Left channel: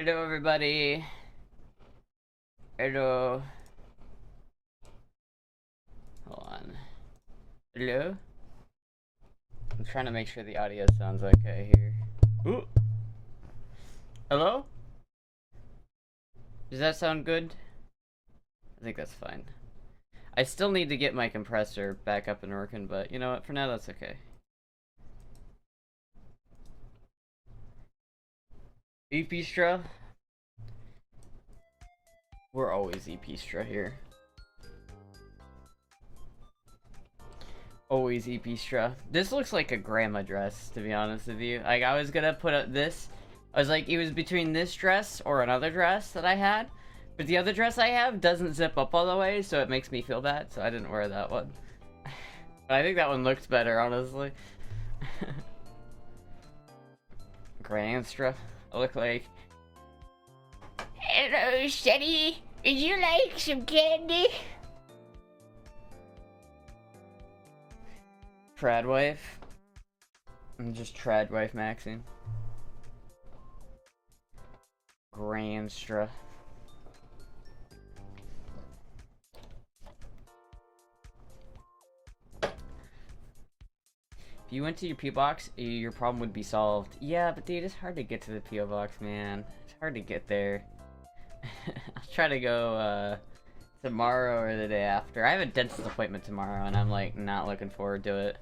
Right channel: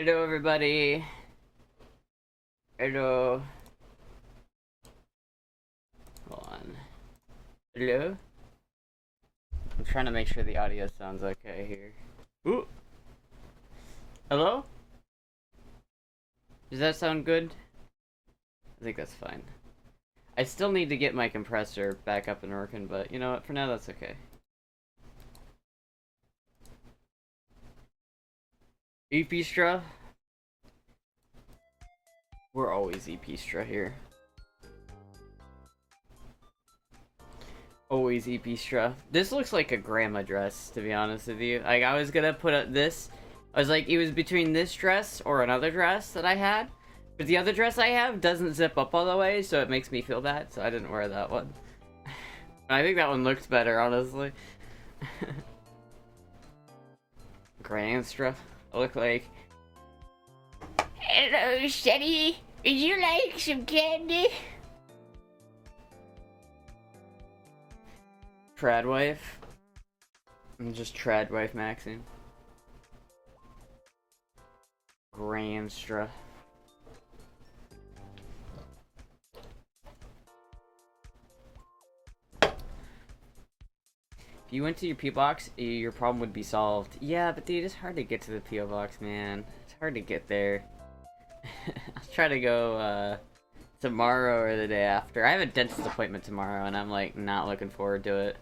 Hello, everybody. Hello. Hold on. Hello? I'm trying to make sure the audio sounds okay here. Ooh. Hello? Does that sound good? I think that's fine. I still need to get my compressor back up and working, but you know what? For now, that's okay. Epistra? We're always Epistra here. Always Epistra. This looks like a grandma dress, to be honest with you. Like, I was gonna put up this. I was like, it was between this dress or another dress that I had. But the other dress I have doesn't zip up all the way, so it makes me feel bad, so I didn't wear that one. But I think that one looks better, honestly. Grandma. I look like... Hello, Shetty. Would you like some candy? Tradwife. I'm just Tradwife maxing. Granstra. If you went to your P.O. box, your problem would be solved. Yeah, but dude, it's hard to get to the P.O. box, man. It's hard to get there. I'll try to go, tomorrow or the day after. I have a dentist appointment tomorrow, and I'm, like, not looking forward to it.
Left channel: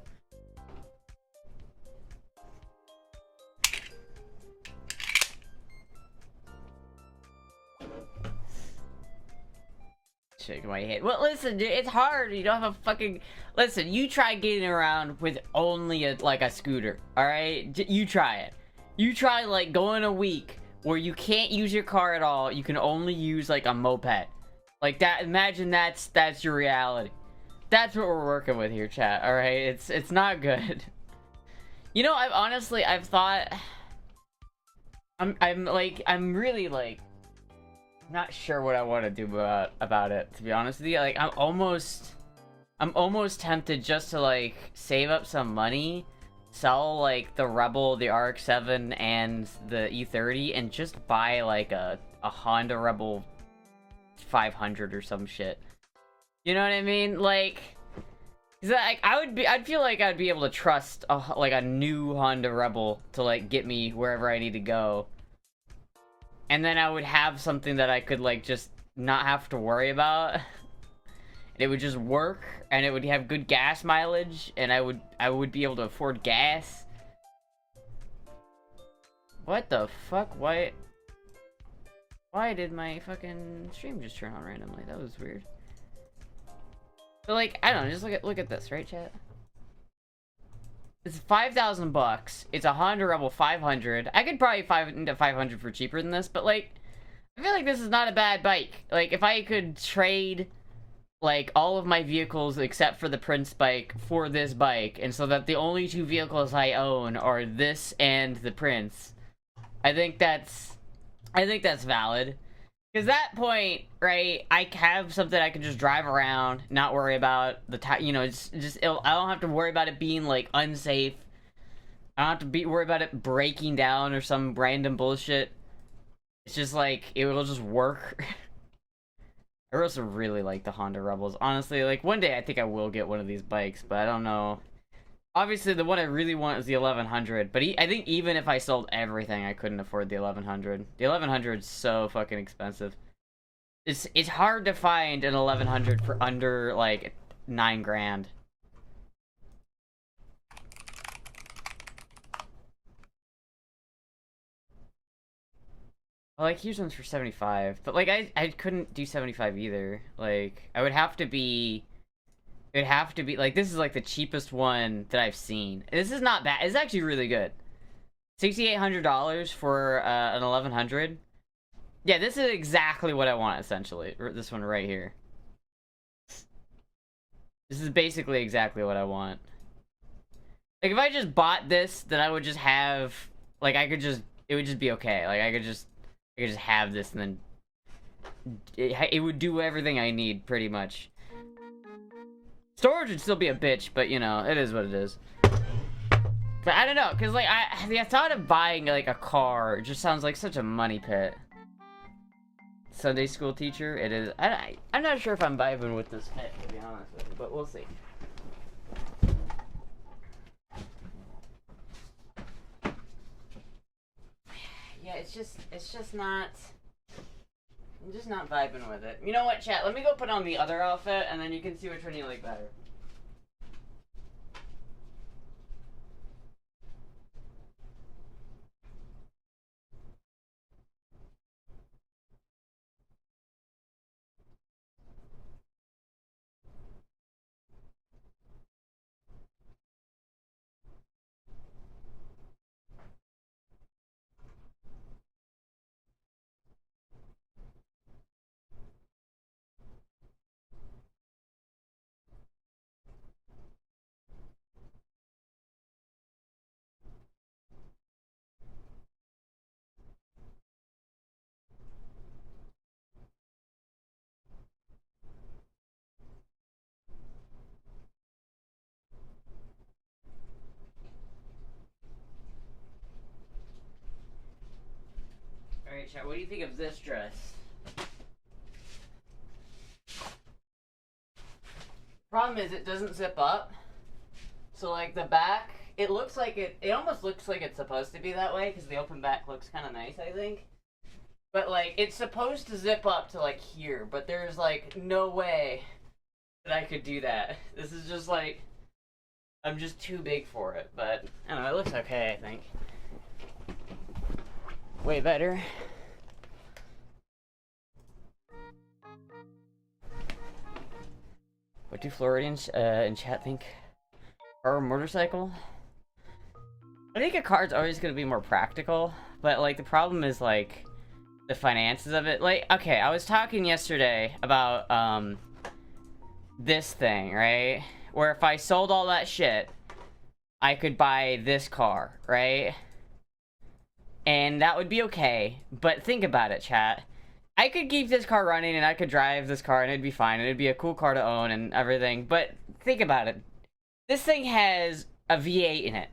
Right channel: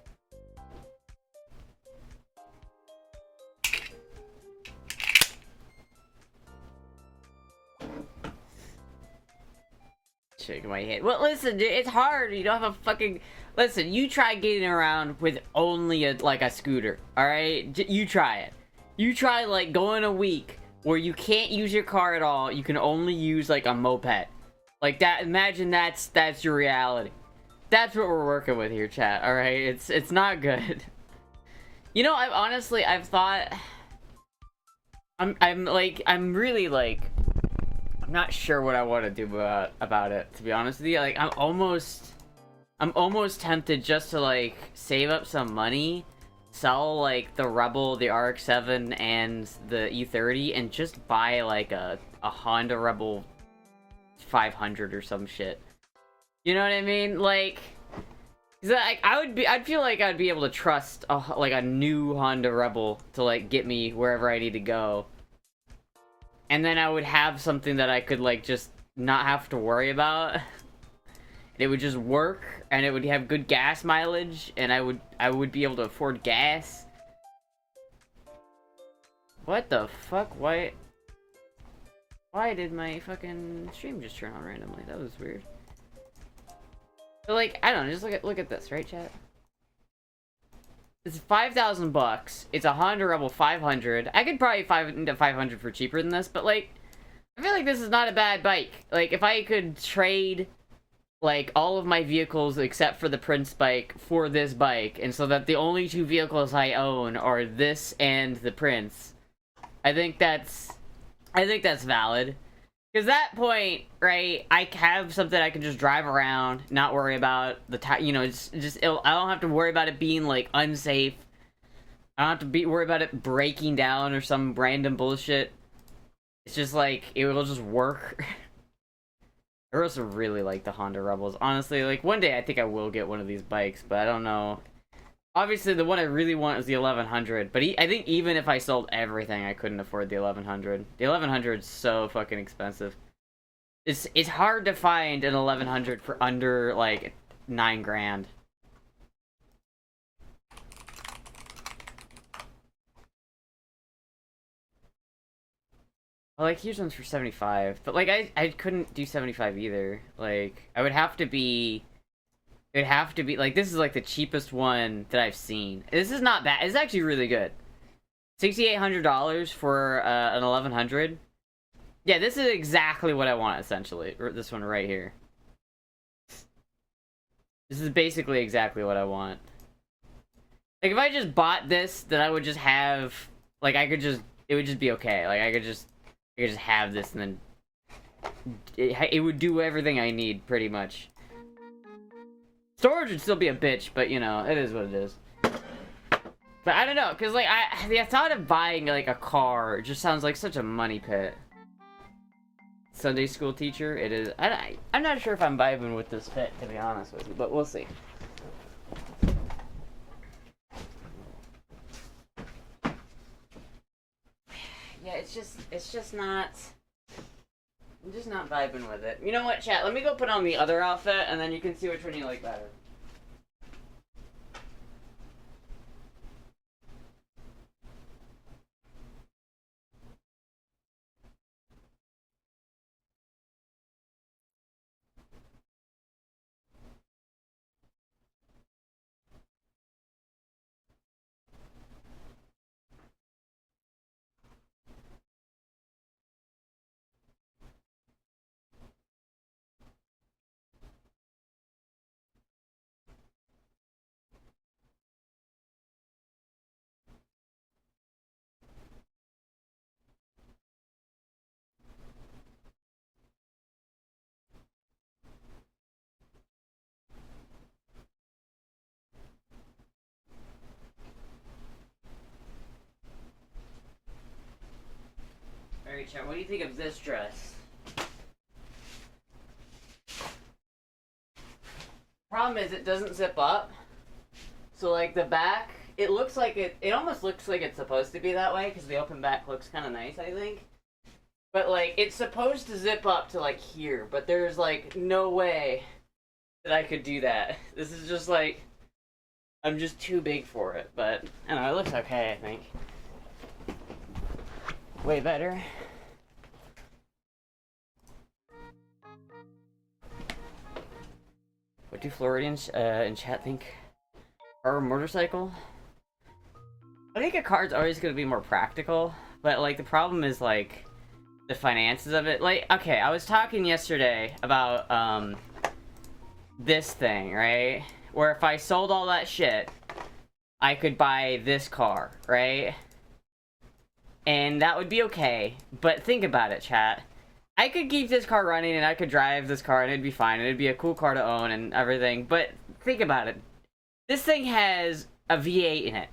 Shaking my head. Well, listen, dude, it's hard. You don't have a fucking... Listen, you try getting around with only a scooter, alright? You try it. You try, like, going a week where you can't use your car at all. You can only use, like, a moped. Like, that, imagine that's your reality. That's what we're working with here, chat, alright? It's not good. You know, I've thought... I'm really, like... I'm not sure what I want to do about it, to be honest with you. Like, I'm almost tempted just to, like, save up some money, sell, like, the Rebel, the RX-7, and the E30, and just buy, like, a Honda Rebel 500 or some shit. You know what I mean? Like, 'cause I'd feel like I'd be able to trust, a new Honda Rebel to, like, get me wherever I need to go. And then I would have something that I could, like, just not have to worry about. It would just work, and it would have good gas mileage, and I would be able to afford gas. What the fuck? Why did my fucking stream just turn on randomly? That was weird. But, like, I don't know, just look at this, right, chat? It's 5,000 bucks. It's a Honda Rebel 500. I could probably into 500 for cheaper than this, but, like, I feel like this is not a bad bike. Like, if I could trade, like, all of my vehicles except for the Prince bike for this bike, and so that the only two vehicles I own are this and the Prince, I think that's valid. Because at that point, right, I have something I can just drive around, not worry about the you know, I don't have to worry about it being, like, unsafe. I don't have to worry about it breaking down or some random bullshit. It's just, like, it will just work. I also really like the Honda Rebels. Honestly, like, one day I think I will get one of these bikes, but I don't know. Obviously, the one I really want is the 1100, but I think even if I sold everything, I couldn't afford the 1100. The 1100 is so fucking expensive. It's hard to find an 1100 for under, like, 9 grand. Well, like, here's ones for 75, but, like, I couldn't do 75 either. Like, I would have to be... It would have to be, like, this is, like, the cheapest one that I've seen. This is not bad. It's actually really good. $6,800 for an 1100. Yeah, this is exactly what I want, essentially. This one right here. This is basically exactly what I want. Like, if I just bought this, then I would just have, like, it would just be okay. Like, I could just have this, and then it would do everything I need, pretty much. Storage would still be a bitch, but, you know, it is what it is. But I don't know, because, like, the thought of buying, like, a car just sounds like such a money pit. Sunday school teacher. It is. I'm not sure if I'm vibing with this fit, to be honest with you, but we'll see. Yeah, it's just not. I'm just not vibing with it. You know what, chat? Let me go put on the other outfit, and then you can see which one you like better. Alright, chat, what do you think of this dress? Problem is, it doesn't zip up. So, like, the back, it looks like it almost looks like it's supposed to be that way, because the open back looks kind of nice, I think. But, like, it's supposed to zip up to, like, here, but there's, like, no way that I could do that. This is just, like, I'm just too big for it, but, I don't know, it looks okay, I think. Way better. What do Floridians in chat think? Car or motorcycle? I think a car's always going to be more practical, but, like, the problem is, like, the finances of it. Like, okay, I was talking yesterday about, this thing, right? Where if I sold all that shit, I could buy this car, right? And that would be okay, but think about it, chat. I could keep this car running and I could drive this car and it'd be fine. It'd be a cool car to own and everything, but think about it. This thing has a V8 in it.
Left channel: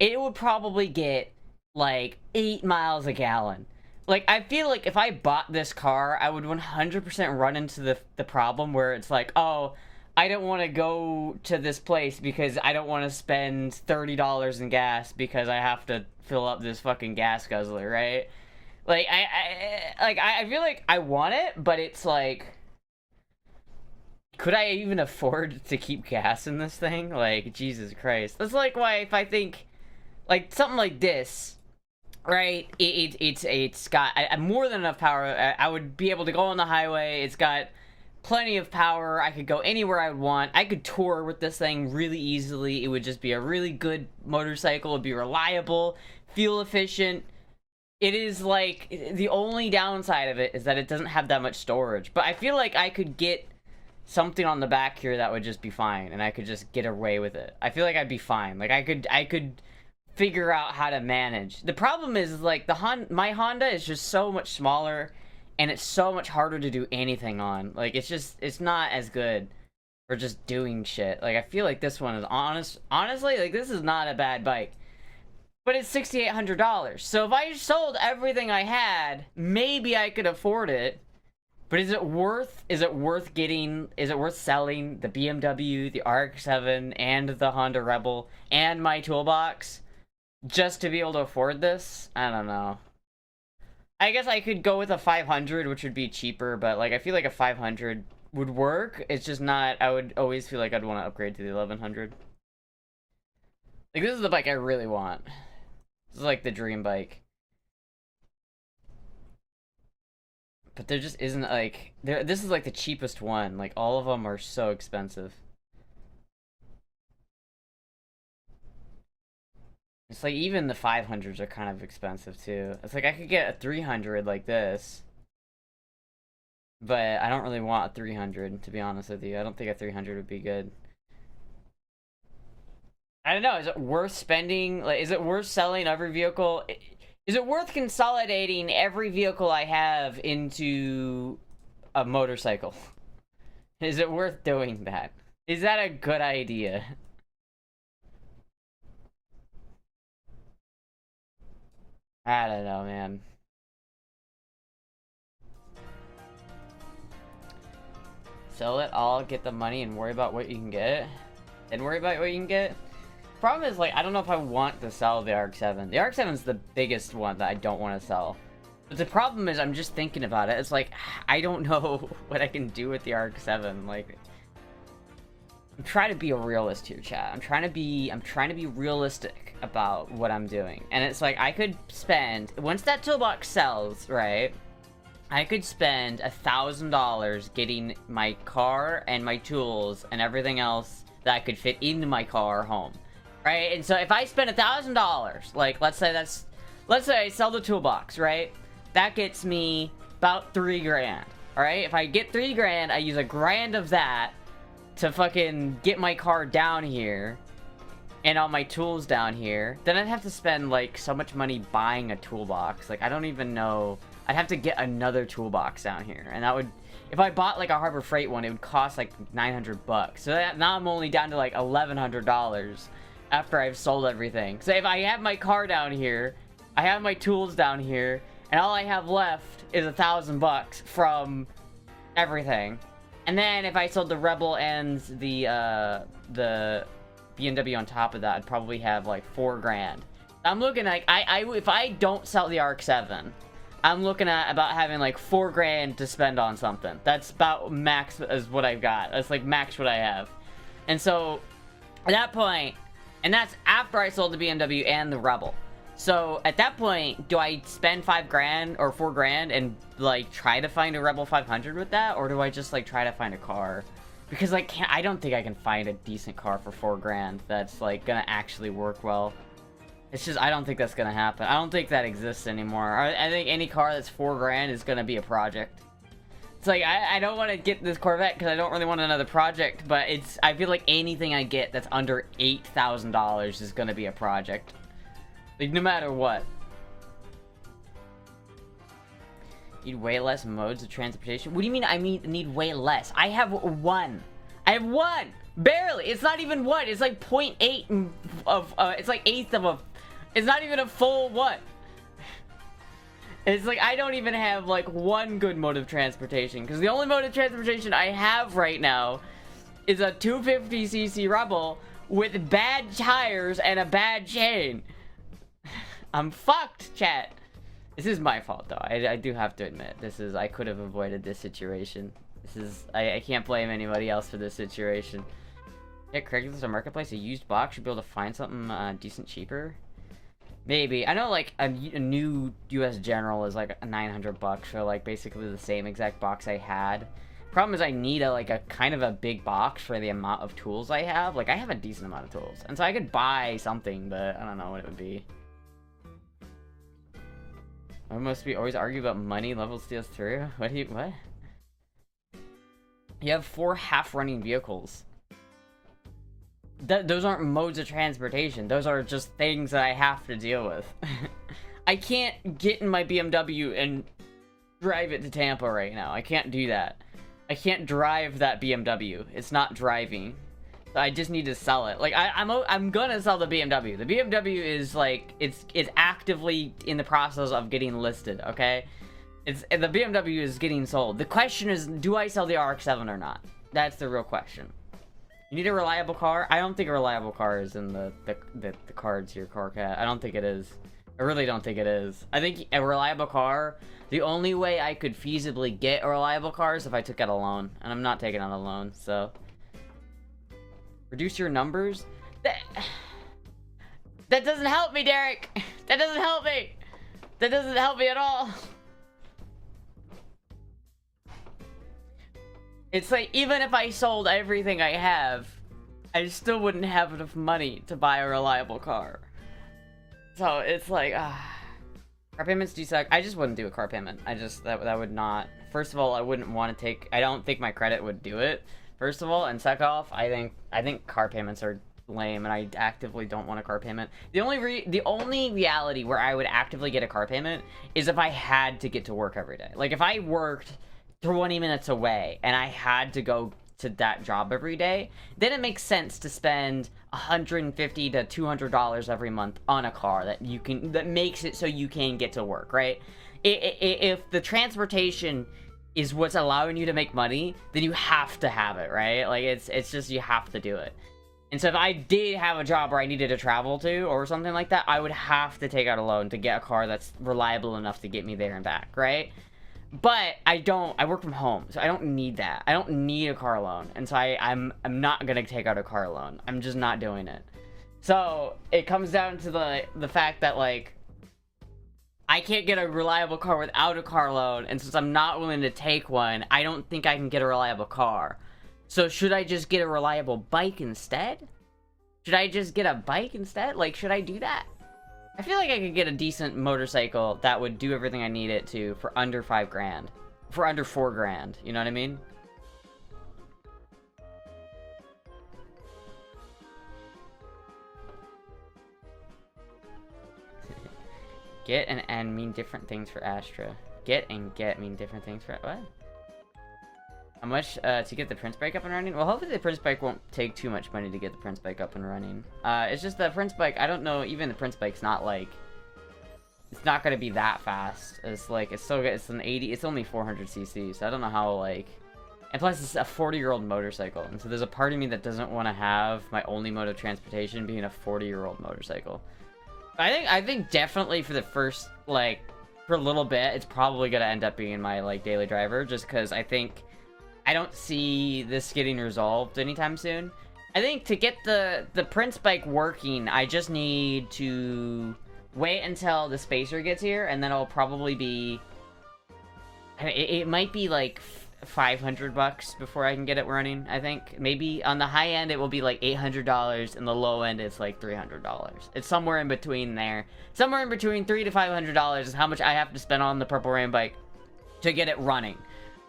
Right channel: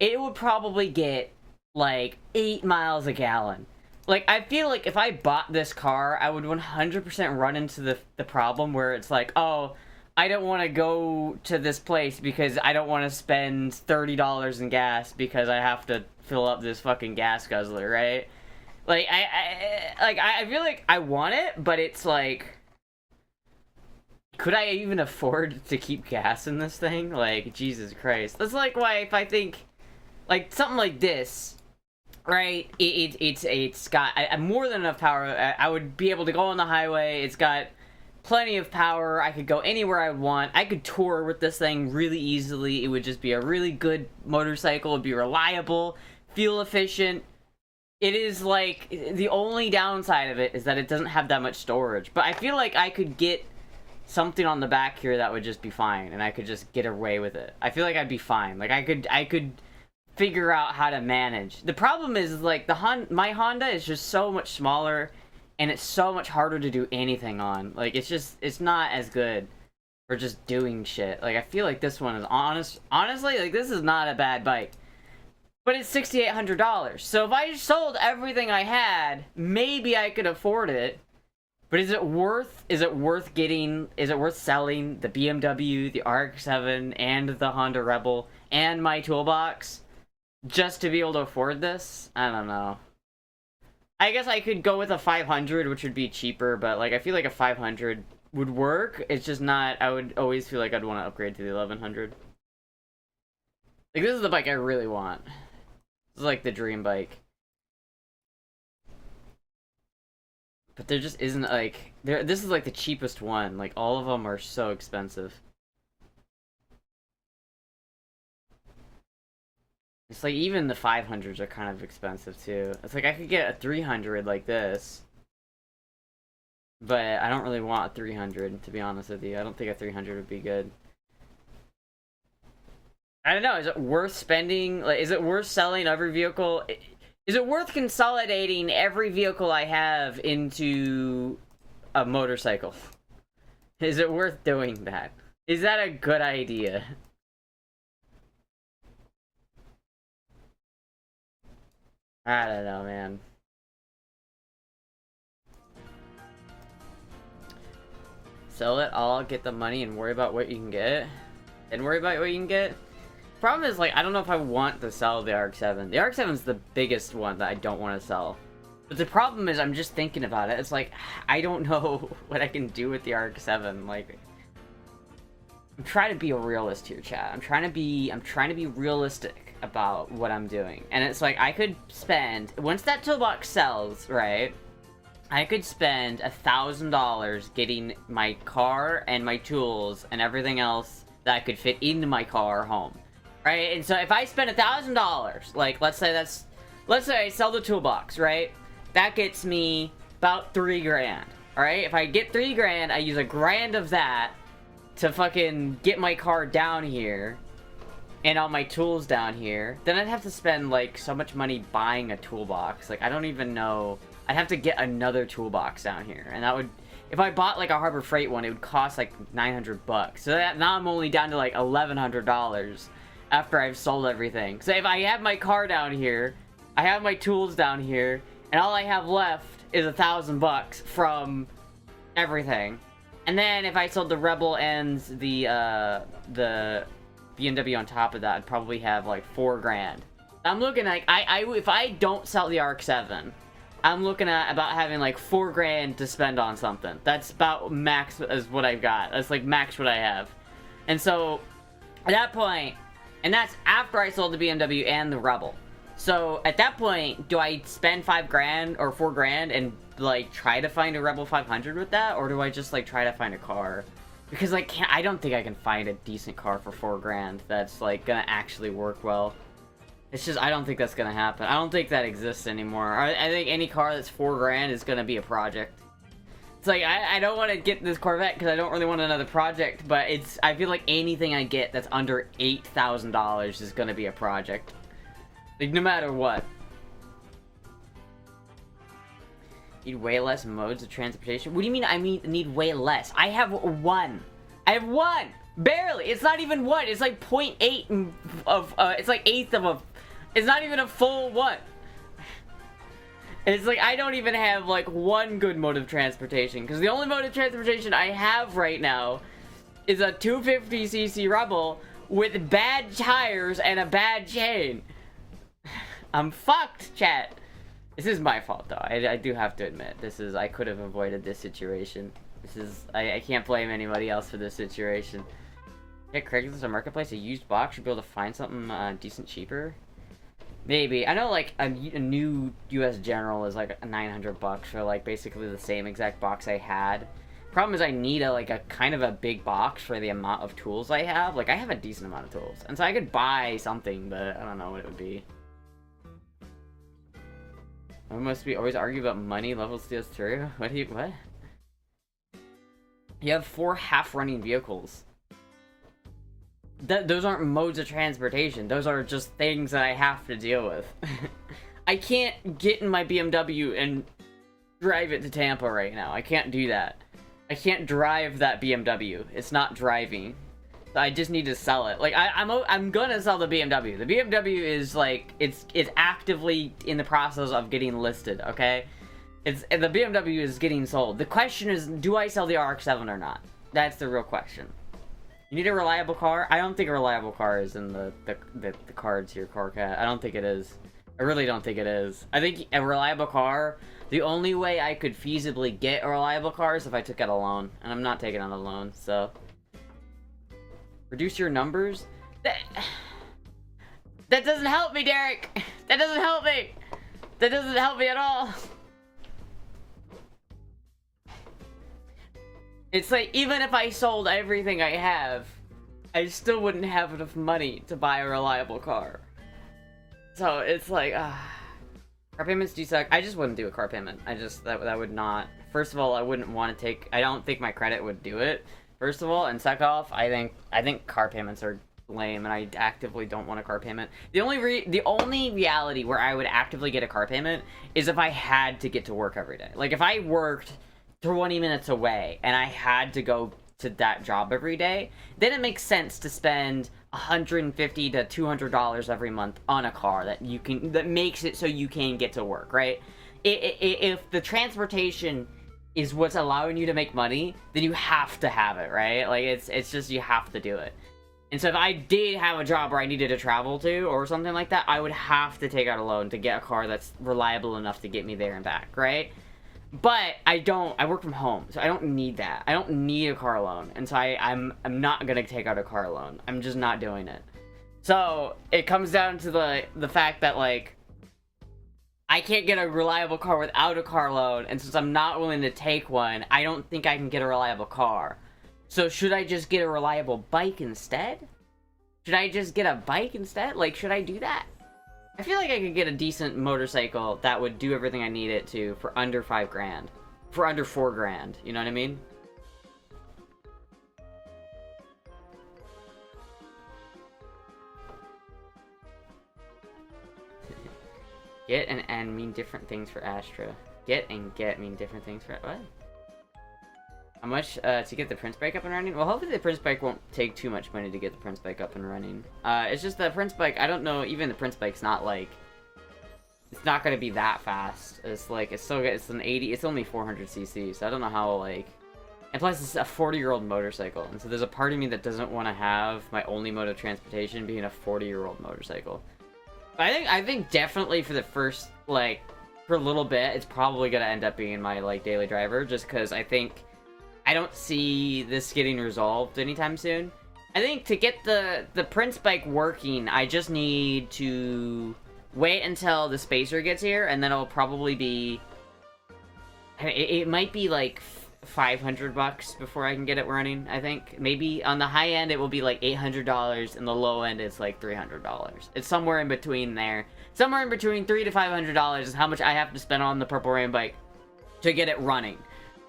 It would probably get, like, 8 miles a gallon. Like, I feel like if I bought this car, I would 100% run into the problem where it's like, oh, I don't want to go to this place because I don't want to spend $30 in gas because I have to fill up this fucking gas guzzler, right? Like, I feel like I want it, but it's like, could I even afford to keep gas in this thing? Like, Jesus Christ. That's like why if I think, like, something like this, right? It's got more than enough power. I would be able to go on the highway. It's got plenty of power. I could go anywhere I want. I could tour with this thing really easily. It would just be a really good motorcycle. It'd be reliable, fuel efficient. It is, like, the only downside of it is that it doesn't have that much storage. But I feel like I could get something on the back here that would just be fine, and I could just get away with it. I feel like I'd be fine. Like, I could figure out how to manage. The problem is, like, my Honda is just so much smaller, and it's so much harder to do anything on. Like, it's not as good for just doing shit. Like, I feel like this one is honestly, like, this is not a bad bike. But it's $6,800. So if I sold everything I had, maybe I could afford it. But is it worth selling the BMW, the RX-7, and the Honda Rebel, and my toolbox just to be able to afford this? I don't know. I guess I could go with a 500, which would be cheaper, but, like, I feel like a 500 would work. It's just not, I would always feel like I'd want to upgrade to the 1100. Like, this is the bike I really want. This is like the dream bike. But there just isn't, like, this is like the cheapest one. Like, all of them are so expensive. It's like even the 500s are kind of expensive too. It's like I could get a 300 like this. But I don't really want a 300, to be honest with you. I don't think a 300 would be good. I don't know, is it worth spending, like, is it worth selling every vehicle? Is it worth consolidating every vehicle I have into a motorcycle? Is it worth doing that? Is that a good idea? I don't know, man. Sell it all, get the money, and worry about what you can get. And worry about what you can get. Problem is, like, I don't know if I want to sell the ARC-7. The ARC-7's the biggest one that I don't want to sell. But the problem is, I'm just thinking about it. It's like, I don't know what I can do with the ARC-7. Like, I'm trying to be a realist here, chat. I'm trying to be realistic about what I'm doing. And it's like, I could spend, once that toolbox sells, right? I could spend $1,000 getting my car and my tools and everything else that could fit into my car home. Right? And so if I spend $1,000, like, let's say I sell the toolbox, right? That gets me about $3 grand, right? If I get $3 grand, I use $1 grand of that to fucking get my car down here and all my tools down here. Then I'd have to spend, like, so much money buying a toolbox. Like, I don't even know. I'd have to get another toolbox down here. And that would, if I bought, like, a Harbor Freight one, it would cost, like, $900. So that, now I'm only down to, like, $1,100 after I've sold everything. So if I have my car down here, I have my tools down here, and all I have left is $1,000 from everything. And then if I sold the Rebel and the BMW on top of that, I'd probably have like $4 grand. I'm looking at, if I don't sell the ARC-7, I'm looking at about having like $4 grand to spend on something. That's about max is what I've got. That's like max what I have. And so at that point, and that's after I sold the BMW and the Rebel. So at that point, do I spend $5 grand or $4 grand and like try to find a Rebel 500 with that, or do I just like try to find a car? Because like I don't think I can find a decent car for $4 grand that's like gonna actually work well. It's just, I don't think that's gonna happen. I don't think that exists anymore. I think any car that's $4 grand is gonna be a project. It's like, I don't want to get this Corvette because I don't really want another project, but it's, I feel like anything I get that's under $8,000 is gonna be a project. Like, no matter what. Need way less modes of transportation? What do you mean I need way less? I have one. I have one! Barely! It's not even one! It's like 0.8 of, it's like eighth of a, it's not even a full one. It's like, I don't even have like one good mode of transportation, because the only mode of transportation I have right now is a 250cc Rebel with bad tires and a bad chain. I'm fucked, chat. This is my fault, though. I do have to admit. This is, I could have avoided this situation. This is, I can't blame anybody else for this situation. Yeah, Craigslist or Marketplace, a used box, should be able to find something decent cheaper. Maybe. I know, like, a new US General is, like, $900 for, like, basically the same exact box I had. Problem is I need a kind of a big box for the amount of tools I have. Like, I have a decent amount of tools. And so I could buy something, but I don't know what it would be. I must be always argue about money level steals through. What? You have 4 half-running vehicles. Those aren't modes of transportation. Those are just things that I have to deal with. I can't get in my BMW and drive it to Tampa right now. I can't do that. I can't drive that BMW. It's not driving. So I just need to sell it. Like, I'm gonna sell the BMW. The BMW is like, it's actively in the process of getting listed, okay? The BMW is getting sold. The question is, do I sell the RX-7 or not? That's the real question. You need a reliable car? I don't think a reliable car is in the cards here, Carcat. I don't think it is. I really don't think it is. I think a reliable car, the only way I could feasibly get a reliable car is if I took out a loan. And I'm not taking out a loan, so... Reduce your numbers? That doesn't help me, Derek! That doesn't help me! That doesn't help me at all! It's like, even if I sold everything I have, I still wouldn't have enough money to buy a reliable car. So, it's like, car payments do suck. I just wouldn't do a car payment. That would not... First of all, I wouldn't want to take... I don't think my credit would do it. First of all, and second off, I think car payments are lame, and I actively don't want a car payment. The only reality where I would actively get a car payment is if I had to get to work every day. Like, if I worked 20 minutes away and I had to go to that job every day, then it makes sense to spend $150 to $200 every month on a car that makes it so you can get to work, right? If the transportation is what's allowing you to make money, then you have to have it, right? Like, it's just, you have to do it. And so if I did have a job where I needed to travel to, or something like that, I would have to take out a loan to get a car that's reliable enough to get me there and back, right? But I work from home, so I don't need that. I don't need a car loan, and so I'm not gonna take out a car loan. I'm just not doing it. So, it comes down to the fact that, like, I can't get a reliable car without a car loan, and since I'm not willing to take one, I don't think I can get a reliable car. So should I just get a reliable bike instead? Should I just get a bike instead? Like, should I do that? I feel like I could get a decent motorcycle that would do everything I need it to for under 5 grand. For under 4 grand, you know what I mean? Get and N mean different things for Astra. Get and get mean different things for... What? How much to get the Prince bike up and running? Well, hopefully the Prince bike won't take too much money to get the Prince bike up and running. It's just the Prince bike, I don't know, even the Prince bike's not like... It's not gonna be that fast. It's like, it's still good, it's an 80, it's only 400cc, so I don't know how, like... And plus, it's a 40-year-old motorcycle, and so there's a part of me that doesn't want to have my only mode of transportation being a 40-year-old motorcycle. But I think definitely for the first, like, for a little bit, it's probably gonna end up being my, like, daily driver, just because I think... I don't see this getting resolved anytime soon. I think to get the Prince bike working, I just need to wait until the Spacer gets here, and then it'll probably be... It might be like $500 before I can get it running, I think. Maybe on the high end it will be like $800, and the low end is like $300. It's somewhere in between there. Somewhere in between $300 to $500 is how much I have to spend on the Purple Rain bike to get it running.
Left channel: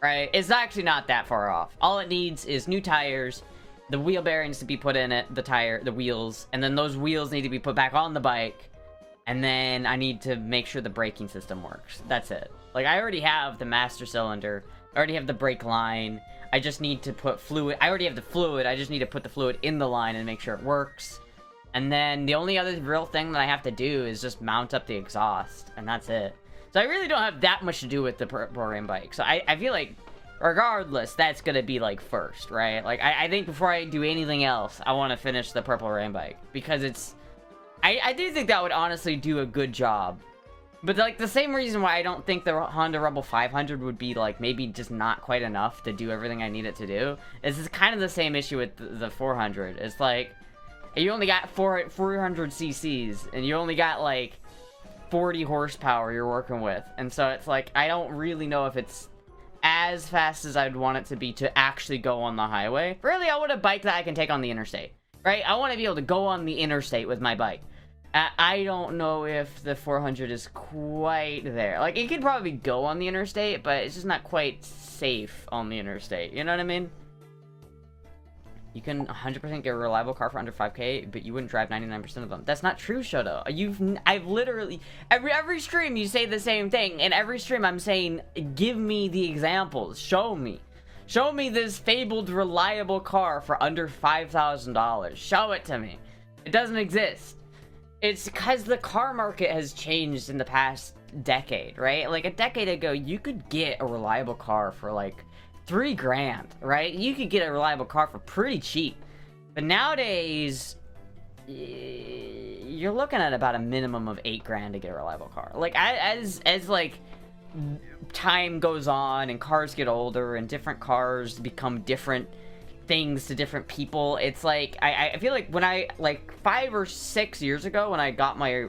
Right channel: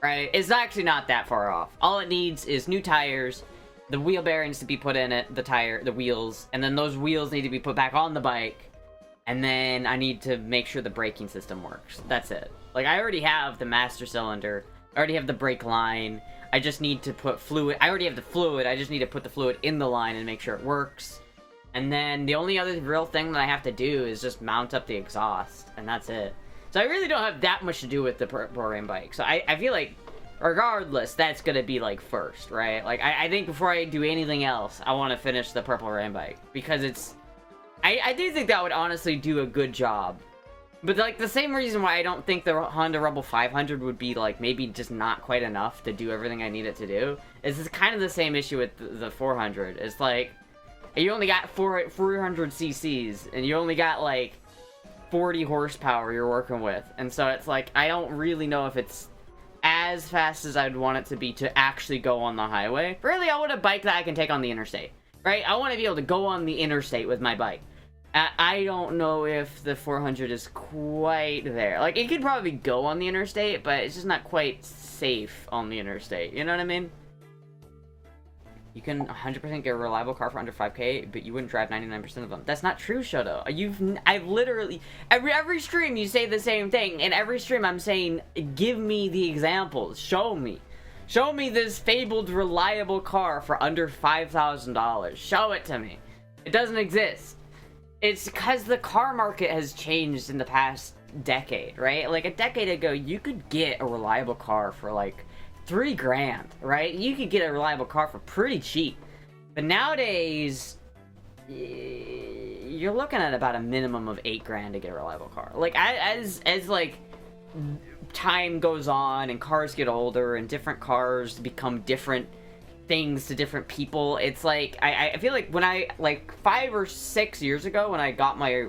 Right? It's actually not that far off. All it needs is new tires, the wheel bearings to be put in it, the wheels, and then those wheels need to be put back on the bike, and then I need to make sure the braking system works. That's it. Like, I already have the master cylinder, I already have the brake line, I just need to put fluid, I already have the fluid, I just need to put the fluid in the line and make sure it works. And then the only other real thing that I have to do is just mount up the exhaust, and that's it. So I really don't have that much to do with the Purple Rain bike. So I feel like, regardless, that's gonna be, like, first, right? Like, I think before I do anything else, I want to finish the Purple Rain bike. Because it's... I do think that would honestly do a good job. But, like, the same reason why I don't think the Honda Rebel 500 would be, like, maybe just not quite enough to do everything I need it to do. It's kind of the same issue with the 400. It's like, you only got 400 cc's, and you only got, like... 40 horsepower you're working with, and so it's like, I don't really know if it's as fast as I'd want it to be to actually go on the highway. Really, I want a bike that I can take on the interstate, right? I want to be able to go on the interstate with my bike. I don't know if the 400 is quite there. Like, it could probably go on the interstate, but it's just not quite safe on the interstate, you know what I mean? You can 100% get a reliable car for under 5K, but you wouldn't drive 99% of them. That's not true, Shoto. I've literally... Every stream you say the same thing. In every stream I'm saying, give me the examples. Show me. Show me this fabled reliable car for under $5,000. Show it to me. It doesn't exist. It's because the car market has changed in the past decade, right? Like, a decade ago, you could get a reliable car for, like... 3 grand, right? You could get a reliable car for pretty cheap. But nowadays, you're looking at about a minimum of 8 grand to get a reliable car. Like, as like, time goes on and cars get older and different cars become different things to different people, it's like, I feel like when I, like, 5 or 6 years ago when I got my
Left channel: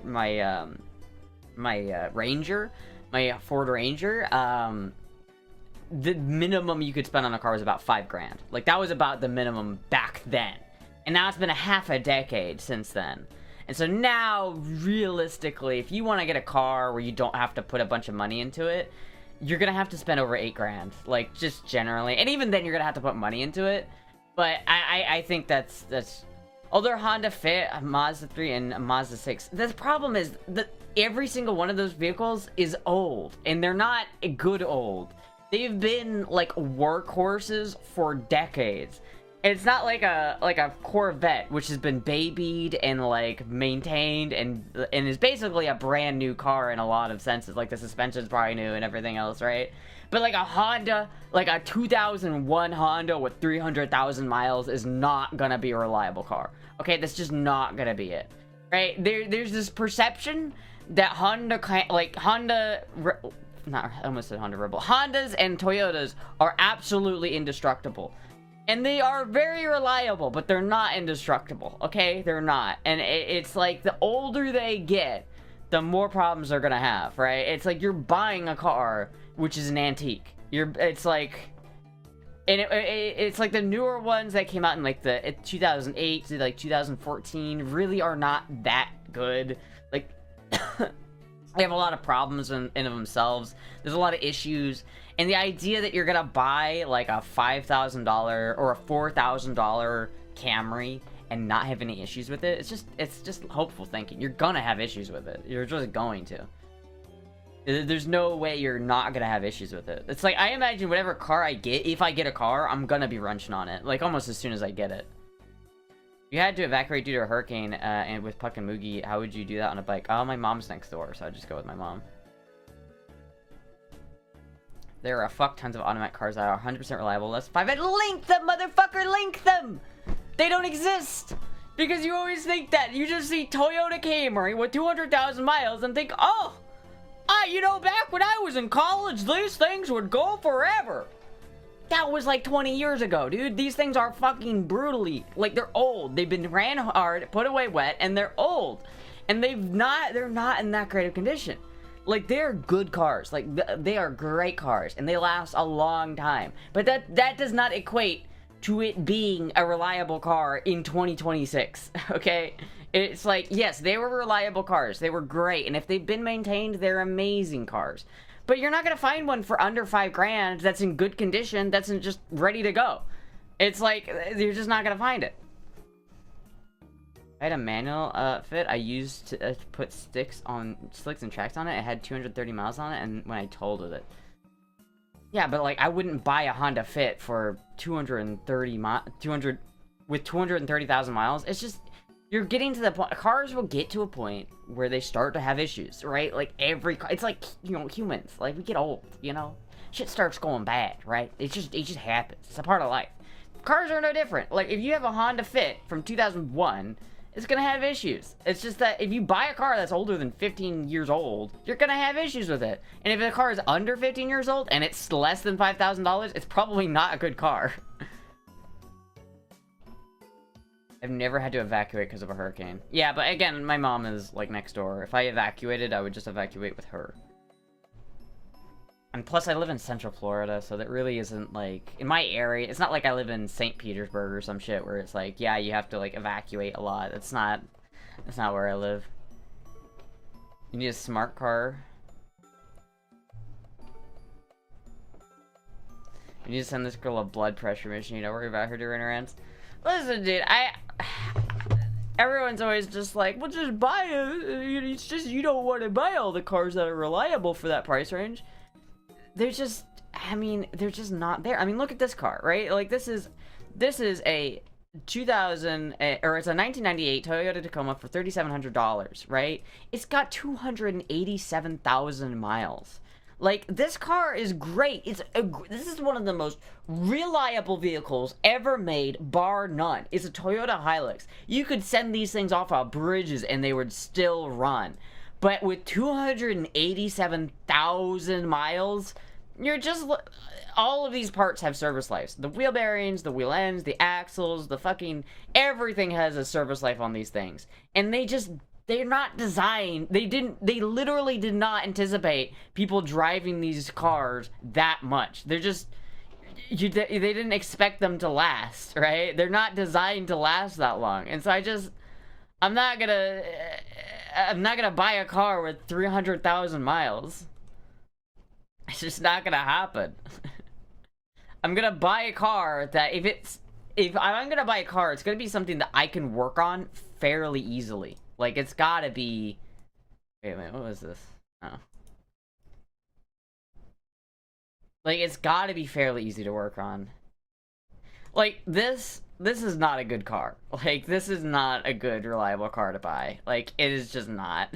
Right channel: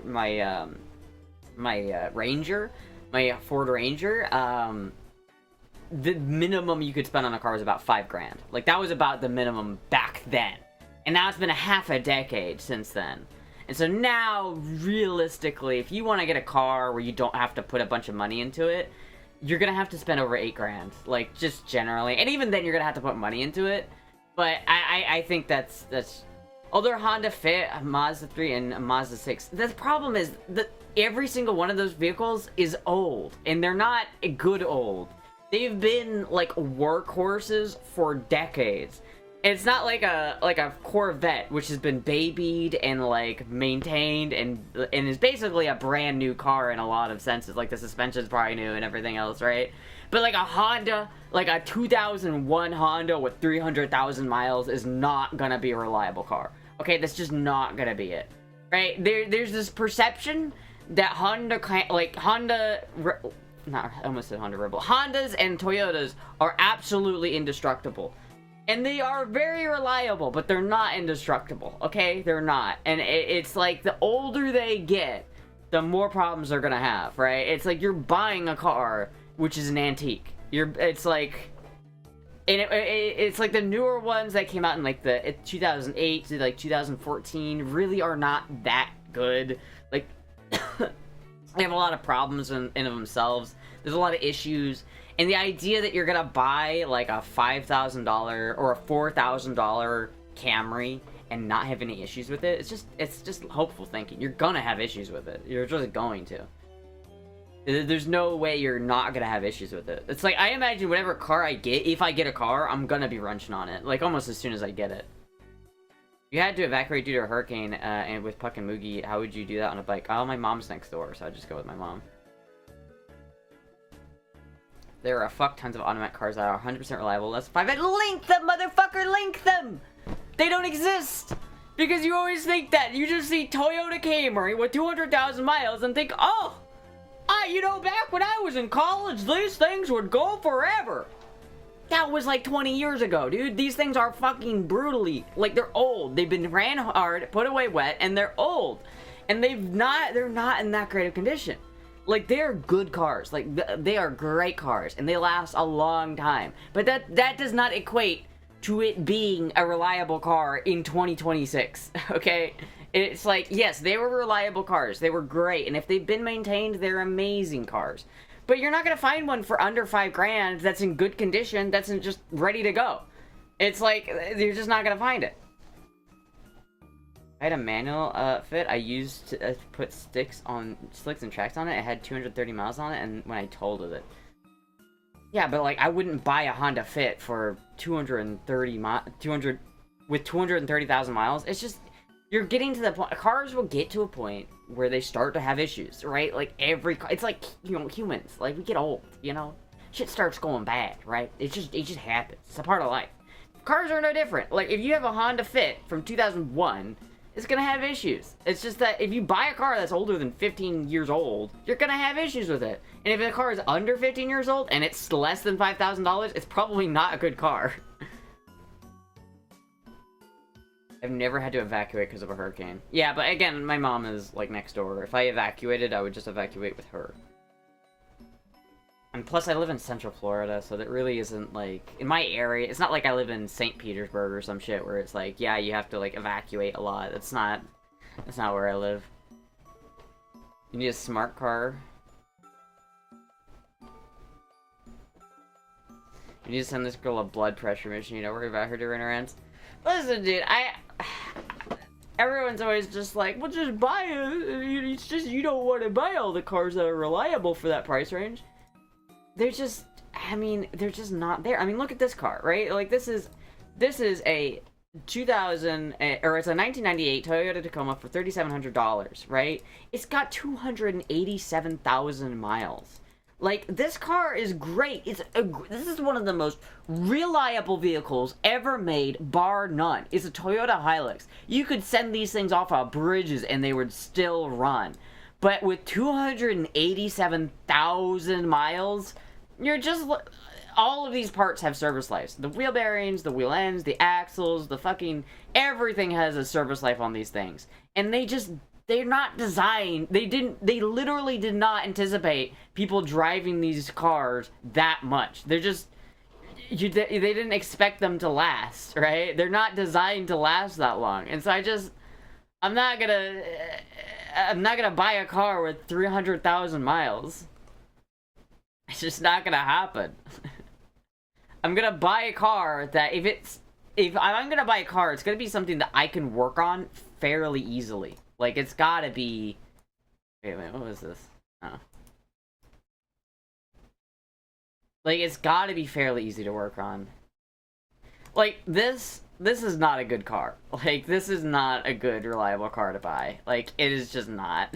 Ranger, my Ford Ranger, the minimum you could spend on a car was about 5 grand. Like, that was about the minimum back then. And now it's been a half a decade since then. And so now, realistically, if you want to get a car where you don't have to put a bunch of money into it, you're gonna have to spend over 8 grand. Like, just generally. And even then, you're gonna have to put money into it. But I think that's... Although Honda Fit, a Mazda 3, and a Mazda 6, the problem is that every single one of those vehicles is old. And they're not good old. They've been, like, workhorses for decades. It's not like a Corvette, which has been babied and, like, maintained and is basically a brand new car in a lot of senses. Like, the suspension's probably new and everything else, right? But like a Honda, like a 2001 Honda with 300,000 miles is not gonna be a reliable car. Okay, that's just not gonna be it. Right? There's this perception that Honda, I almost said Honda Rebel. Hondas and Toyotas are absolutely indestructible. And they are very reliable, but they're not indestructible, okay? They're not. And it's like the older they get, the more problems they're gonna have, right? It's like you're buying a car, which is an antique. It's like... And it's like the newer ones that came out in like the 2008 to like 2014 really are not that good. Like, they have a lot of problems in of themselves. There's a lot of issues. And the idea that you're gonna buy like a $5,000 or a $4,000 Camry and not have any issues with it, it's just hopeful thinking. You're gonna have issues with it. You're just going to. There's no way you're not gonna have issues with it. It's like, I imagine whatever car I get, if I get a car, I'm gonna be wrenching on it. Like, almost as soon as I get it. You had to evacuate due to a hurricane, and with Puck and Moogie, how would you do that on a bike? Oh, my mom's next door, so I'd just go with my mom. There are a fuck tons of automatic cars that are 100% reliable. Let's 5 and link them, motherfucker, link them! They don't exist! Because you always think that. You just see Toyota Camry with 200,000 miles and think, oh, you know, back when I was in college, these things would go forever. That was like 20 years ago, dude. These things are fucking brutally, like, they're old. They've been ran hard, put away wet, and they're old. And they're not in that great of condition. Like, they're good cars. Like, they are great cars, and they last a long time. But that does not equate to it being a reliable car in 2026, okay? It's like, yes, they were reliable cars. They were great, and if they've been maintained, they're amazing cars. But you're not gonna find one for under $5,000 that's in good condition, that's just ready to go. It's like, you're just not gonna find it. I had a manual fit. I used to put slicks and tracks on it. It had 230 miles on it, and when I totaled it. Yeah, but like, I wouldn't buy a Honda Fit for 230,000 miles. It's just, you're getting to the point. Cars will get to a point where they start to have issues, right? Like it's like, you know, humans. Like, we get old, you know? Shit starts going bad, right? It just happens. It's a part of life. Cars are no different. Like, if you have a Honda Fit from 2001, it's gonna have issues. It's just that if you buy a car that's older than 15 years old, you're gonna have issues with it. And if a car is under 15 years old and it's less than $5,000, it's probably not a good car. I've never had to evacuate because of a hurricane. Yeah, but again, my mom is like next door. If I evacuated, I would just evacuate with her. And plus, I live in Central Florida, so that really isn't, like, in my area, it's not like I live in St. Petersburg or some shit where it's like, yeah, you have to, like, evacuate a lot. That's not where I live. You need a smart car. You need to send this girl a blood pressure machine. Don't worry about her during her rants. Listen, dude, everyone's always just like, well, just buy it. It's just, you don't want to buy all the cars that are reliable for that price range. They're just, I mean, they're just not there. I mean, look at this car, right? Like, this is a 1998 Toyota Tacoma for $3,700, right? It's got 287,000 miles. Like, this car is great. This is one of the most reliable vehicles ever made, bar none. It's a Toyota Hilux. You could send these things off of bridges and they would still run. But with 287,000 miles, you're just... all of these parts have service lives. The wheel bearings, the wheel ends, the axles, the fucking... everything has a service life on these things. And they're not designed... They literally did not anticipate people driving these cars that much. They're just... they didn't expect them to last, right? They're not designed to last that long. And so I'm not gonna buy a car with 300,000 miles. It's just not gonna happen. I'm gonna buy a car that if I'm gonna buy a car, it's gonna be something that I can work on fairly easily. Like, it's gotta be... wait a minute, what was this? Oh. Like, it's gotta be fairly easy to work on. Like, this is not a good car. Like, this is not a good, reliable car to buy. Like, it is just not.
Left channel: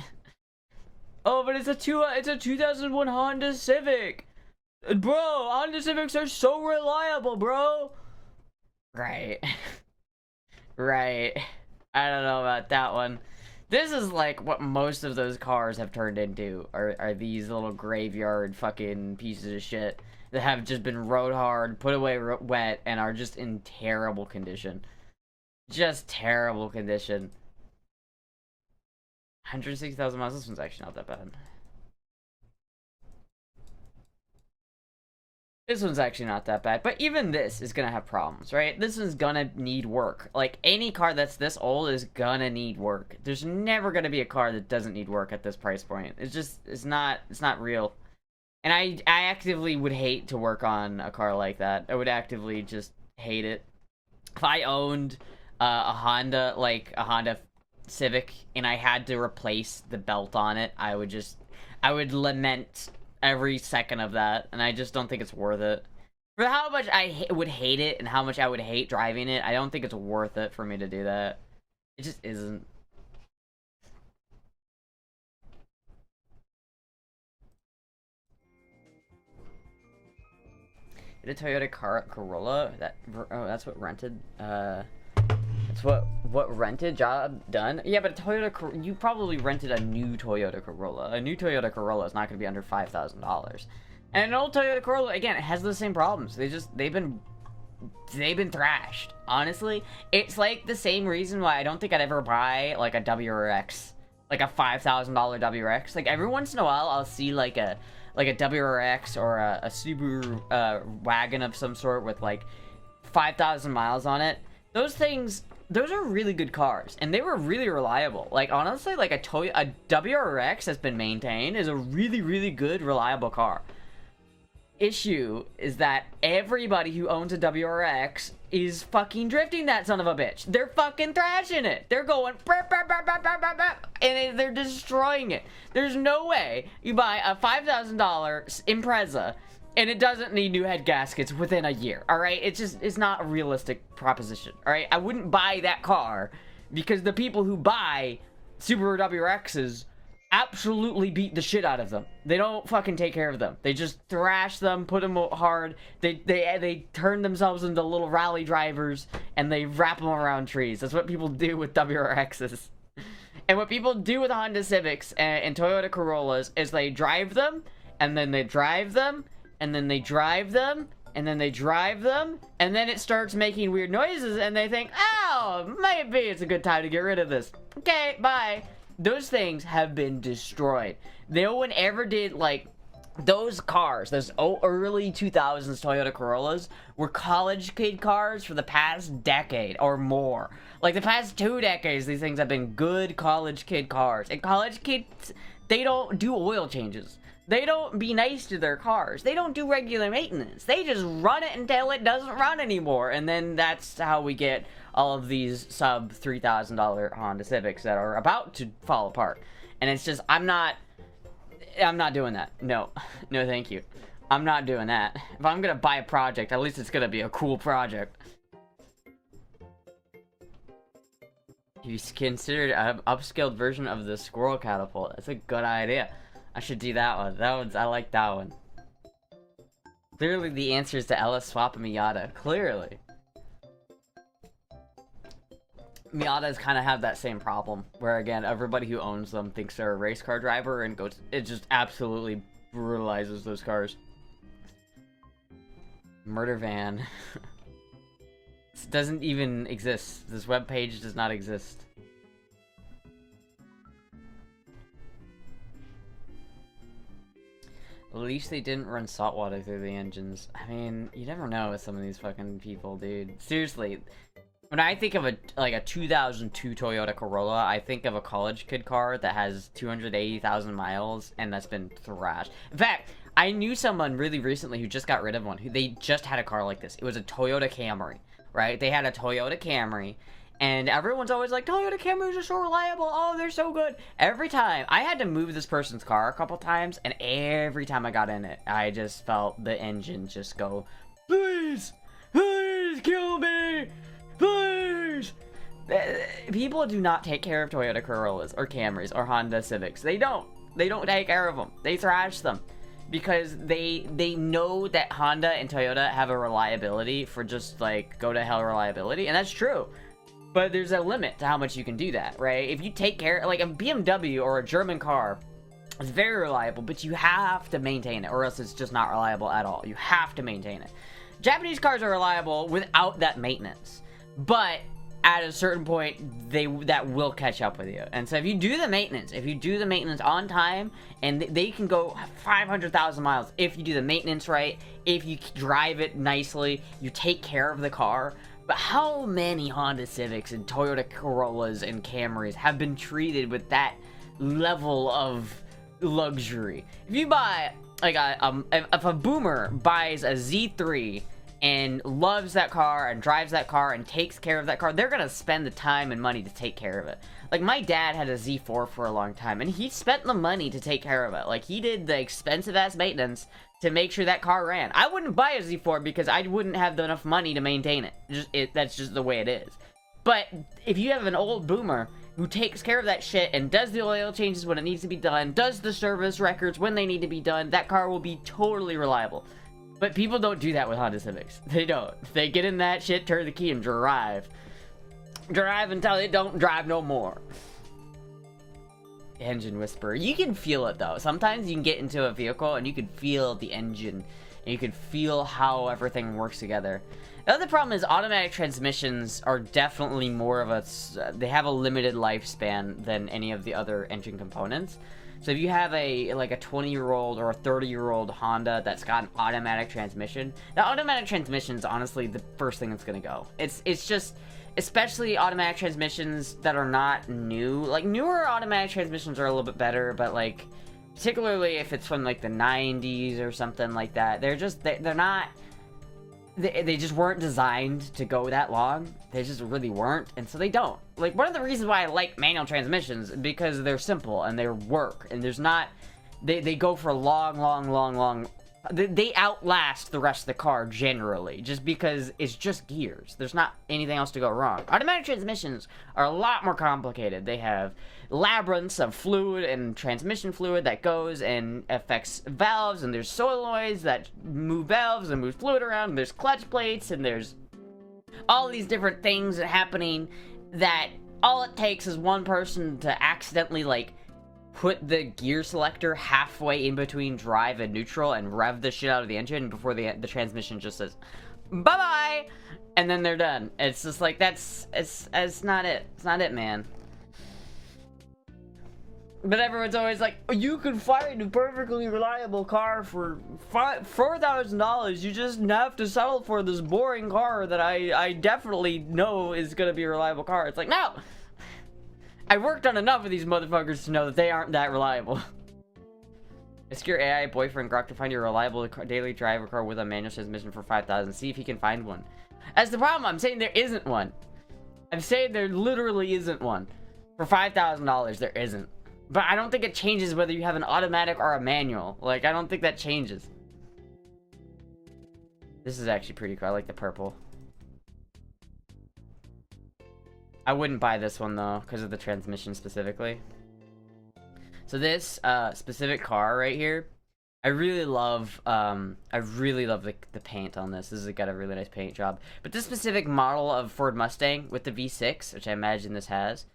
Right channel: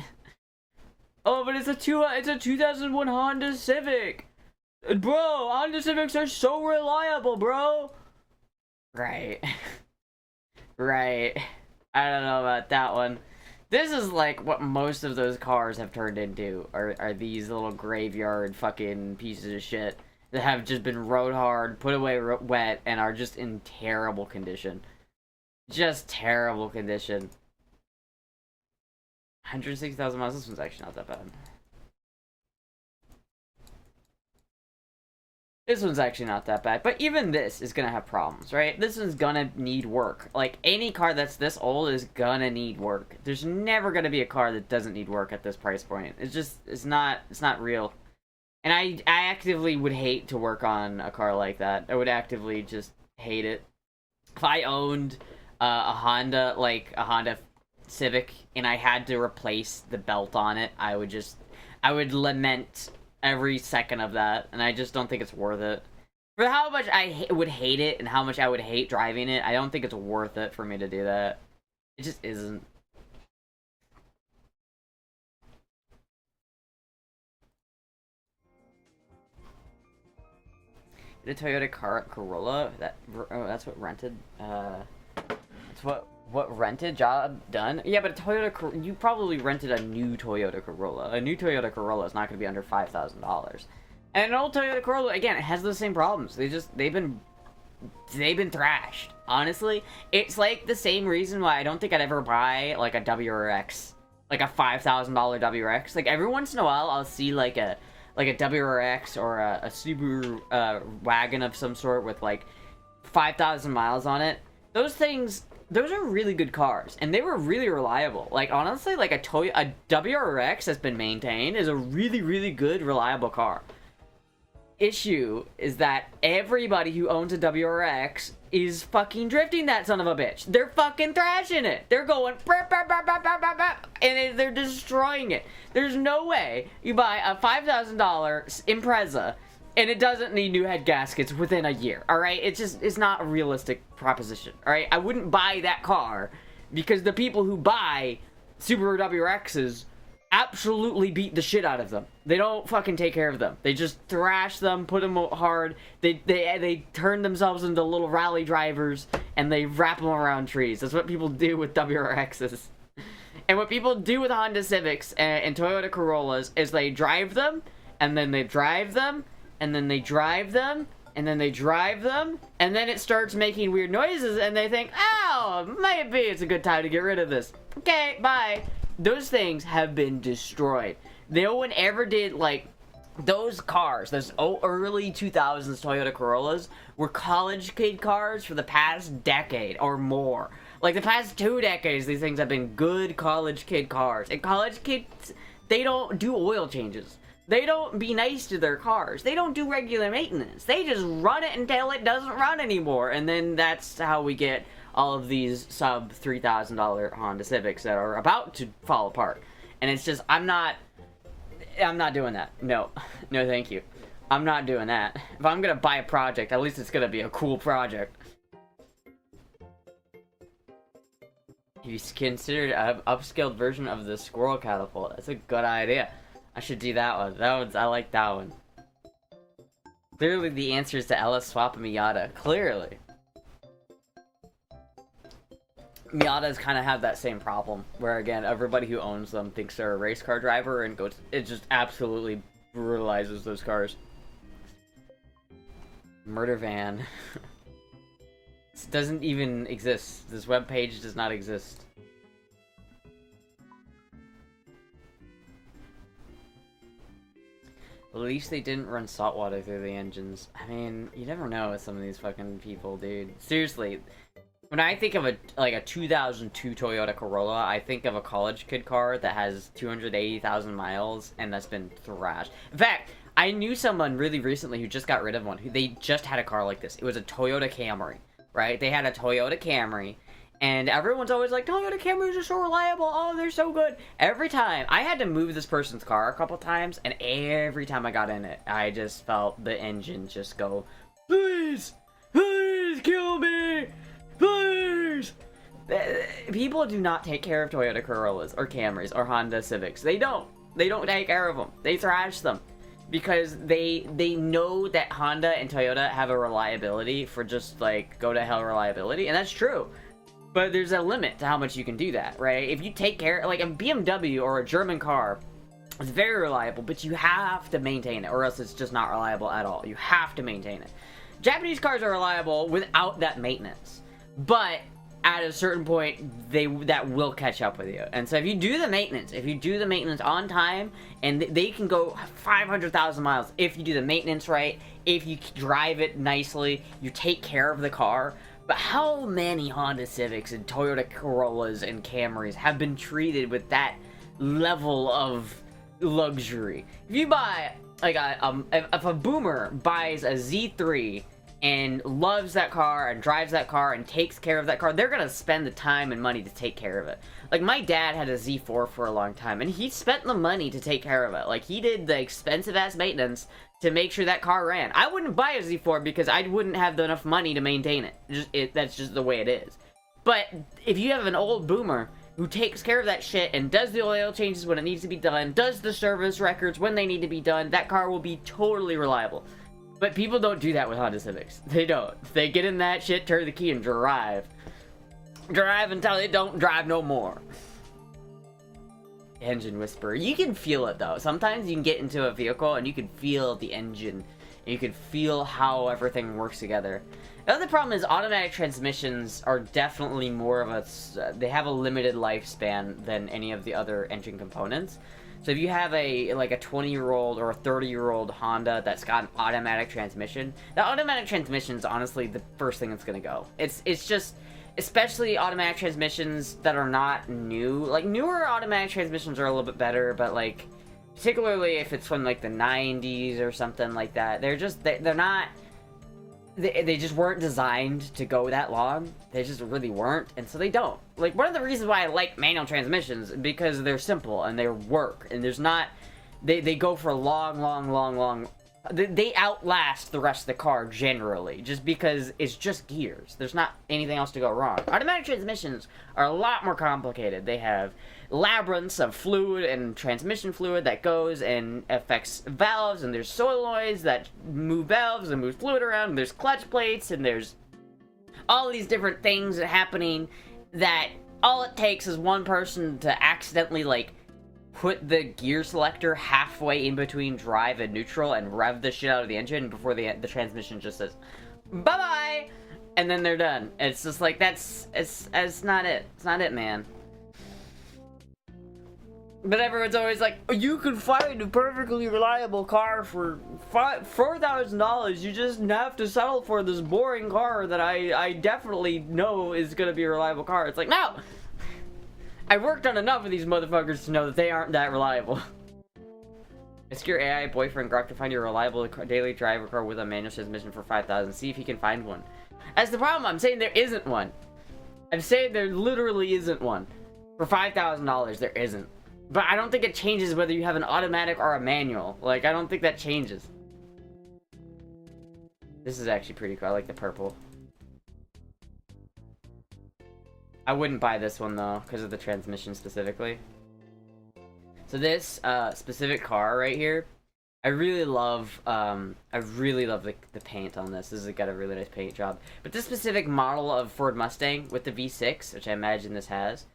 Oh, but it's a 2001 Honda Civic. Bro, Honda Civics are so reliable, bro. Right. Right. I don't know about that one. This is like what most of those cars have turned into, are these little graveyard fucking pieces of shit that have just been rode hard, put away wet, and are just in terrible condition. Just terrible condition. 160,000 miles, this one's actually not that bad. This one's actually not that bad, but even this is gonna have problems, right? This is gonna need work. Like, any car that's this old is gonna need work. There's never gonna be a car that doesn't need work at this price point. It's not real. And I actively would hate to work on a car like that. I would actively just hate it. If I owned a Honda, like a Honda Civic, and I had to replace the belt on it, I would lament every second of that, and I just don't think it's worth it. For how much I would hate it and how much I would hate driving it, I don't think it's worth it for me to do that. It just isn't. The Toyota Corolla, that's what rented, that's what rented job done? Yeah, but a Toyota, you probably rented a new Toyota Corolla. A new Toyota Corolla is not going to be under $5,000. And an old Toyota Corolla, again, it has the same problems. They've been thrashed. Honestly, it's like the same reason why I don't think I'd ever buy like a WRX, like a $5,000 WRX. Like, every once in a while, I'll see like a WRX or a Subaru wagon of some sort with like 5,000 miles on it. Those things, those are really good cars, and they were really reliable. Like, honestly, like a WRX that's been maintained is a really, really good, reliable car. Issue is that everybody who owns a WRX is fucking drifting that son of a bitch. They're fucking thrashing it. They're going and they're destroying it. There's no way you buy a $5,000 Impreza and it doesn't need new head gaskets within a year. All right, it's not a realistic proposition. All right, I wouldn't buy that car because the people who buy Subaru WRXs absolutely beat the shit out of them. They don't fucking take care of them. They just thrash them, put them hard. They turn themselves into little rally drivers, and they wrap them around trees. That's what people do with WRXs. And what people do with Honda Civics and Toyota Corollas is they drive them, and then they drive them, and then they drive them, and then they drive them, and then it starts making weird noises, and they think, oh, maybe it's a good time to get rid of this. Okay, bye. Those things have been destroyed. No one ever did, like, those cars, those early 2000s Toyota Corollas were college kid cars for the past decade or more. Like, the past 2 decades, these things have been good college kid cars. And college kids, they don't do oil changes. They don't be nice to their cars. They don't do regular maintenance. They just run it until it doesn't run anymore. And then that's how we get all of these sub $3,000 Honda Civics that are about to fall apart. And it's just, I'm not doing that. No, thank you. I'm not doing that. If I'm gonna buy a project, at least it's gonna be a cool project. You considered an upscaled version of the squirrel catapult. That's a good idea. I should do that one. I like that one. Clearly the answer is to Ellis swap and Miata. Clearly. Miatas kind of have that same problem, where again, everybody who owns them thinks they're a race car driver and it just absolutely brutalizes those cars. Murder van. This doesn't even exist. This webpage does not exist. At least they didn't run salt water through the engines. I mean, you never know with some of these fucking people, dude. Seriously. When I think of a 2002 Toyota Corolla, I think of a college kid car that has 280,000 miles and that's been thrashed. In fact, I knew someone really recently who just got rid of one. They just had a car like this. It was a Toyota Camry, right? They had a Toyota Camry, and everyone's always like, Toyota Camrys are so reliable. Oh, they're so good. Every time, I had to move this person's car a couple times, and every time I got in it, I just felt the engine just go, please kill me. Please! People do not take care of Toyota Corollas or Camrys or Honda Civics. They don't take care of them. They thrash them. because they know that Honda and Toyota have a reliability for just like go to hell reliability, and that's true. But there's a limit to how much you can do that, right? If you take care, like a BMW or a German car, it's very reliable, but you have to maintain it, or else it's just not reliable at all. You have to maintain it. Japanese cars are reliable without that maintenance, but at a certain point, that will catch up with you. And so if you do the maintenance on time, and they can go 500,000 miles if you do the maintenance right, if you drive it nicely, you take care of the car. But how many Honda Civics and Toyota Corollas and Camrys have been treated with that level of luxury? If you buy, like, if a boomer buys a Z3 and loves that car and drives that car and takes care of that car, they're gonna spend the time and money to take care of it. Like, my dad had a Z4 for a long time, and he spent the money to take care of it. Like, he did the expensive-ass maintenance to make sure that car ran. I wouldn't buy a Z4 because I wouldn't have enough money to maintain it. That's just the way it is. But if you have an old boomer who takes care of that shit and does the oil changes when it needs to be done, does the service records when they need to be done, that car will be totally reliable. But people don't do that with Honda Civics. They don't. They get in that shit, turn the key, and drive. Drive until they don't drive no more. Engine whisper. You can feel it, though. Sometimes you can get into a vehicle and you can feel the engine. You can feel how everything works together. The other problem is automatic transmissions are definitely more of a... they have a limited lifespan than any of the other engine components. So if you have a 20-year-old or a 30-year-old Honda that's got an automatic transmission, the automatic transmission is honestly the first thing that's gonna go. It's just... especially automatic transmissions that are not new. Like, newer automatic transmissions are a little bit better, but, like, particularly if it's from, like, the 90s or something like that, they're not... They just weren't designed to go that long. They just really weren't, and so they don't. Like, one of the reasons why I like manual transmissions is because they're simple, and they work, and there's not... They go for a long... They outlast the rest of the car, generally, just because it's just gears. There's not anything else to go wrong. Automatic transmissions are a lot more complicated. They have labyrinths of fluid and transmission fluid that goes and affects valves, and there's solenoids that move valves and move fluid around, and there's clutch plates, and there's all these different things that are happening that all it takes is one person to accidentally, like, put the gear selector halfway in between drive and neutral and rev the shit out of the engine before the transmission just says, bye-bye! And then they're done. It's just like, it's not it. It's not it, man. But everyone's always like, you can find a perfectly reliable car for $4,000. You just have to settle for this boring car that I definitely know is gonna be a reliable car. It's like, no! I worked on enough of these motherfuckers to know that they aren't that reliable. Ask your AI boyfriend Grok to find you a reliable daily driver car with a manual transmission for $5,000. See if he can find one. That's the problem. I'm saying there isn't one. I'm saying there literally isn't one. For $5,000, there isn't. But I don't think it changes whether you have an automatic or a manual. Like, I don't think that changes. This is actually pretty cool. I like the purple. I wouldn't buy this one, though, because of the transmission specifically. So this specific car right here, I really love the paint on this. This has got a really nice paint job. But this specific model of Ford Mustang with the V6, which I imagine this has,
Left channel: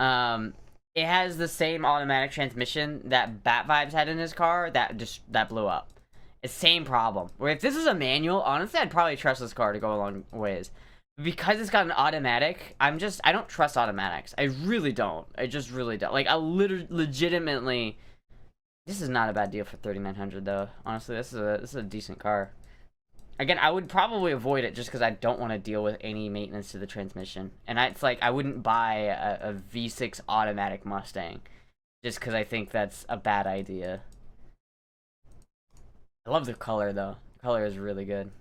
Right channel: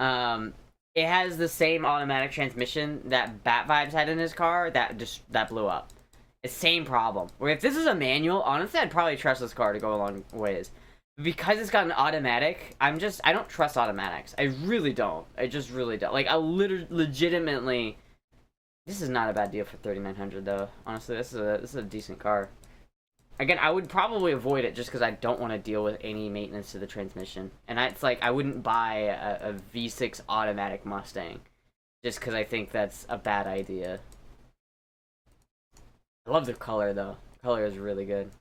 it has the same automatic transmission that Bat Vibes had in his car that blew up. It's same problem. Where if this is a manual, honestly, I'd probably trust this car to go a long ways. Because it's got an automatic, I don't trust automatics. I really don't. I just really don't. Like, I legitimately, this is not a bad deal for $3,900 though. Honestly, this is a decent car. Again, I would probably avoid it just because I don't want to deal with any maintenance to the transmission. And it's like, I wouldn't buy a V6 automatic Mustang just because I think that's a bad idea. I love the color though. The color is really good.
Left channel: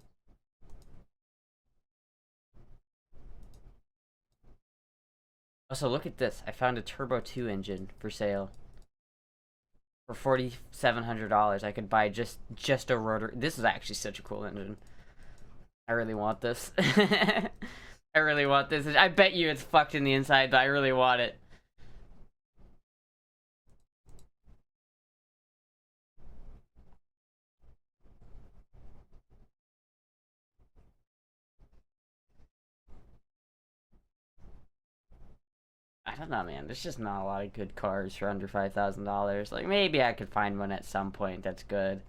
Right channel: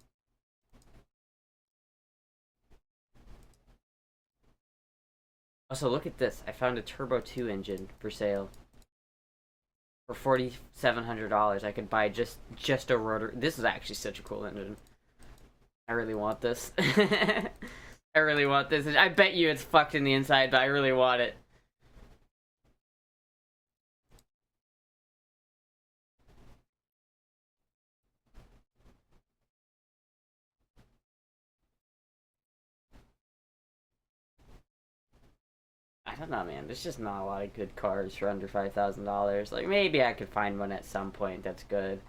Also, look at this. I found a Turbo 2 engine for sale. For $4,700. I could buy just a rotor. This is actually such a cool engine. I really want this. I really want this. I bet you it's fucked in the inside, but I really want it. I don't know, man. There's just not a lot of good cars for under $5,000. Like, maybe I could find one at some point that's good.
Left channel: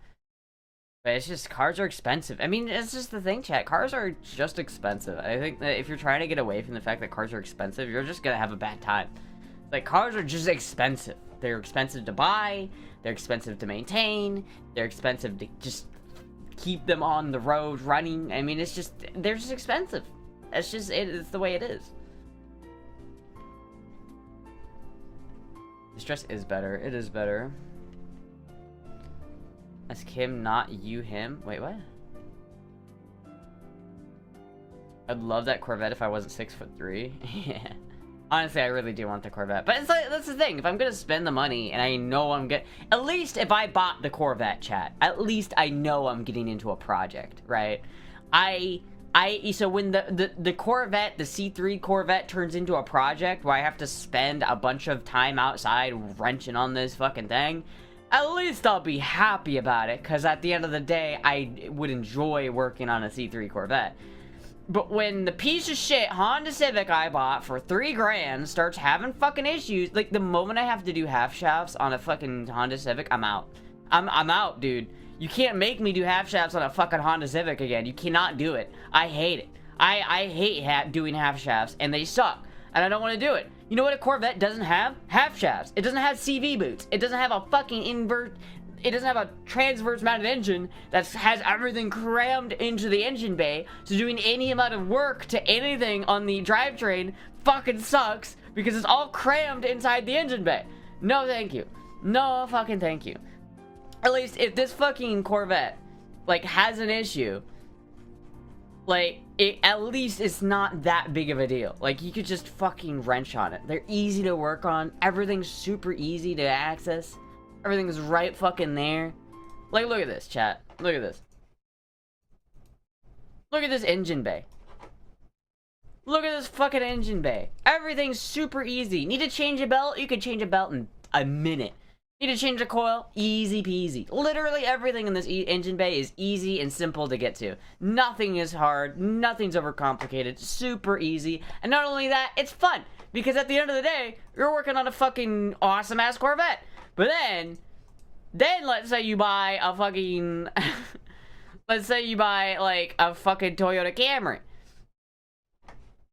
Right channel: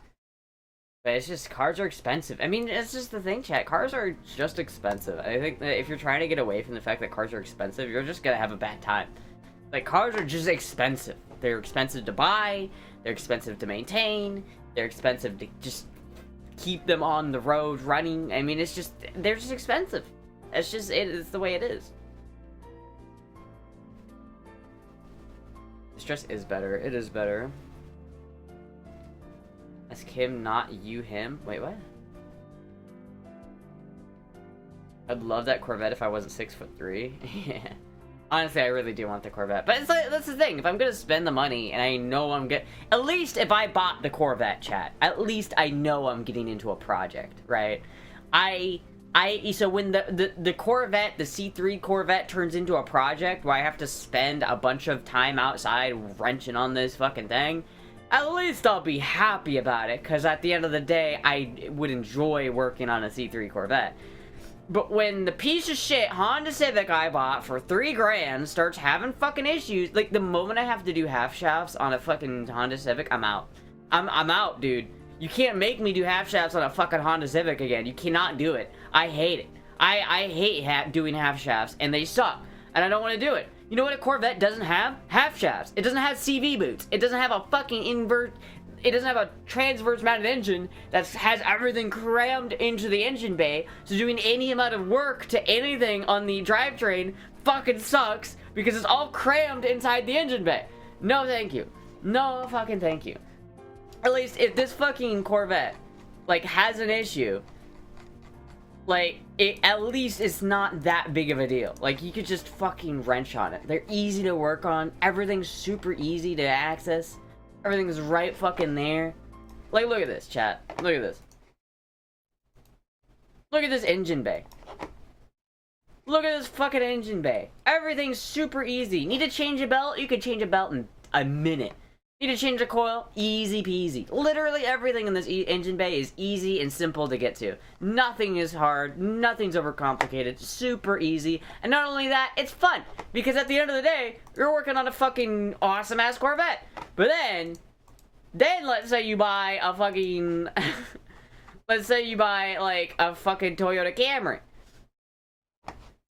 But it's just, cars are expensive. I mean, it's just the thing, chat. Cars are just expensive. I think that if you're trying to get away from the fact that cars are expensive, you're just gonna have a bad time. Like, cars are just expensive. They're expensive to buy, they're expensive to maintain, they're expensive to just keep them on the road running. I mean, it's just, they're just expensive. It's just, it's the way it is. This dress is better. It is better. Ask him, not you, him. Wait, what? I'd love that Corvette if I wasn't 6'3". Yeah. Honestly, I really do want the Corvette. But it's like, that's the thing. If I'm gonna spend the money and I know I'm getting... At least if I bought the Corvette, chat, at least I know I'm getting into a project, right? So when the Corvette, the C3 Corvette turns into a project where I have to spend a bunch of time outside wrenching on this fucking thing, at least I'll be happy about it, because at the end of the day, I would enjoy working on a C3 Corvette. But when the piece of shit Honda Civic I bought for $3 grand starts having fucking issues, like, the moment I have to do half shafts on a fucking Honda Civic, I'm out. I'm out, dude. You can't make me do half shafts on a fucking Honda Civic again. You cannot do it. I hate it. I hate doing half shafts, and they suck. And I don't want to do it. You know what a Corvette doesn't have? Half shafts. It doesn't have CV boots. It doesn't have a fucking it doesn't have a transverse mounted engine that has everything crammed into the engine bay, so doing any amount of work to anything on the drivetrain fucking sucks because it's all crammed inside the engine bay. No thank you. No fucking thank you. At least if this fucking Corvette, like, has an issue, like, at least it's not that big of a deal. Like, you could just fucking wrench on it. They're easy to work on. Everything's super easy to access. Everything's right fucking there. Like, look at this, chat. Look at this. Look at this engine bay. Look at this fucking engine bay. Everything's super easy. Need to change a belt? You could change a belt in a minute. Need to change a coil? Easy peasy. Literally everything in this engine bay is easy and simple to get to. Nothing is hard. Nothing's overcomplicated. Super easy. And not only that, it's fun. Because at the end of the day, you're working on a fucking awesome-ass Corvette. But then let's say you buy a fucking... let's say you buy, like, a fucking Toyota Camry.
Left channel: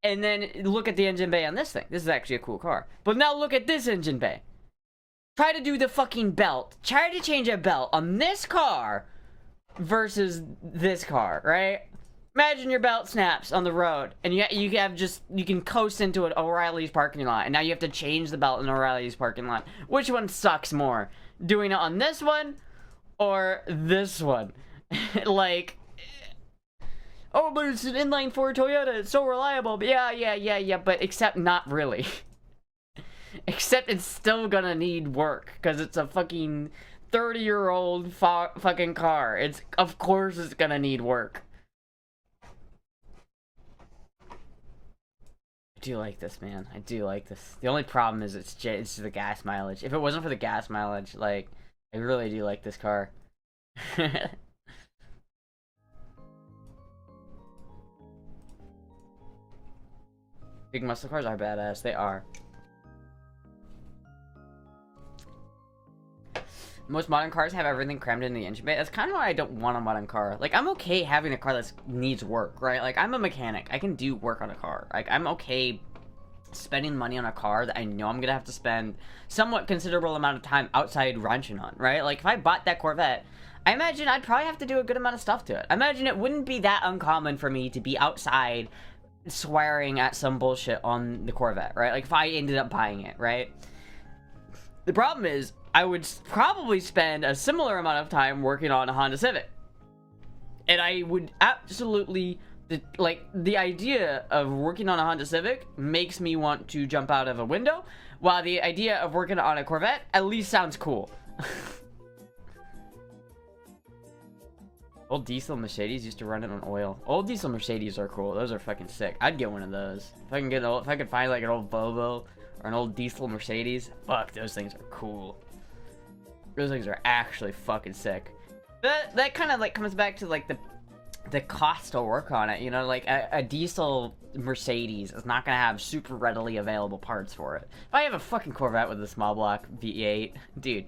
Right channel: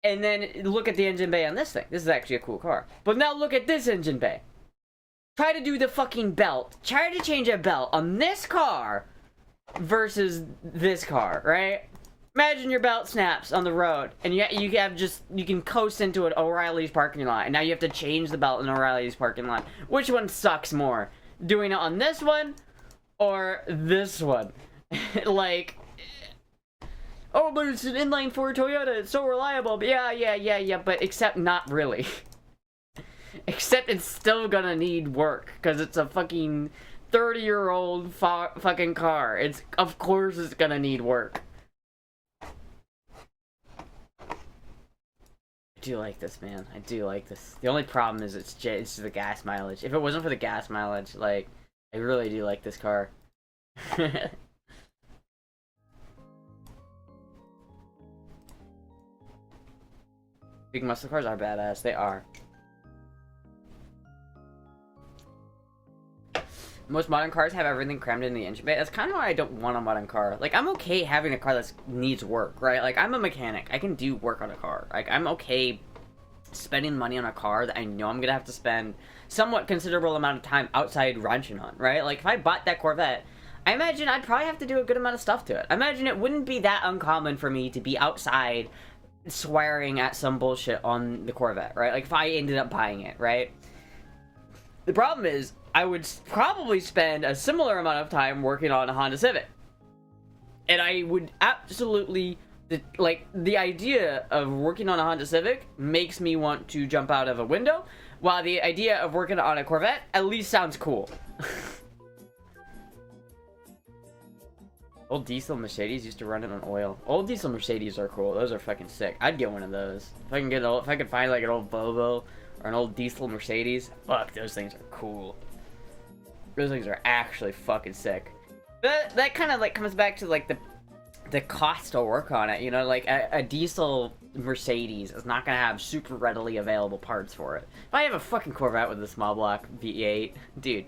And then look at the engine bay on this thing. This is actually a cool car. But now look at this engine bay. Try to do the fucking belt. Try to change a belt on this car versus this car, right? Imagine your belt snaps on the road, and you can coast into an O'Reilly's parking lot, and now you have to change the belt in O'Reilly's parking lot. Which one sucks more? Doing it on this one or this one? Like, oh, but it's an inline-4 Toyota, it's so reliable. But yeah, but except not really. Except it's still gonna need work, because it's a fucking 30-year-old fucking car. Of course it's gonna need work. I do like this, man. I do like this. The only problem is it's the gas mileage. If it wasn't for the gas mileage, like, I really do like this car. Big muscle cars are badass. They are. Most modern cars have everything crammed in the engine bay. That's kind of why I don't want a modern car. Like, I'm okay having a car that needs work, right? Like, I'm a mechanic. I can do work on a car. Like, I'm okay spending money on a car that I know I'm gonna have to spend somewhat considerable amount of time outside wrenching on, right? Like, if I bought that Corvette, I imagine I'd probably have to do a good amount of stuff to it. I imagine it wouldn't be that uncommon for me to be outside swearing at some bullshit on the Corvette, right? Like, if I ended up buying it, right? The problem is, I would probably spend a similar amount of time working on a Honda Civic. And I would absolutely, like, the idea of working on a Honda Civic makes me want to jump out of a window, while the idea of working on a Corvette at least sounds cool. Old diesel Mercedes used to run it on oil. Old diesel Mercedes are cool. Those are fucking sick. I'd get one of those. If I could find, like, an old Volvo or an old diesel Mercedes, fuck, those things are cool. Those things are actually fucking sick. That kind of, like, comes back to, like, the cost to work on it, you know, like a diesel Mercedes is not gonna have super readily available parts for it. If I have a fucking Corvette with a small block V8, dude,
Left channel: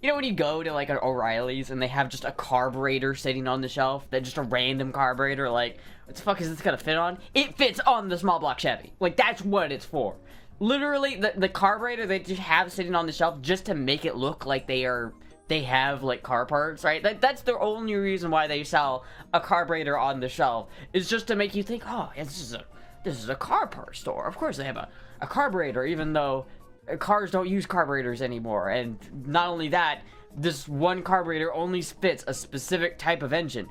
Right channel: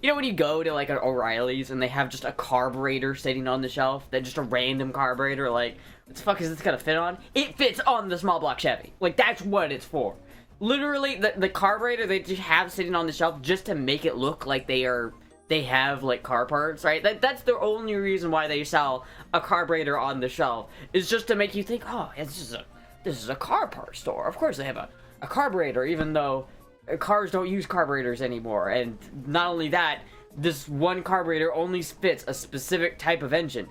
you know when you go to like an O'Reilly's and they have just a carburetor sitting on the shelf, that just a random carburetor, like, what the fuck is this gonna fit on? It fits on the small block Chevy. Like, that's what it's for. Literally, the carburetor they just have sitting on the shelf just to make it look like they have like car parts, right? That's the only reason why they sell a carburetor on the shelf, is just to make you think, oh, this is a car part store. Of course they have a carburetor, even though cars don't use carburetors anymore. And not only that, this one carburetor only fits a specific type of engine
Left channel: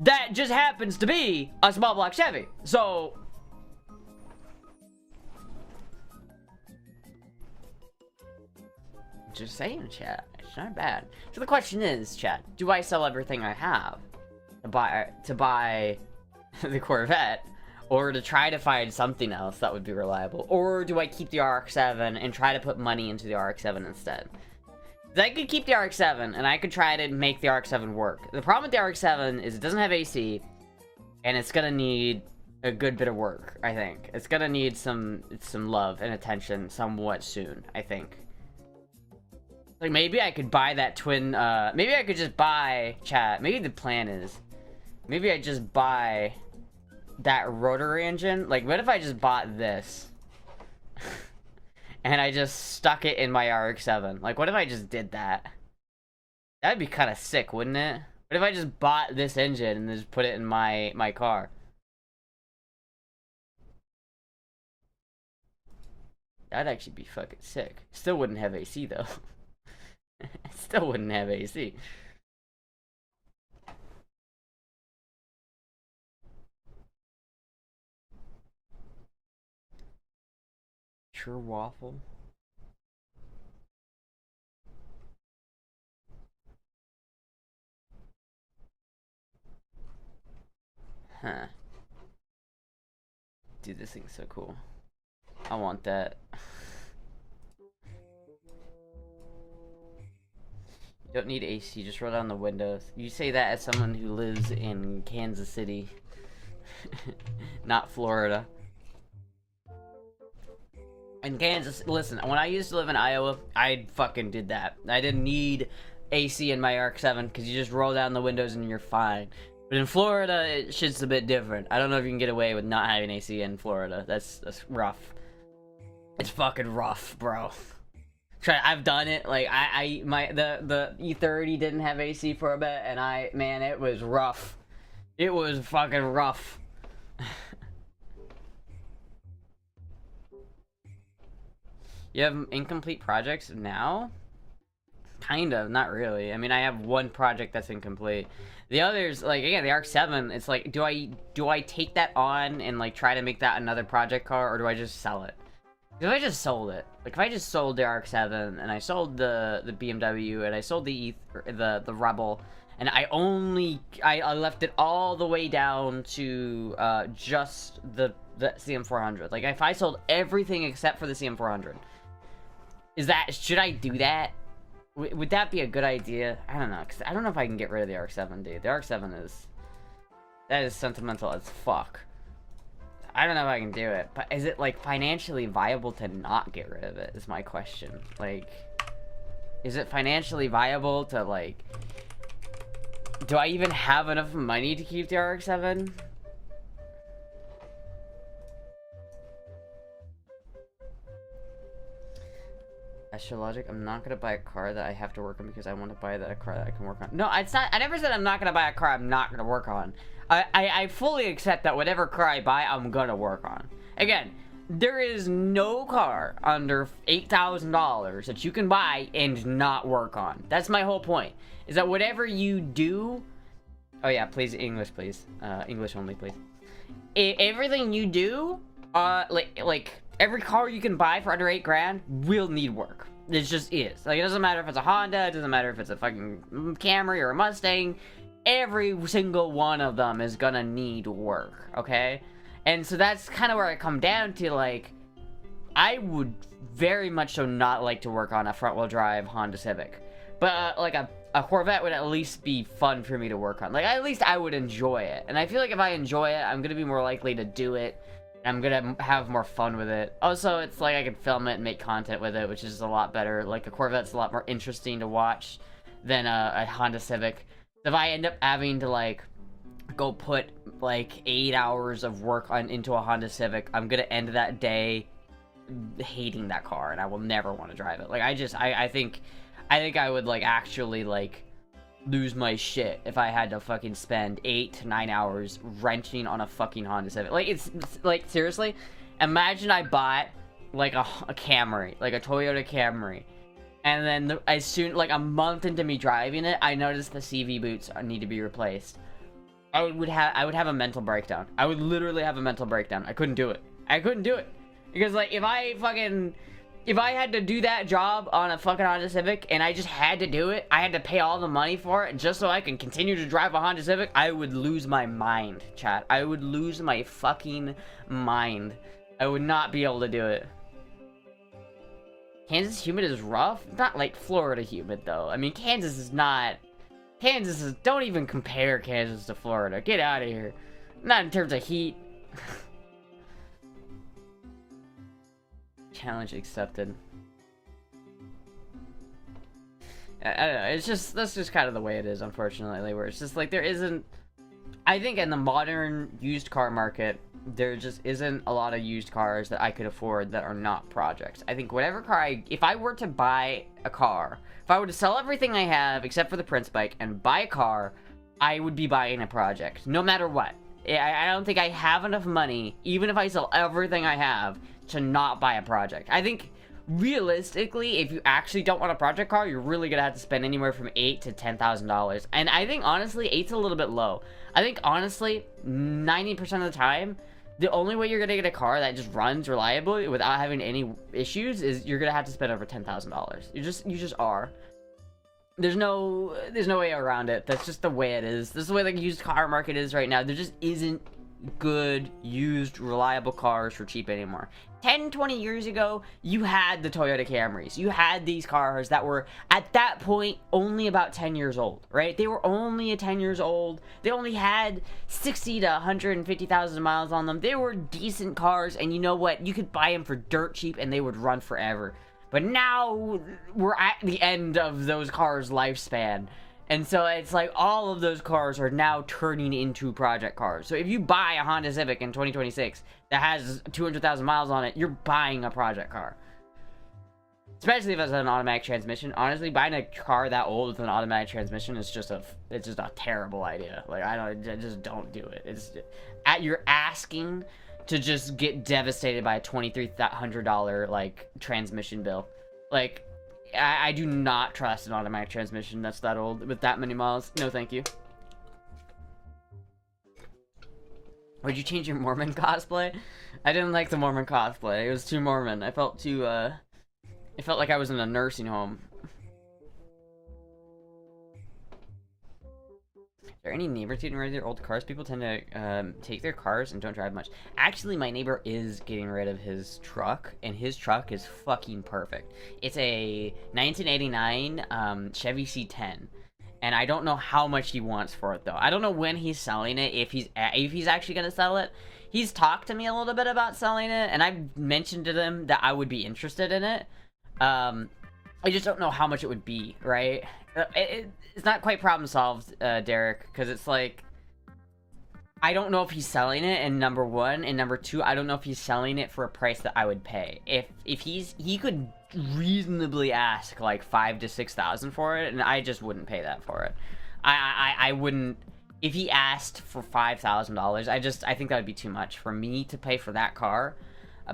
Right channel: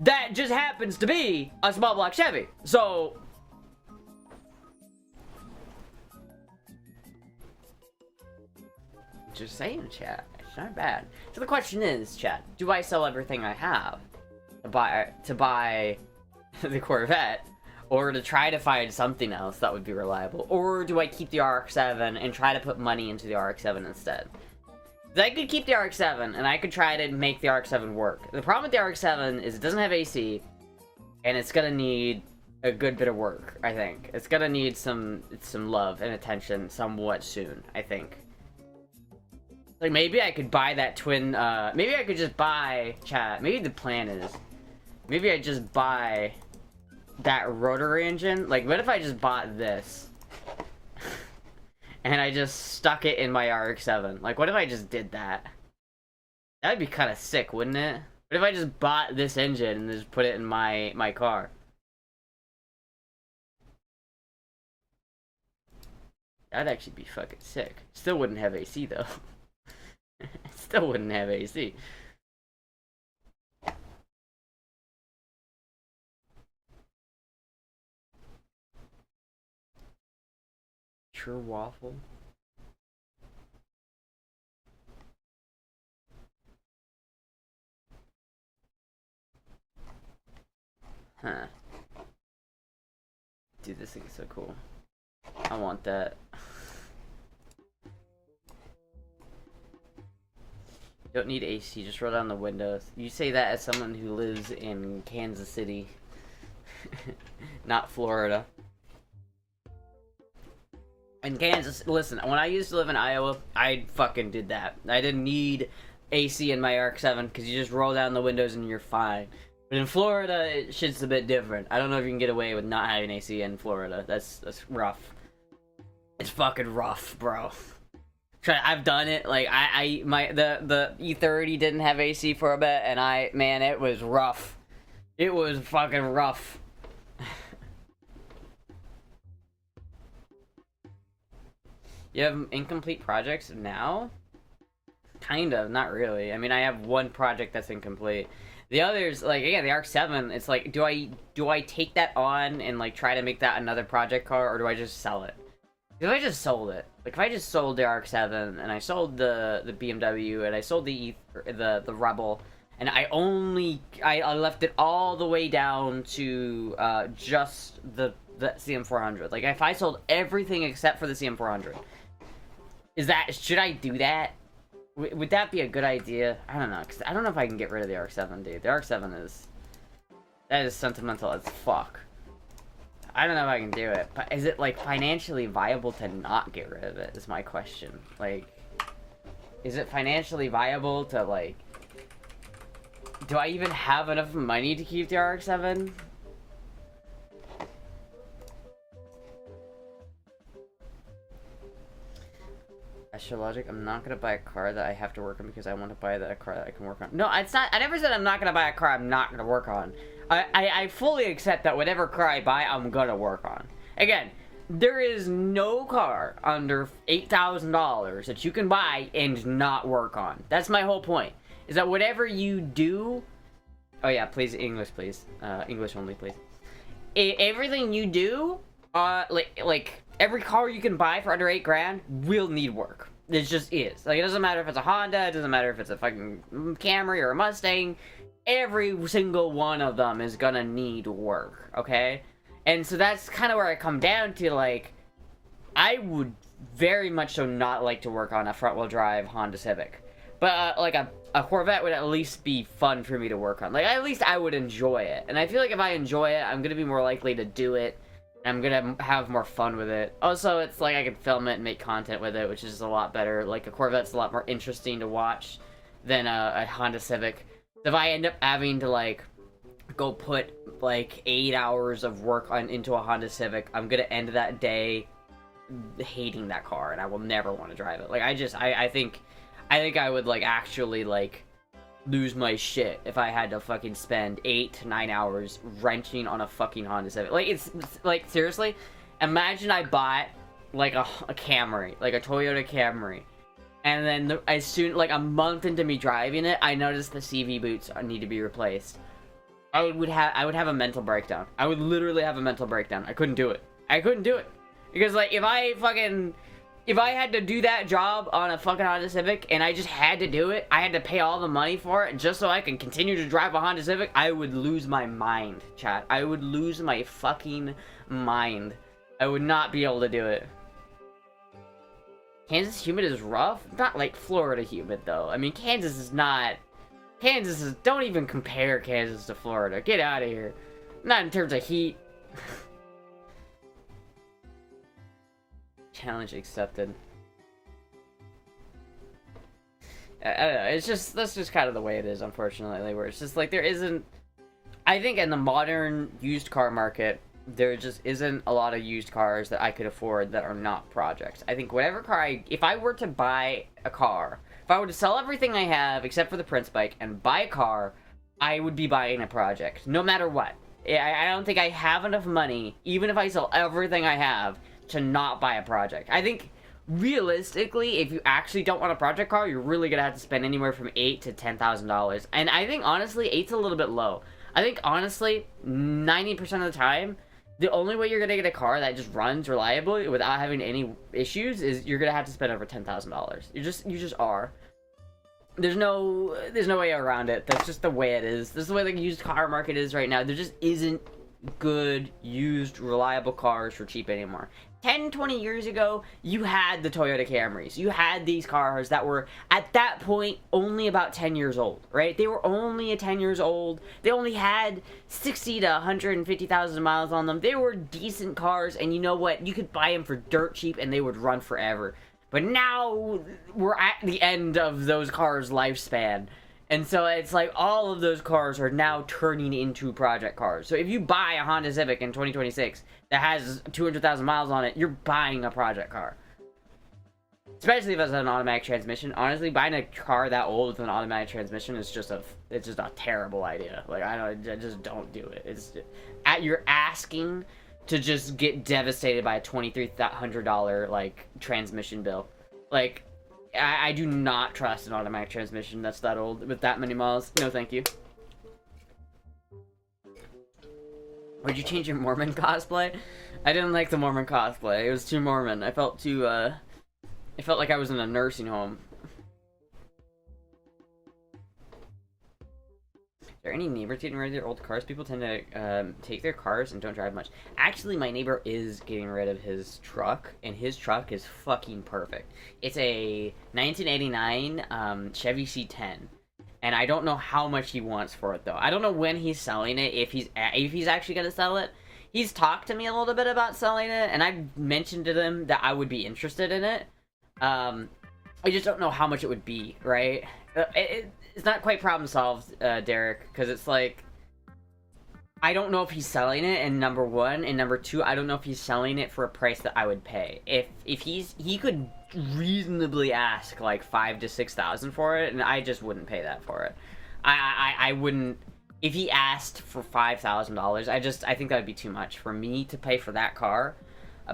that just happens to be a small block Chevy. So just saying, chat, it's not bad. So the question is, chat, do I sell everything I have to buy the Corvette, or to try to find something else that would be reliable, or do I keep the RX-7 and try to put money into the RX-7 instead? I could keep the RX-7 and I could try to make the RX-7 work. The problem with the RX-7 is it doesn't have AC, and it's gonna need a good bit of work. I think it's gonna need some love and attention somewhat soon, I think. Like, maybe I could buy that twin, maybe I could just buy, chat, maybe the plan is, maybe I just buy that rotary engine. Like, what if I just bought this? And I just stuck it in my RX-7? Like, what if I just did that? That'd be kind of sick, wouldn't it? What if I just bought this engine and just put it in my car? That'd actually be fucking sick. Still wouldn't have AC, though. Still wouldn't have AC. True waffle. Huh. Dude, this thing is so cool. I want that. You don't need AC, just roll down the windows. You say that as someone who lives in Kansas City. Not Florida. In Kansas, listen, when I used to live in Iowa, I fucking did that. I didn't need AC in my RX-7 because you just roll down the windows and you're fine. But in Florida, shit's a bit different. I don't know if you can get away with not having AC in Florida. That's rough. It's fucking rough, bro. I've done it. Like, the E30 didn't have AC for a bit, and man, it was rough. It was fucking rough. You have incomplete projects now? Kind of, not really. I mean, I have one project that's incomplete. The others, like, again, the RX-7, it's like, do I take that on and, like, try to make that another project car, or do I just sell it? If I just sold it, like, if I just sold the RX-7, and I sold the BMW, and I sold the Rebel, and I left it all the way down to, just the CM400. Like, if I sold everything except for the CM400, should I do that? Would that be a good idea? I don't know, because I don't know if I can get rid of the RX-7, dude. The RX-7 that is sentimental as fuck. I don't know if I can do it, but is it, like, financially viable to not get rid of it, is my question. Like, is it financially viable to, like, do I even have enough money to keep the RX-7? Astrologic, I'm not gonna buy a car that I have to work on because I want to buy a car that I can work on. No, it's not. I never said I'm not gonna buy a car I'm not gonna work on. I fully accept that whatever car I buy, I'm gonna work on. Again, there is no car under $8,000 that you can buy and not work on. That's my whole point. Is that whatever you do... Oh yeah, please, English, please. English only, please. Everything you do, like every car you can buy for under $8 grand will need work. It just is. Like, it doesn't matter if it's a Honda, it doesn't matter if it's a fucking Camry or a Mustang. Every single one of them is gonna need work, okay? And so that's kind of where I come down to, like, I would very much so not like to work on a front-wheel drive Honda Civic. But like a Corvette would at least be fun for me to work on. Like, at least I would enjoy it. And I feel like if I enjoy it, I'm gonna be more likely to do it. I'm gonna have more fun with it. Also, it's like I can film it and make content with it, which is a lot better. Like, a Corvette's a lot more interesting to watch than a Honda Civic. If I end up having to, like, go put, like, 8 hours of work into a Honda Civic, I'm gonna end that day hating that car, and I will never want to drive it. Like, I think I would, like, actually, like, lose my shit if I had to fucking spend 8 to 9 hours renting on a fucking Honda Civic. Like, it's like, seriously, imagine I bought, like, a Camry, like a Toyota Camry, and then as soon, like, a month into me driving it, I noticed the CV boots need to be replaced. I would have a mental breakdown. I would literally have a mental breakdown. I couldn't do it. Because, like, if I had to do that job on a fucking Honda Civic, and I just had to do it, I had to pay all the money for it, just so I can continue to drive a Honda Civic, I would lose my mind, chat. I would lose my fucking mind. I would not be able to do it. Kansas humid is rough? Not like Florida humid, though. I mean, Kansas is, don't even compare Kansas to Florida. Get out of here. Not in terms of heat. Challenge accepted. I don't know, that's just kind of the way it is, unfortunately, where it's just like there isn't, I think in the modern used car market, there just isn't a lot of used cars that I could afford that are not projects. I think whatever car if I were to buy a car, if I were to sell everything I have except for the Prince bike and buy a car, I would be buying a project, no matter what. I don't think I have enough money, even if I sell everything I have, to not buy a project. I think realistically, if you actually don't want a project car, you're really gonna have to spend anywhere from $8,000 to $10,000. And I think honestly, 8's a little bit low. I think honestly, 90% of the time, the only way you're gonna get a car that just runs reliably without having any issues is you're gonna have to spend over $10,000. You just are. There's no way around it. That's just the way it is. This is the way the used car market is right now. There just isn't good, used, reliable cars for cheap anymore. 10, 20 years ago, you had the Toyota Camrys. You had these cars that were, at that point, only about 10 years old, right? They were only 10 years old. They only had 60 to 150,000 miles on them. They were decent cars, and you know what? You could buy them for dirt cheap, and they would run forever. But now, we're at the end of those cars' lifespan. And so it's like all of those cars are now turning into project cars. So if you buy a Honda Civic in 2026 that has 200,000 miles on it, you're buying a project car. Especially if it's an automatic transmission. Honestly, buying a car that old with an automatic transmission is just a terrible idea. Like, I just don't do it. You're asking to just get devastated by a $2,300 like transmission bill. Like, I do not trust an automatic transmission that's that old with that many miles. No, thank you. Would you change your Mormon cosplay? I didn't like the Mormon cosplay. It was too Mormon. I felt like I was in a nursing home. Is there any neighbors getting rid of their old cars? People tend to take their cars and don't drive much. Actually, my neighbor is getting rid of his truck, and his truck is fucking perfect. It's a 1989 Chevy C10, and I don't know how much he wants for it though. I don't know when he's selling it, if he's actually gonna sell it. He's talked to me a little bit about selling it, and I've mentioned to them that I would be interested in it. I just don't know how much it would be, right? It's not quite problem solved, Derek, because it's like, I don't know if he's selling it, and number one, and number two, I don't know if he's selling it for a price that I would pay. If he could reasonably ask like $5,000 to $6,000 for it, and I just wouldn't pay that for it. I wouldn't. If he asked for $5,000, I think that would be too much for me to pay for that car.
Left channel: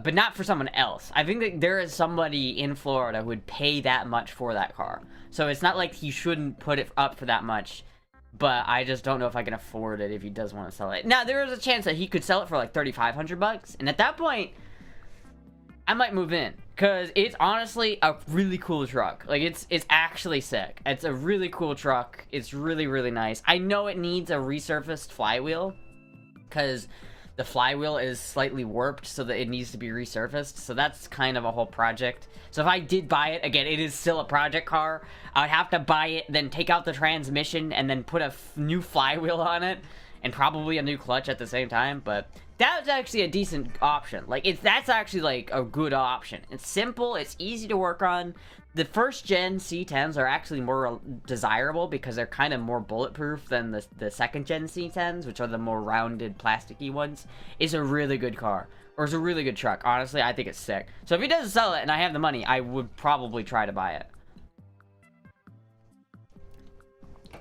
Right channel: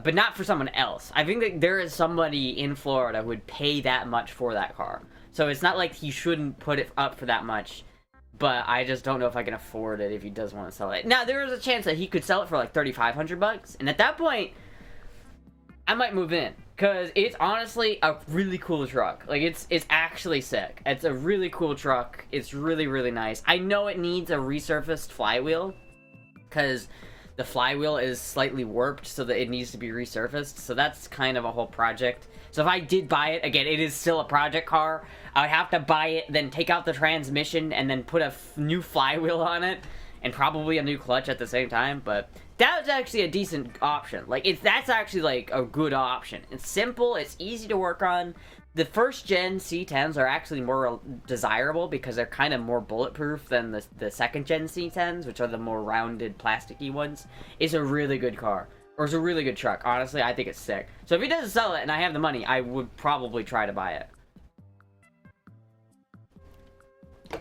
But not for someone else. I think that there is somebody in Florida who would pay that much for that car. So it's not like he shouldn't put it up for that much. But I just don't know if I can afford it if he does want to sell it. Now, there is a chance that he could sell it for like $3,500. And at that point, I might move in. Because it's honestly a really cool truck. Like, it's actually sick. It's a really cool truck. It's really, really nice. I know it needs a resurfaced flywheel. Because the flywheel is slightly warped so that it needs to be resurfaced. So that's kind of a whole project. So if I did buy it, again, it is still a project car. I would have to buy it, then take out the transmission, and then put a new flywheel on it, and probably a new clutch at the same time. But that's actually a decent option. Like, that's actually, like, a good option. It's simple, it's easy to work on. The first gen C10s are actually more desirable because they're kind of more bulletproof than the second gen C10s, which are the more rounded, plasticky ones. It's a really good car. Or it's a really good truck. Honestly, I think it's sick. So if he doesn't sell it and I have the money, I would probably try to buy it.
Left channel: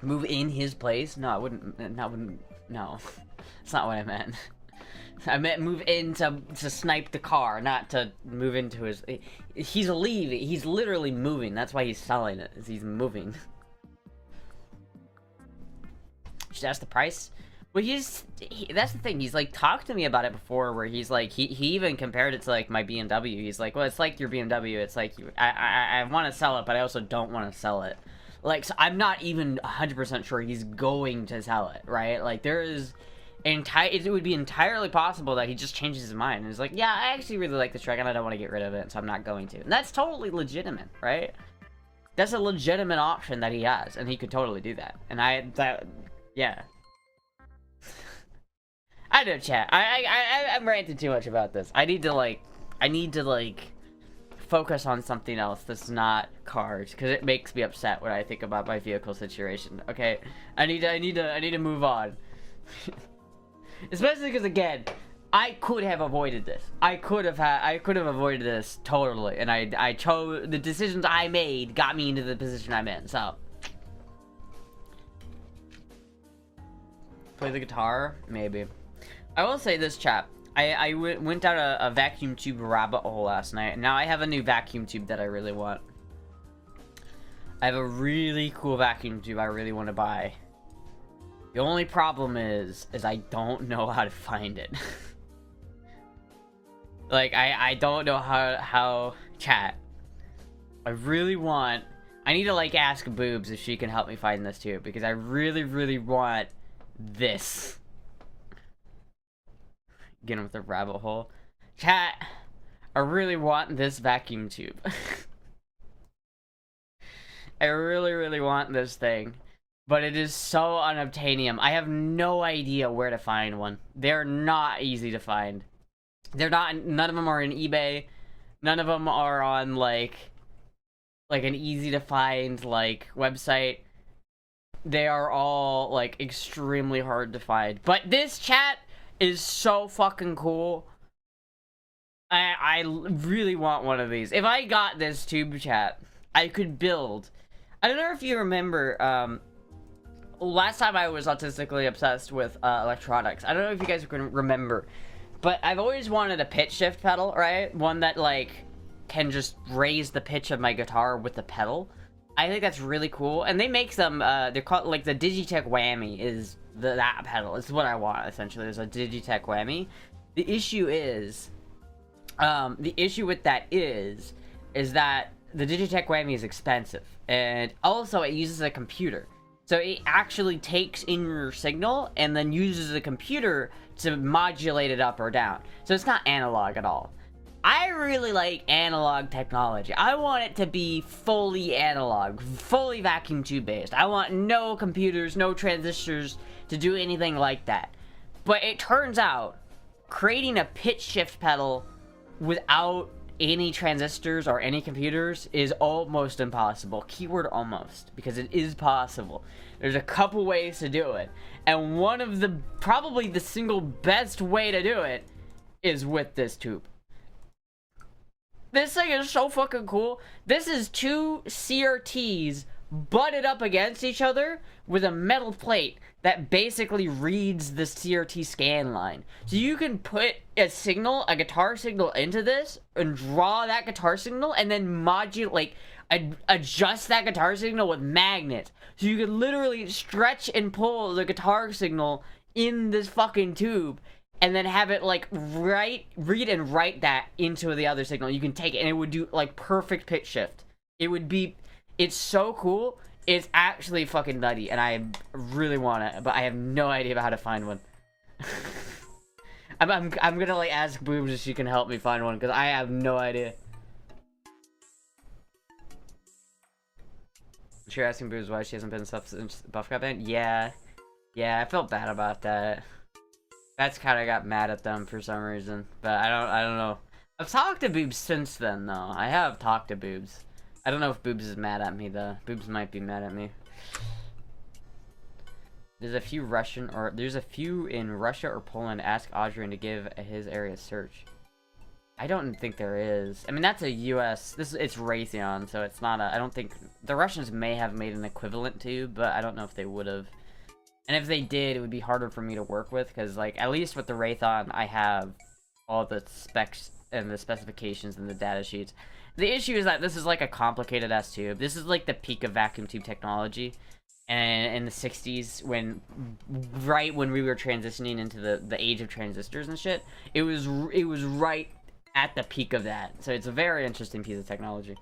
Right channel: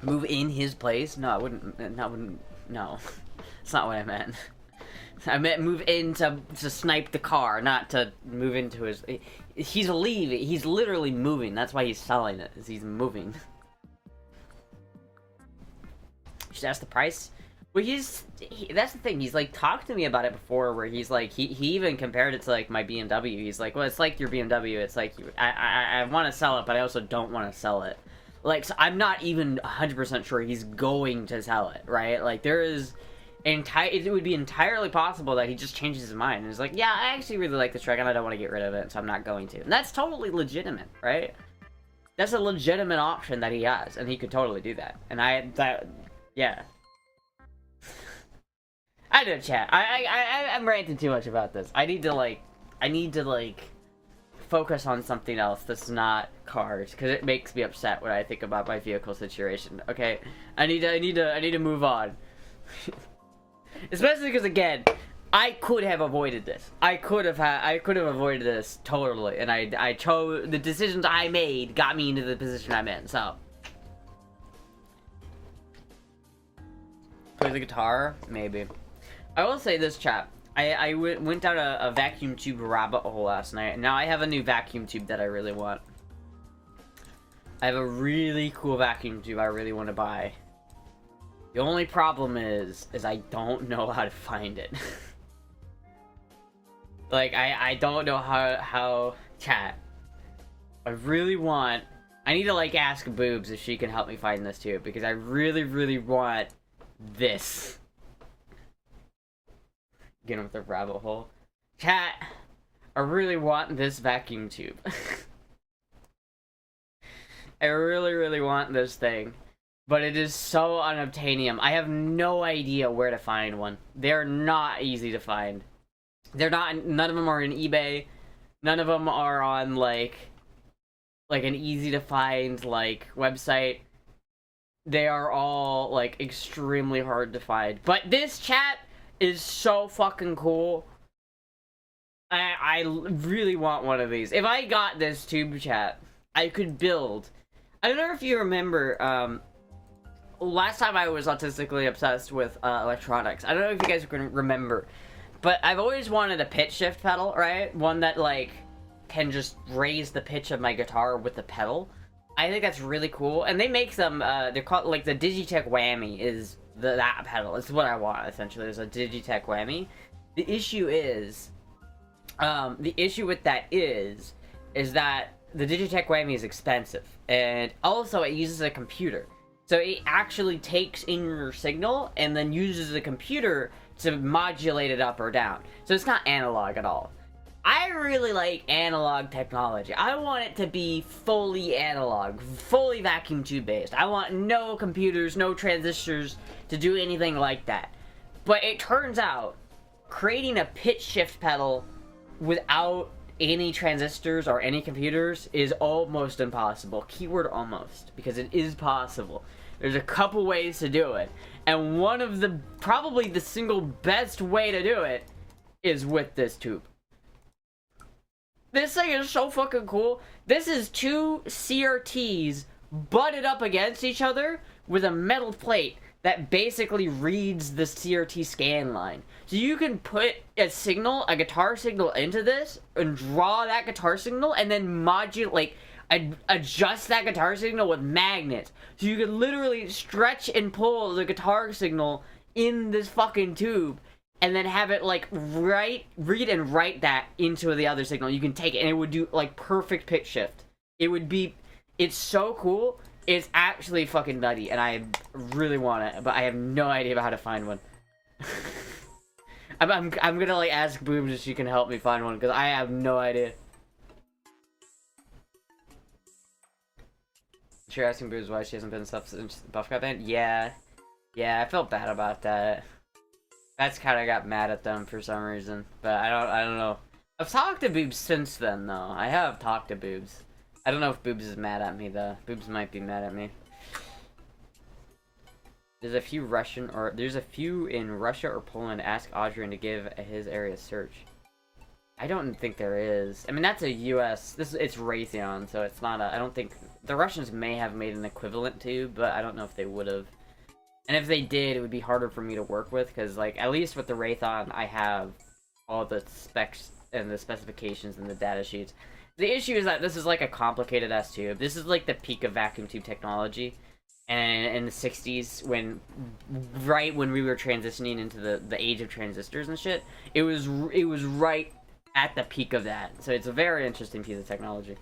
Move in his place? No, I wouldn't. No. That's not what I meant. I meant move in to snipe the car, not to move into his... He's leaving. He's literally moving. That's why he's selling it, is he's moving. Should ask the price? Well, that's the thing. He's, like, talked to me about it before, where he's, like, he even compared it to, like, my BMW. He's like, well, it's like your BMW. It's like, I want to sell it, but I also don't want to sell it. Like, so I'm not even 100% sure he's going to sell it, right? Like, there is... it would be entirely possible that he just changes his mind and is like, yeah, I actually really like this truck and I don't want to get rid of it, so I'm not going to. And that's totally legitimate, right? That's a legitimate option that he has, and he could totally do that. And yeah. I know, chat. I'm ranting too much about this. I need to focus on something else that's not cars, because it makes me upset when I think about my vehicle situation. Okay, I need to move on. Especially because, again, I could have avoided this. I could have avoided this totally, and I chose the decisions I made got me into the position I'm in. So, play the guitar, maybe. I will say this, chat. I went down a vacuum tube rabbit hole last night, and now I have a new vacuum tube that I really want. I have a really cool vacuum tube I really want to buy. The only problem is I don't know how to find it. Like, I don't know how, chat. I need to, like, ask Boobs if she can help me find this too, because I really, really want this. Get him with the rabbit hole. Chat, I really want this vacuum tube. I really, really want this thing. But it is so unobtainium. I have no idea where to find one. They're not easy to find. None of them are in eBay. None of them are on, like an easy to find, like, website. They are all, like, extremely hard to find. But this, chat, is so fucking cool. I really want one of these. If I got this tube, chat, I could build... I don't know if you remember, last time I was autistically obsessed with electronics. I don't know if you guys can remember, but I've always wanted a pitch shift pedal, right? One that, like, can just raise the pitch of my guitar with the pedal. I think that's really cool. And they make them, they're called, like, the Digitech Whammy is that pedal. It's what I want, essentially, is a Digitech Whammy. The issue with that is that the Digitech Whammy is expensive. And also, it uses a computer. So it actually takes in your signal and then uses the computer to modulate it up or down. So it's not analog at all. I really like analog technology. I want it to be fully analog, fully vacuum tube based. I want no computers, no transistors to do anything like that. But it turns out, creating a pitch shift pedal without any transistors or any computers is almost impossible. Keyword almost, because it is possible. There's a couple ways to do it, and one of the, probably the single best way to do it is with this tube. This thing is so fucking cool. This is two CRTs butted up against each other with a metal plate that basically reads the CRT scan line. So you can put a signal, a guitar signal, into this and draw that guitar signal and then modulate, like, adjust that guitar signal with magnets. So you can literally stretch and pull the guitar signal in this fucking tube and then have it, like, read and write that into the other signal. You can take it and it would do, like, perfect pitch shift. It's so cool. It's actually fucking nutty, and I really want it, but I have no idea about how to find one. I'm gonna like ask Boobs if she can help me find one because I have no idea. You're asking Boobs why she hasn't been stuff since Buff got banned? Yeah, I felt bad about that. That's kind of got mad at them for some reason, but I don't know. I've talked to Boobs since then though. I have talked to Boobs. I don't know if Boobs is mad at me though. Boobs might be mad at me. There's a few in Russia or Poland. Ask Adrian to give his area a search. I don't think there is. I mean, that's a U.S. It's Raytheon, so it's not a. I don't think the Russians may have made an equivalent to, but I don't know if they would have. And if they did, it would be harder for me to work with because, like, at least with the Raytheon, I have all the specs and the specifications and the data sheets. The issue is that this is like a complicated ass tube. This is like the peak of vacuum tube technology. And in the 60s, right when we were transitioning into the age of transistors and shit, it was right at the peak of that. So it's a very interesting piece of technology.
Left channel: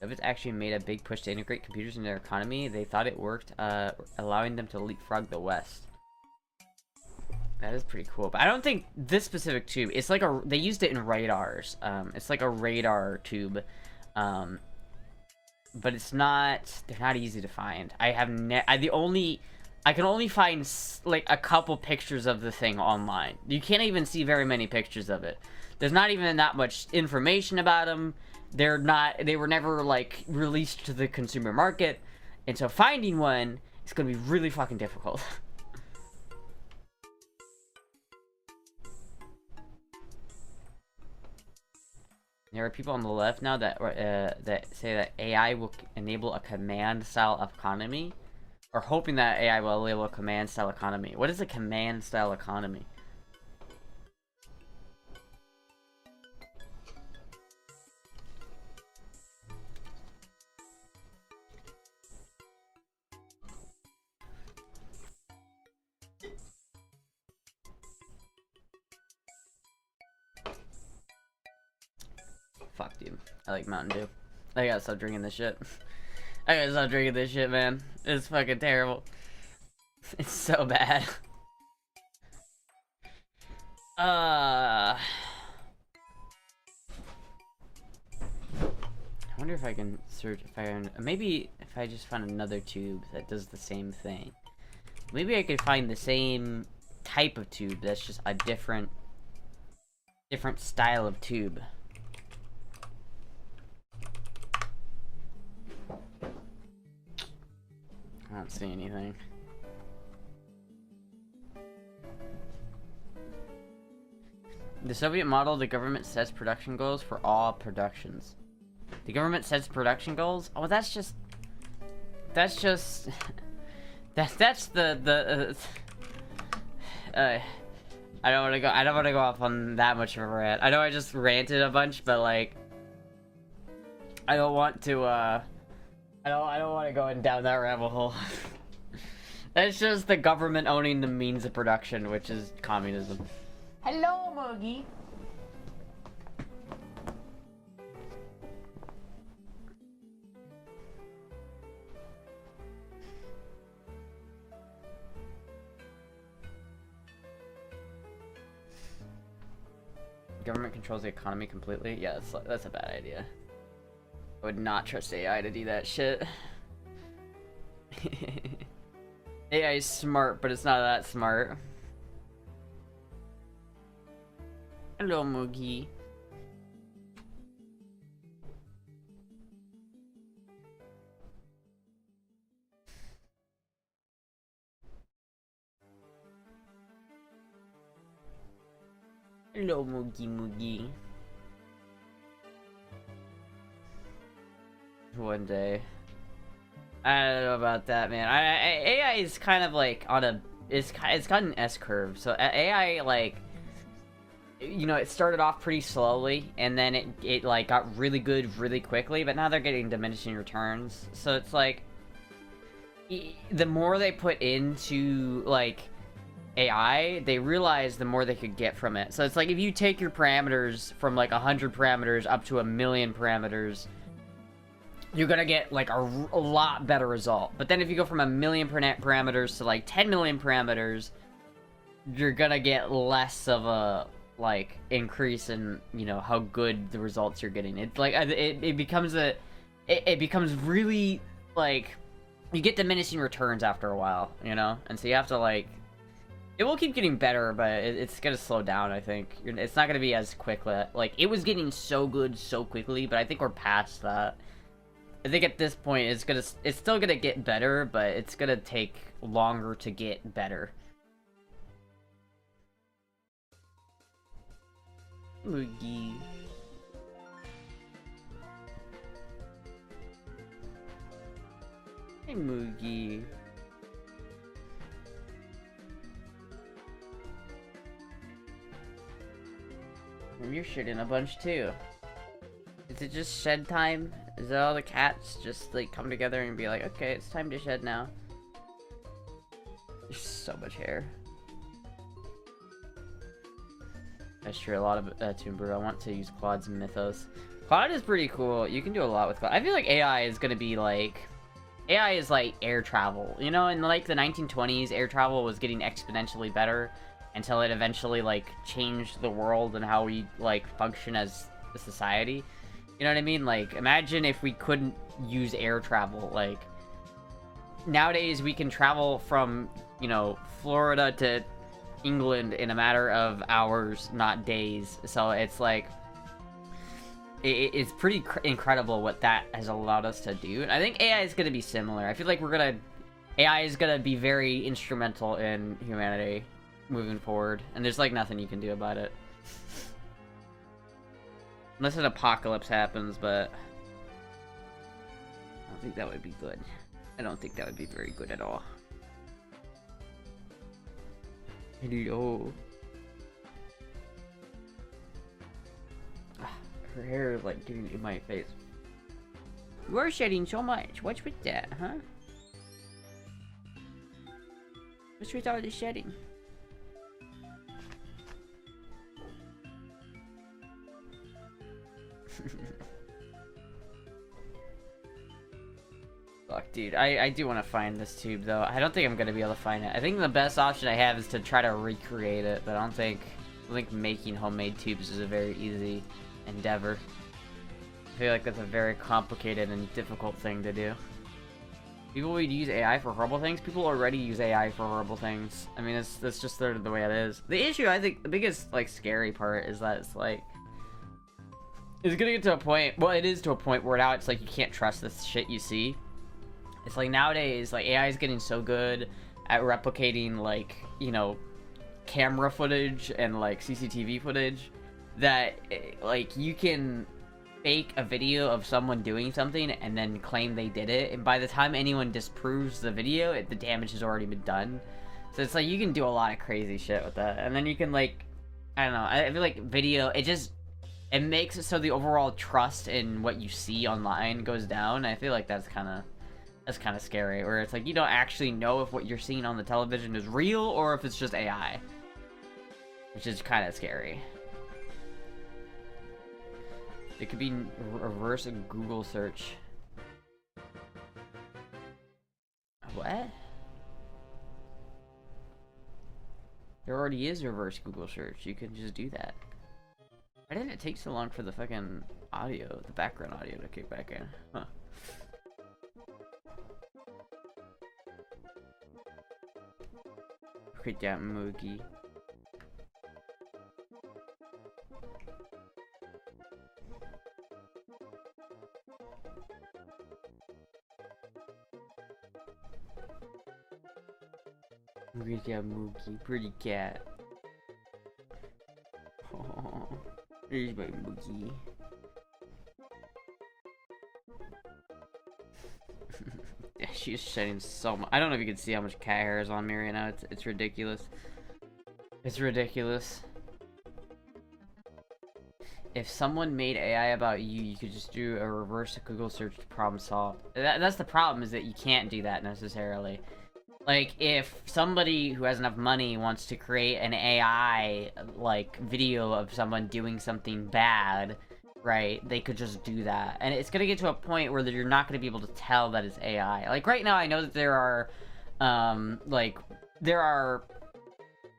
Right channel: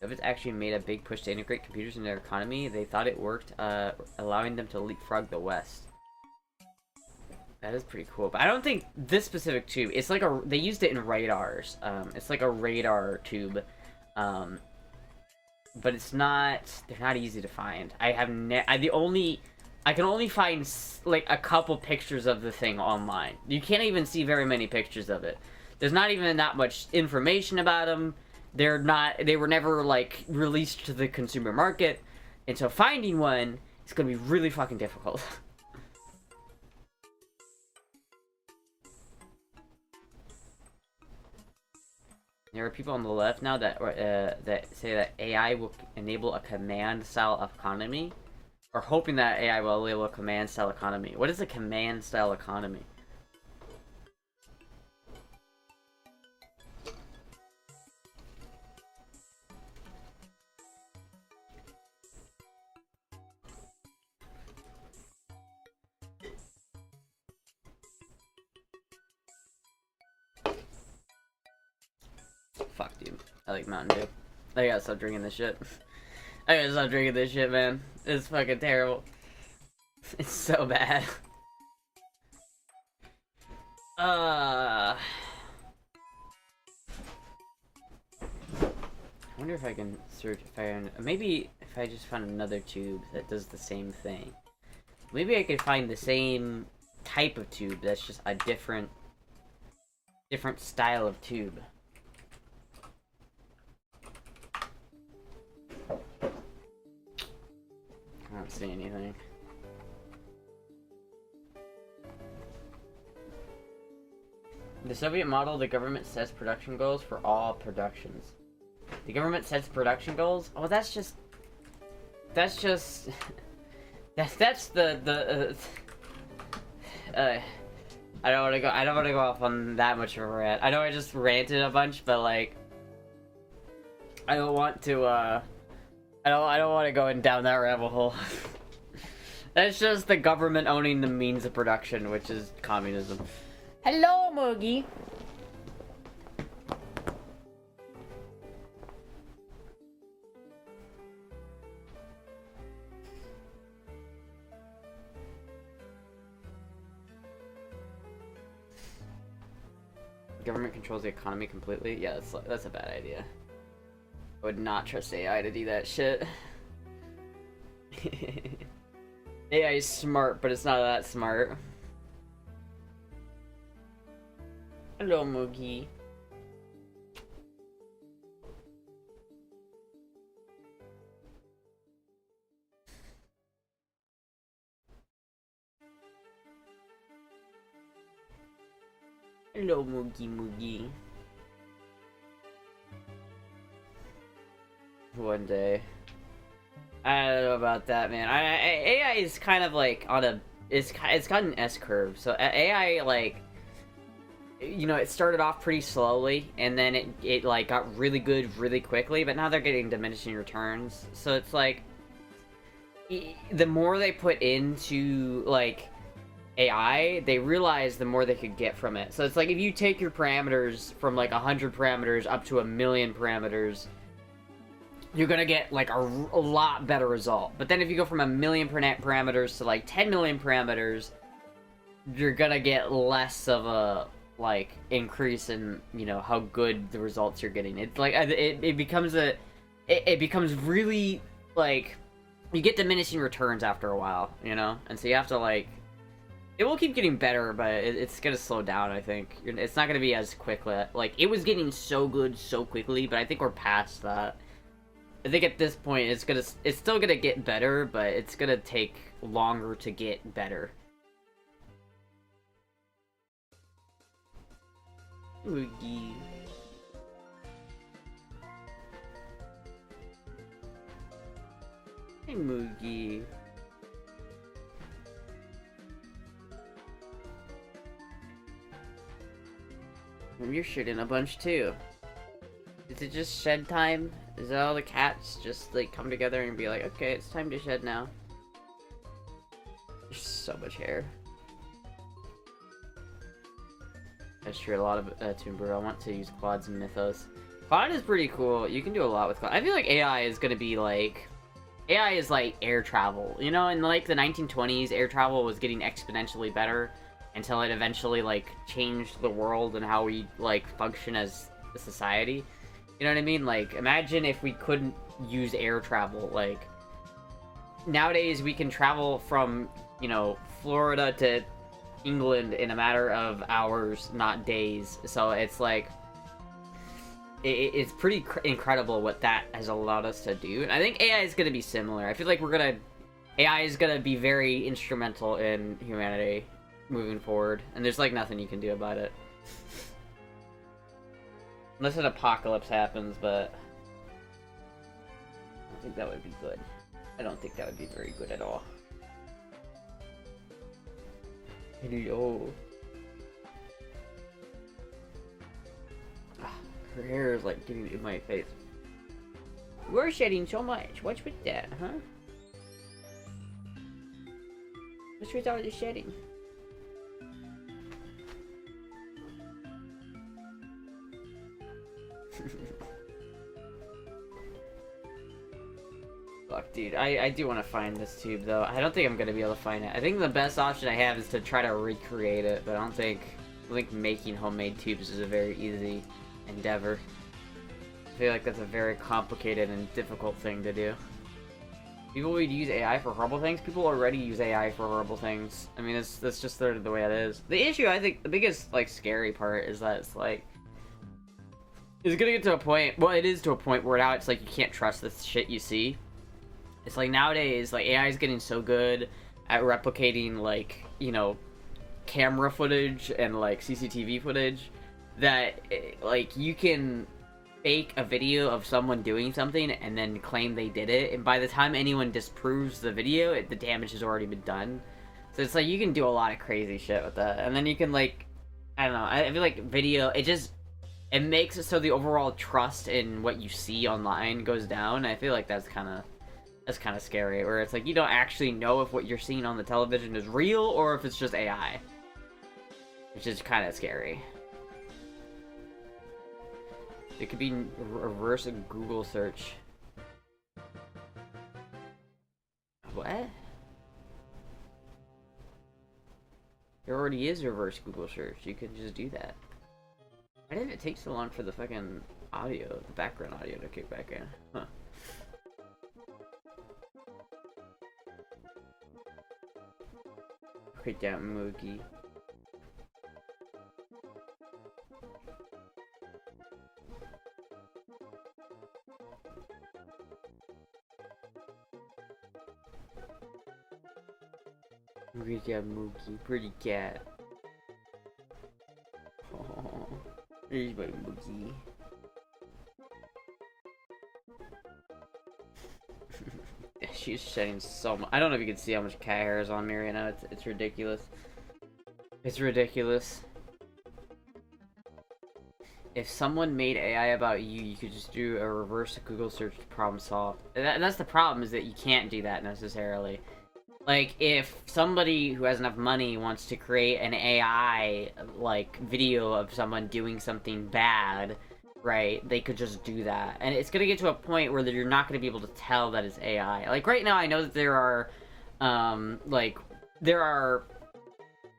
Soviets actually made a big push to integrate computers in their economy. They thought it worked, allowing them to leapfrog the West. That is pretty cool. But I don't think this specific tube, it's like they used it in radars. It's like a radar tube. But they're not easy to find. I can only find like a couple pictures of the thing online. You can't even see very many pictures of it. There's not even that much information about them. They were never like released to the consumer market. And so finding one is going to be really fucking difficult. There are people on the left now that say that AI will enable a command-style economy, or hoping that AI will enable a command-style economy. What is a command-style economy? Fuck, dude. I like Mountain Dew. I gotta stop drinking this shit. I gotta stop drinking this shit, man. It's fucking terrible. It's so bad. I wonder if I can search maybe if I just find another tube that does the same thing. Maybe I could find the same type of tube that's just a different style of tube. I don't see anything. The Soviet model, the government sets production goals for all productions. The government sets production goals? Oh, that's just that's the I don't want to go off on that much of a rant. I know I just ranted a bunch, but like I don't want to I don't want to go down that rabbit hole. That's just the government owning the means of production, which is communism. Hello, Moogie. Government controls the economy completely? Yeah, that's a bad idea. I would not trust AI to do that shit. AI is smart, but it's not that smart. Hello, Moogie. Hello, Moogie. One day. I don't know about that, man. AI is kind of like on a... It's got an S-curve. So AI, like... You know, it started off pretty slowly, and then it like, got really good really quickly, but now they're getting diminishing returns. So it's like... The more they put into, like... AI, they realize the more they could get from it. So it's like, if you take your parameters from like 100 parameters up to 1,000,000 parameters... you're gonna get like a lot better result. But then if you go from 1 million parameters to like 10 million parameters, you're gonna get less of a like increase in, you know, how good the results you're getting. It's like it becomes it becomes really like you get diminishing returns after a while, you know, and so you have to like. It will keep getting better, but it's gonna slow down, I think. It's not gonna be as quickly. Like, it was getting so good so quickly, but I think we're past that. I think at this point, it's still gonna get better, but it's gonna take longer to get better. Oogie. Hey, Moogie. You're shitting a bunch too. Is it just shed time? Is it all the cats just like come together and be like, okay, it's time to shed now? There's so much hair. That's true, a lot of Tomb Brew. I want to use Quads and Mythos. Quad is pretty cool. You can do a lot with Quad. I feel like AI is gonna be like... AI is like air travel. You know, in like the 1920s, air travel was getting exponentially better until it eventually like changed the world and how we like function as a society. You know what I mean? Like, imagine if we couldn't use air travel. Like, nowadays we can travel from, you know, Florida to England in a matter of hours, not days. So it's like, it's pretty incredible what that has allowed us to do. And I think AI is going to be similar. I feel like AI is going to be very instrumental in humanity moving forward. And there's like nothing you can do about it. Unless an apocalypse happens, but I don't think that would be good. I don't think that would be very good at all. Oh. Her hair is like getting in my face. We're shedding so much. What's with that, huh? What's with all the shedding? Fuck, dude. I do want to find this tube, though. I don't think I'm going to be able to find it. I think the best option I have is to try to recreate it, but I think making homemade tubes is a very easy endeavor. I feel like that's a very complicated and difficult thing to do. People would use AI for horrible things. People already use AI for horrible things. I mean, that's just the way it is. The issue, I think, the biggest, like, scary part is that it's, like... It's gonna get to a point... Well, it is to a point where now it's, like, you can't trust this shit you see. It's, like, nowadays, like, AI is getting so good at replicating, like, you know, camera footage and, like, CCTV footage that, like, you can fake a video of someone doing something and then claim they did it, and by the time anyone disproves the video, the damage has already been done. So it's like, you can do a lot of crazy shit with that, and then you can, like, I don't know, I feel like video, it makes it so the overall trust in what you see online goes down, and I feel like that's kind of scary, where it's like, you don't actually know if what you're seeing on the television is real, or if it's just AI. Which is kind of scary. It could be reverse Google search. What? There already is reverse Google search. You can just do that. Why did it take so long for the fucking audio, the background audio to kick back in? Huh. Good job, Moogie. Good job, Moogie. Pretty cat. Oh, there's my Moogie. She's shedding so much. I don't know if you can see how much cat hair is on me right now. It's ridiculous. It's ridiculous. If someone made AI about you, you could just do a reverse Google search to problem solve. That's the problem, is that you can't do that necessarily. Like, if somebody who has enough money wants to create an AI, like, video of someone doing something bad, right, they could just do that. And it's gonna get to a point where you're not gonna be able to tell that it's AI. Like, right now, I know that there are, there are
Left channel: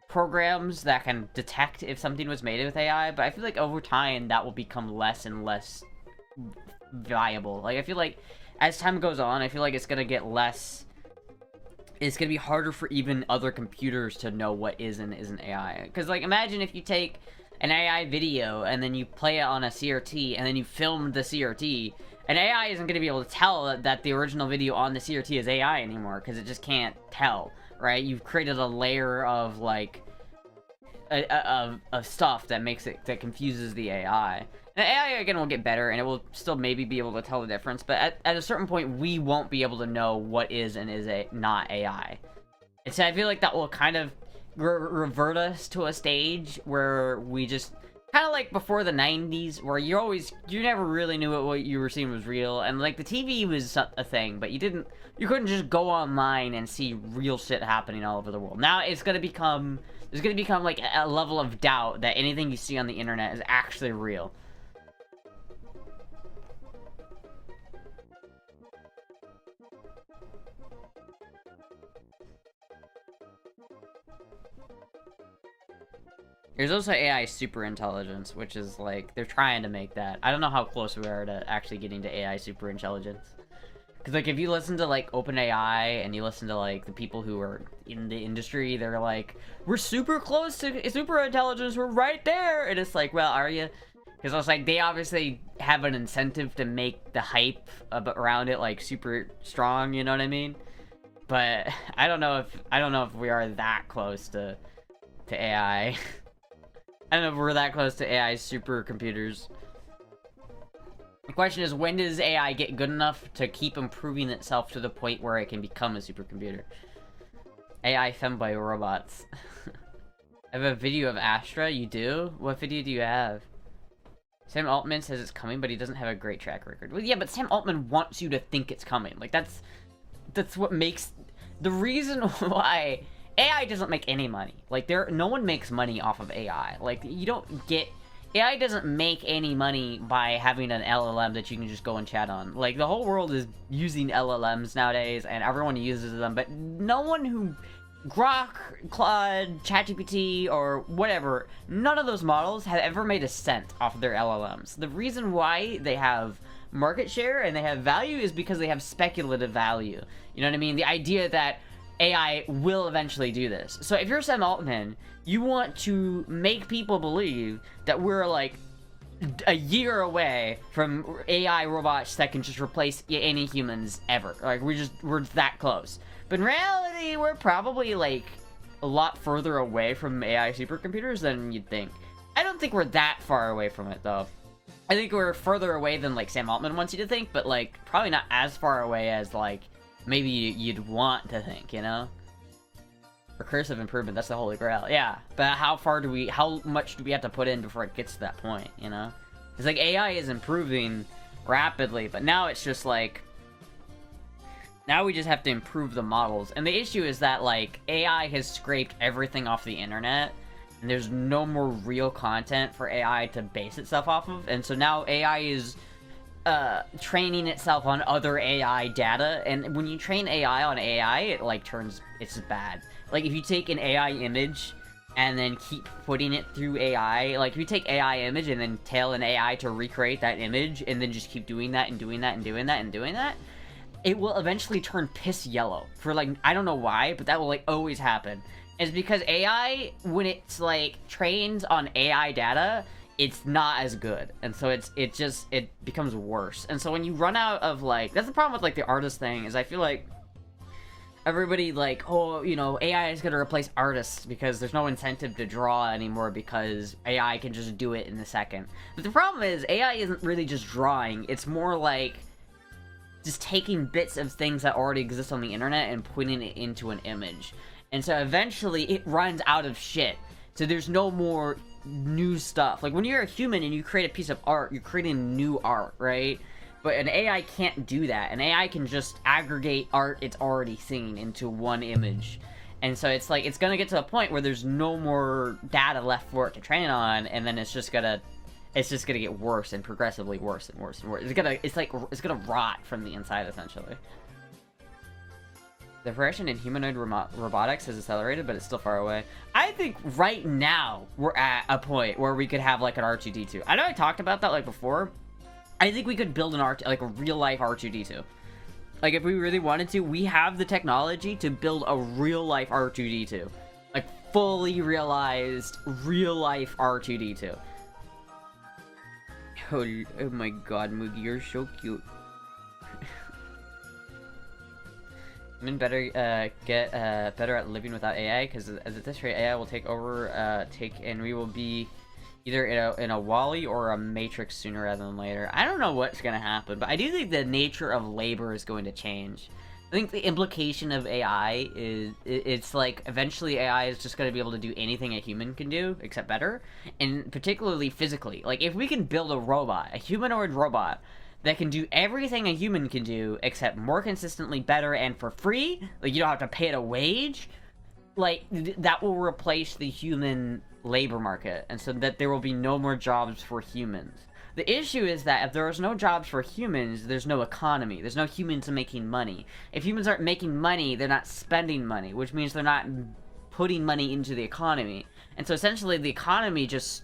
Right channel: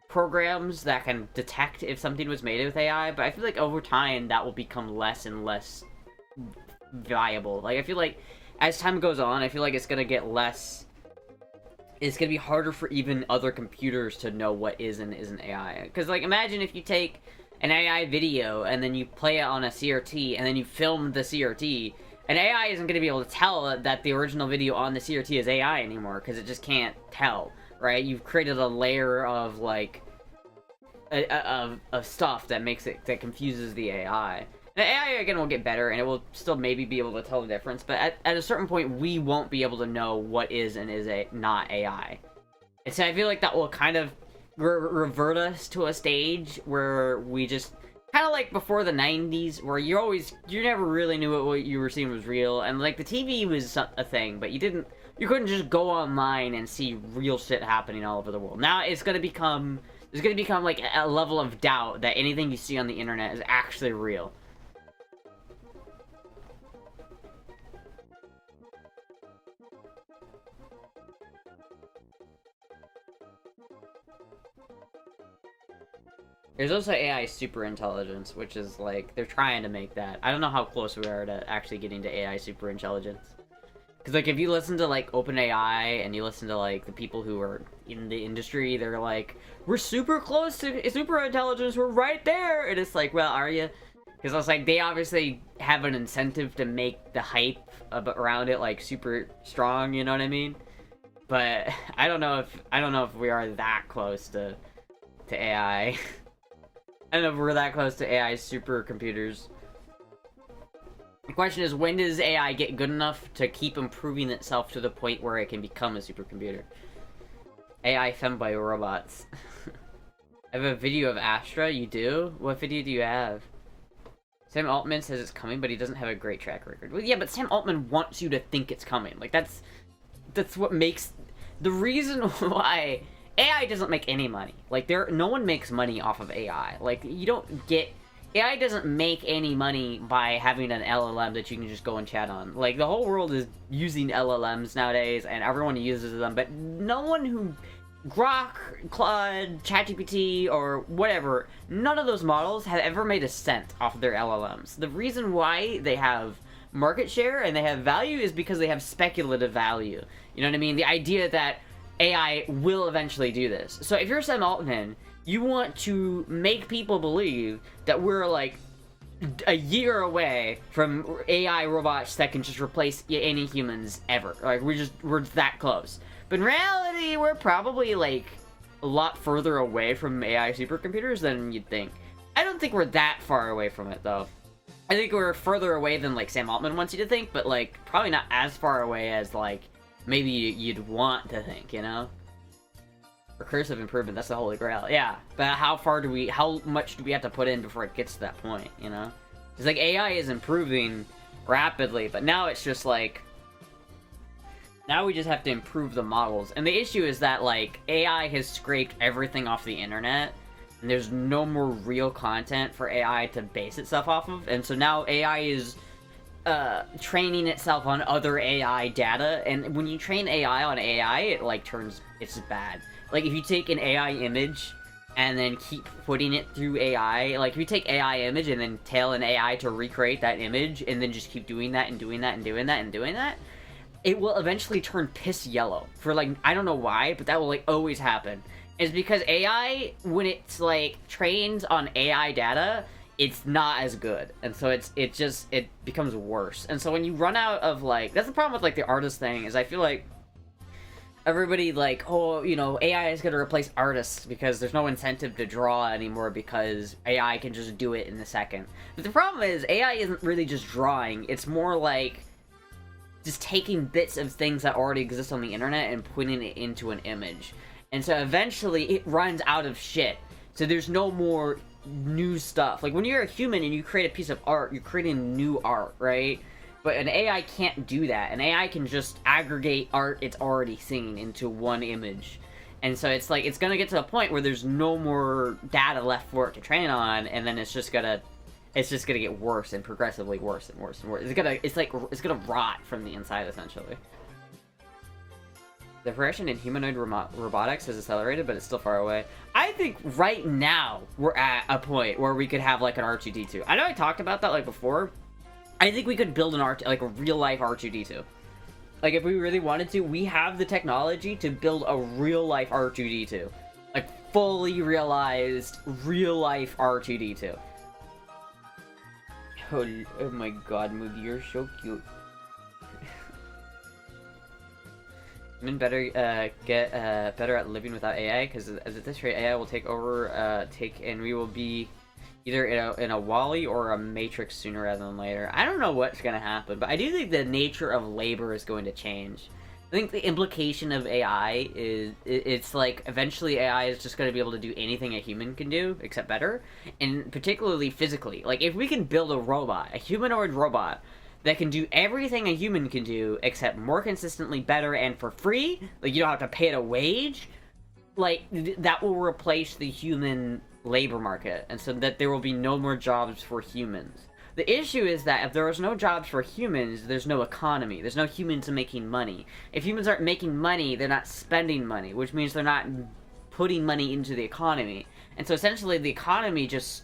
programs that can detect if something was made with AI, but I feel like over time, that will become less and less viable. Like, I feel like as time goes on, I feel like it's gonna get less... It's gonna be harder for even other computers to know what is and isn't AI. Because, like, imagine if you take an AI video and then you play it on a CRT and then you film the CRT, and AI isn't gonna be able to tell that the original video on the CRT is AI anymore, because it just can't tell, right? You've created a layer of, like, of stuff that makes it, that confuses the AI. The AI, again, will get better, and it will still maybe be able to tell the difference, but at a certain point, we won't be able to know what is and is not AI. And so I feel like that will kind of revert us to a stage where we just... Kind of like before the 90s, where you never really knew what you were seeing was real, and, like, the TV was a thing, but you couldn't just go online and see real shit happening all over the world. Now it's gonna become... There's gonna become, like, a level of doubt that anything you see on the internet is actually real. There's also AI super intelligence, which is, like, they're trying to make that. I don't know how close we are to actually getting to AI super intelligence. Because, like, if you listen to, like, OpenAI, and you listen to, like, the people who are in the industry, they're like, we're super close to super intelligence, we're right there! And it's like, well, are you? Because it's like, they obviously have an incentive to make the hype around it, like, super strong, you know what I mean? But I don't know if we are that close to AI. I don't know if we're that close to AI supercomputers. The question is, when does AI get good enough to keep improving itself to the point where it can become a supercomputer? AI femboy robots. I have a video of Astra, you do? What video do you have? Sam Altman says it's coming, but he doesn't have a great track record. Well, yeah, but Sam Altman wants you to think it's coming. Like, that's what makes... The reason why... AI doesn't make any money. Like, no one makes money off of AI. Like, you don't get... AI doesn't make any money by having an LLM that you can just go and chat on. Like, the whole world is using LLMs nowadays, and everyone uses them, but no one who... Grok, Claude, ChatGPT, or whatever, none of those models have ever made a cent off of their LLMs. The reason why they have market share and they have value is because they have speculative value. You know what I mean? The idea that AI will eventually do this. So if you're Sam Altman, you want to make people believe that we're like a year away from AI robots that can just replace any humans ever. Like, we're that close. But in reality, we're probably like a lot further away from AI supercomputers than you'd think. I don't think we're that far away from it, though. I think we're further away than like Sam Altman wants you to think, but like probably not as far away as like maybe you'd want to think, you know? Recursive improvement, that's the holy grail. Yeah, but how much do we have to put in before it gets to that point, you know? It's like AI is improving rapidly, but now it's just like... Now we just have to improve the models. And the issue is that, like, AI has scraped everything off the internet, and there's no more real content for AI to base itself off of, and so now AI is training itself on other AI data, and when you train AI on AI, it, like, it's just bad. Like, if you take an AI image and then keep putting it through AI, like, if you take AI image and then tell an AI to recreate that image, and then just keep doing that and doing that and doing that and doing that, it will eventually turn piss yellow. For, like, I don't know why, but that will, like, always happen. And it's because AI, when it's, like, trained on AI data, it's not as good. And so it becomes worse. And so when you run out of, like, that's the problem with, like, the artist thing, is I feel like everybody, like, oh, you know, AI is gonna replace artists because there's no incentive to draw anymore because AI can just do it in a second. But the problem is, AI isn't really just drawing, it's more like just taking bits of things that already exist on the internet and putting it into an image. And so eventually it runs out of shit. So there's no more new stuff. Like, when you're a human and you create a piece of art, you're creating new art, right? But an AI can't do that. An AI can just aggregate art it's already seen into one image. And so it's like, it's gonna get to a point where there's no more data left for it to train on, and then it's just gonna it's just gonna get worse and progressively worse and worse and worse. It's gonna rot from the inside, essentially. The progression in humanoid robotics has accelerated, but it's still far away. I think right now we're at a point where we could have like an R2-D2. I know I talked about that like before. I think we could build an like a real life R2-D2. Like if we really wanted to, we have the technology to build a real life R2-D2, like fully realized real life R2-D2. Oh my god, Moody, you're so cute. Women better get better at living without AI, because at this rate AI will take over, and we will be either in a Wall-E or a Matrix sooner rather than later. I don't know what's gonna happen, but I do think the nature of labor is going to change. I think the implication of AI is it's like eventually AI is just going to be able to do anything a human can do, except better, and particularly physically. Like if we can build a robot, a humanoid robot, that can do everything a human can do, except more consistently better and for free, like you don't have to pay it a wage, like that will replace the human labor market, and so that there will be no more jobs for humans. The issue is that if there is no jobs for humans, there's no economy. There's no humans making money. If humans aren't making money, they're not spending money, which means they're not putting money into the economy. And so essentially the economy just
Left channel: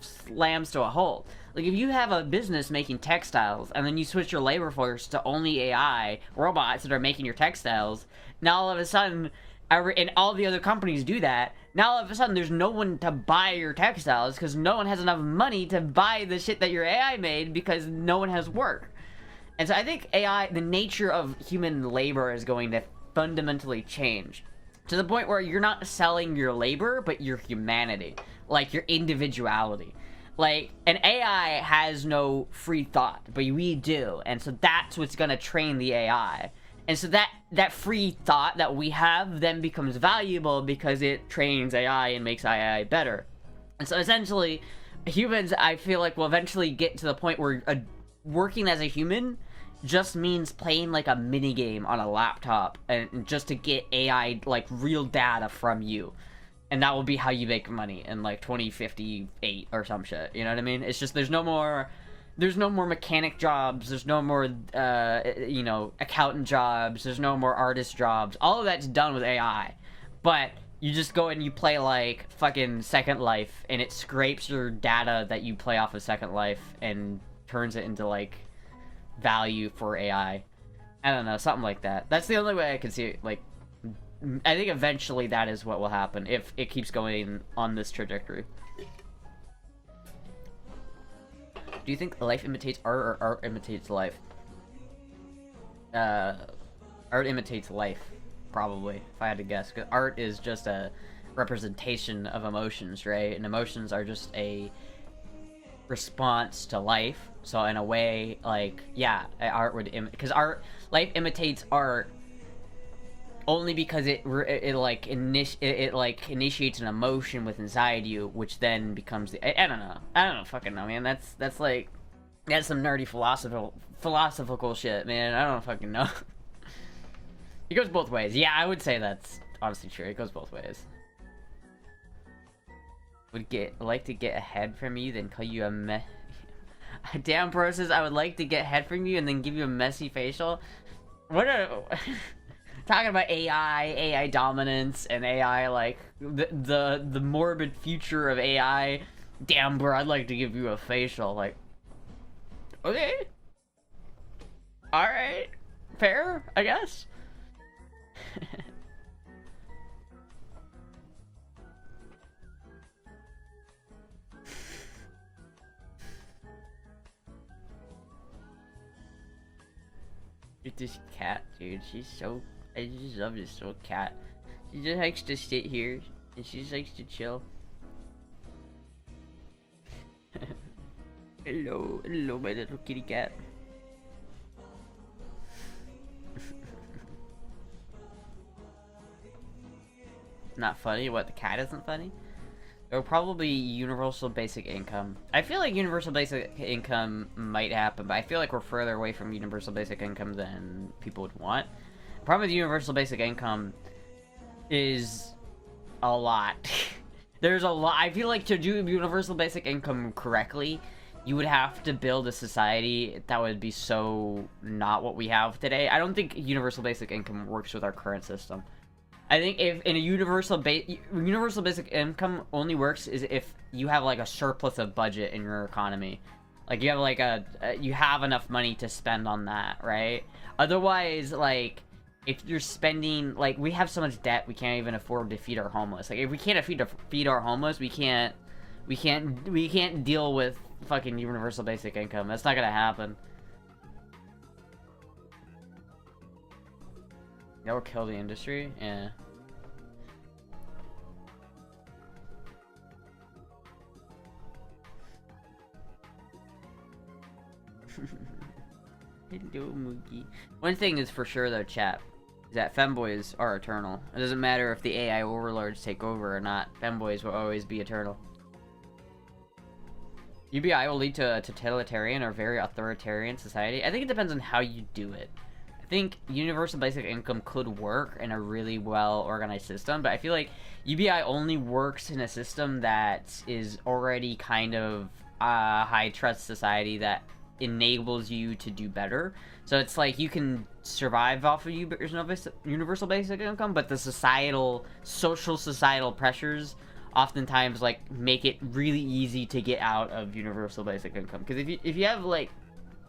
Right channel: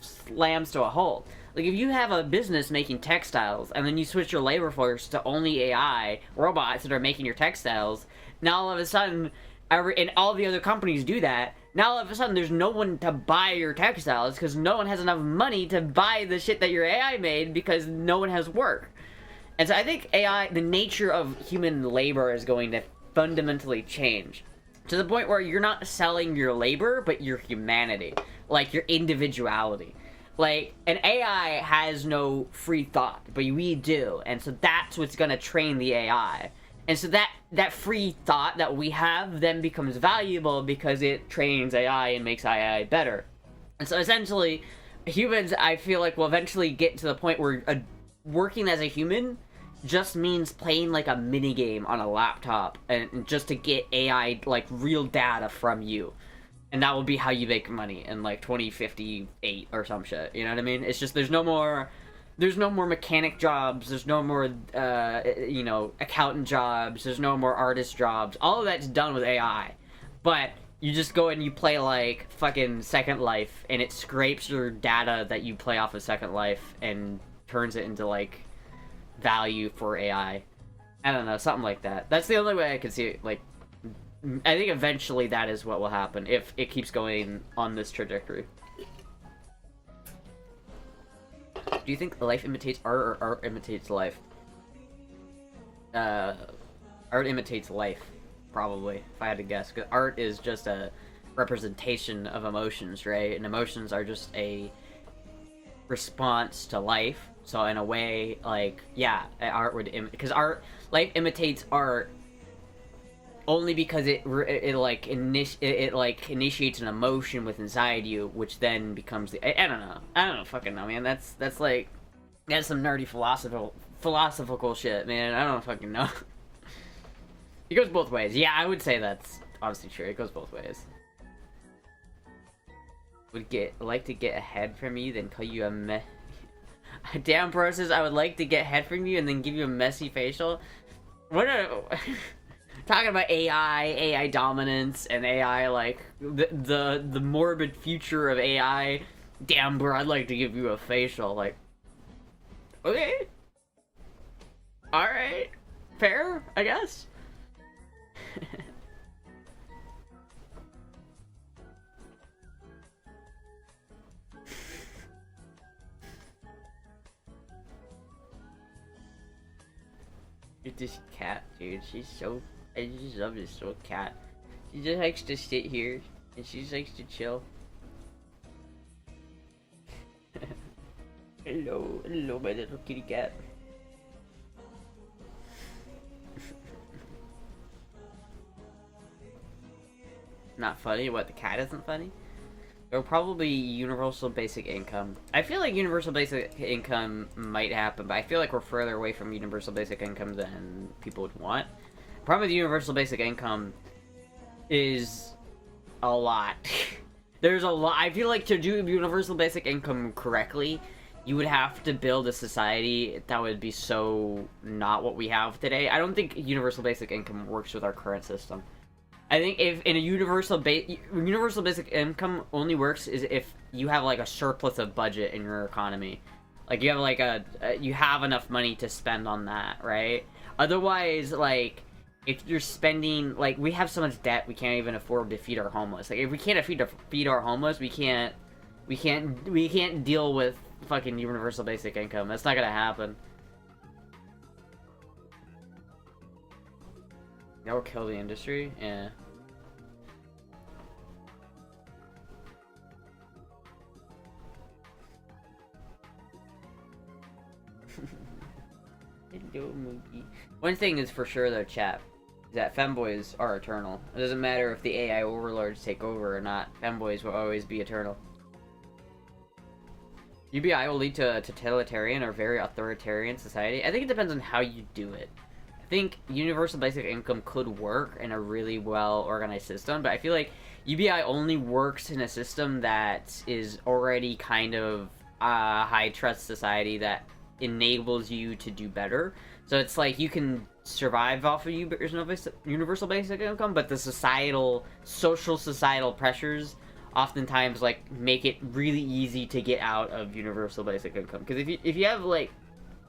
slams to a halt. Like if you have a business making textiles and then you switch your labor force to only AI robots that are making your textiles, now all of a sudden, and all the other companies do that, now all of a sudden there's no one to buy your textiles because no one has enough money to buy the shit that your AI made because no one has work. And so I think AI, the nature of human labor is going to fundamentally change. To the point where you're not selling your labor, but your humanity. Like your individuality. Like, an AI has no free thought, but we do. And so that's what's gonna train the AI. And so that free thought that we have then becomes valuable because it trains AI and makes AI better. And so essentially, humans, I feel like, will eventually get to the point where working as a human just means playing like a minigame on a laptop and just to get AI, like, real data from you. And that will be how you make money in like 2058 or some shit. You know what I mean? It's just there's no more mechanic jobs. There's no more accountant jobs. There's no more artist jobs. All of that's done with AI. But you just go and you play like fucking Second Life, and it scrapes your data that you play off of Second Life and turns it into like value for AI. I don't know, something like that. That's the only way I can see it. Like, I think eventually that is what will happen if it keeps going on this trajectory. Do you think life imitates art or art imitates life? Art imitates life, probably, if I had to guess. 'Cause art is just a representation of emotions, right? And emotions are just a response to life. So in a way, like, yeah, art would because life imitates art only because it initiates an emotion with inside you, which then becomes the I don't know, fucking know, man. That's like some nerdy philosophical shit, man. I don't fucking know. It goes both ways. Yeah, I would say that's honestly true. It goes both ways. Would like to get a head from you, then call you a Damn Process, I would like to get head from you and then give you a messy facial. What a talking about AI dominance, and AI, like, the morbid future of AI. Damn, bro, I'd like to give you a facial. Like, okay. Alright. Fair, I guess. This cat, dude, she's so... I just love this little cat. She just likes to sit here, and she just likes to chill. Hello, my little kitty cat. Not funny? What, the cat isn't funny? It will probably be universal basic income. I feel like universal basic income might happen, but I feel like we're further away from universal basic income than people would want. Problem with universal basic income is a lot. There's a lot. I feel like to do universal basic income correctly, you would have to build a society that would be so not what we have today. I don't think universal basic income works with our current system. I think if in a universal basic income only works is if you have like a surplus of budget in your economy, like you have like you have enough money to spend on that, right? Otherwise, like if you're spending, like we have so much debt we can't even afford to feed our homeless. Like if we can't feed our homeless, we can't deal with fucking universal basic income. That's not gonna happen. That will kill the industry? Yeah. Hello, monkey. One thing is for sure though, chat, is that femboys are eternal. It doesn't matter if the AI overlords take over or not. Femboys will always be eternal. UBI will lead to a totalitarian or very authoritarian society. I think it depends on how you do it. I think universal basic income could work in a really well-organized system, but I feel like UBI only works in a system that is already kind of a high-trust society that enables you to do better. So it's like you can survive off of universal basic income, but the societal pressures oftentimes like make it really easy to get out of universal basic income. Because if you have like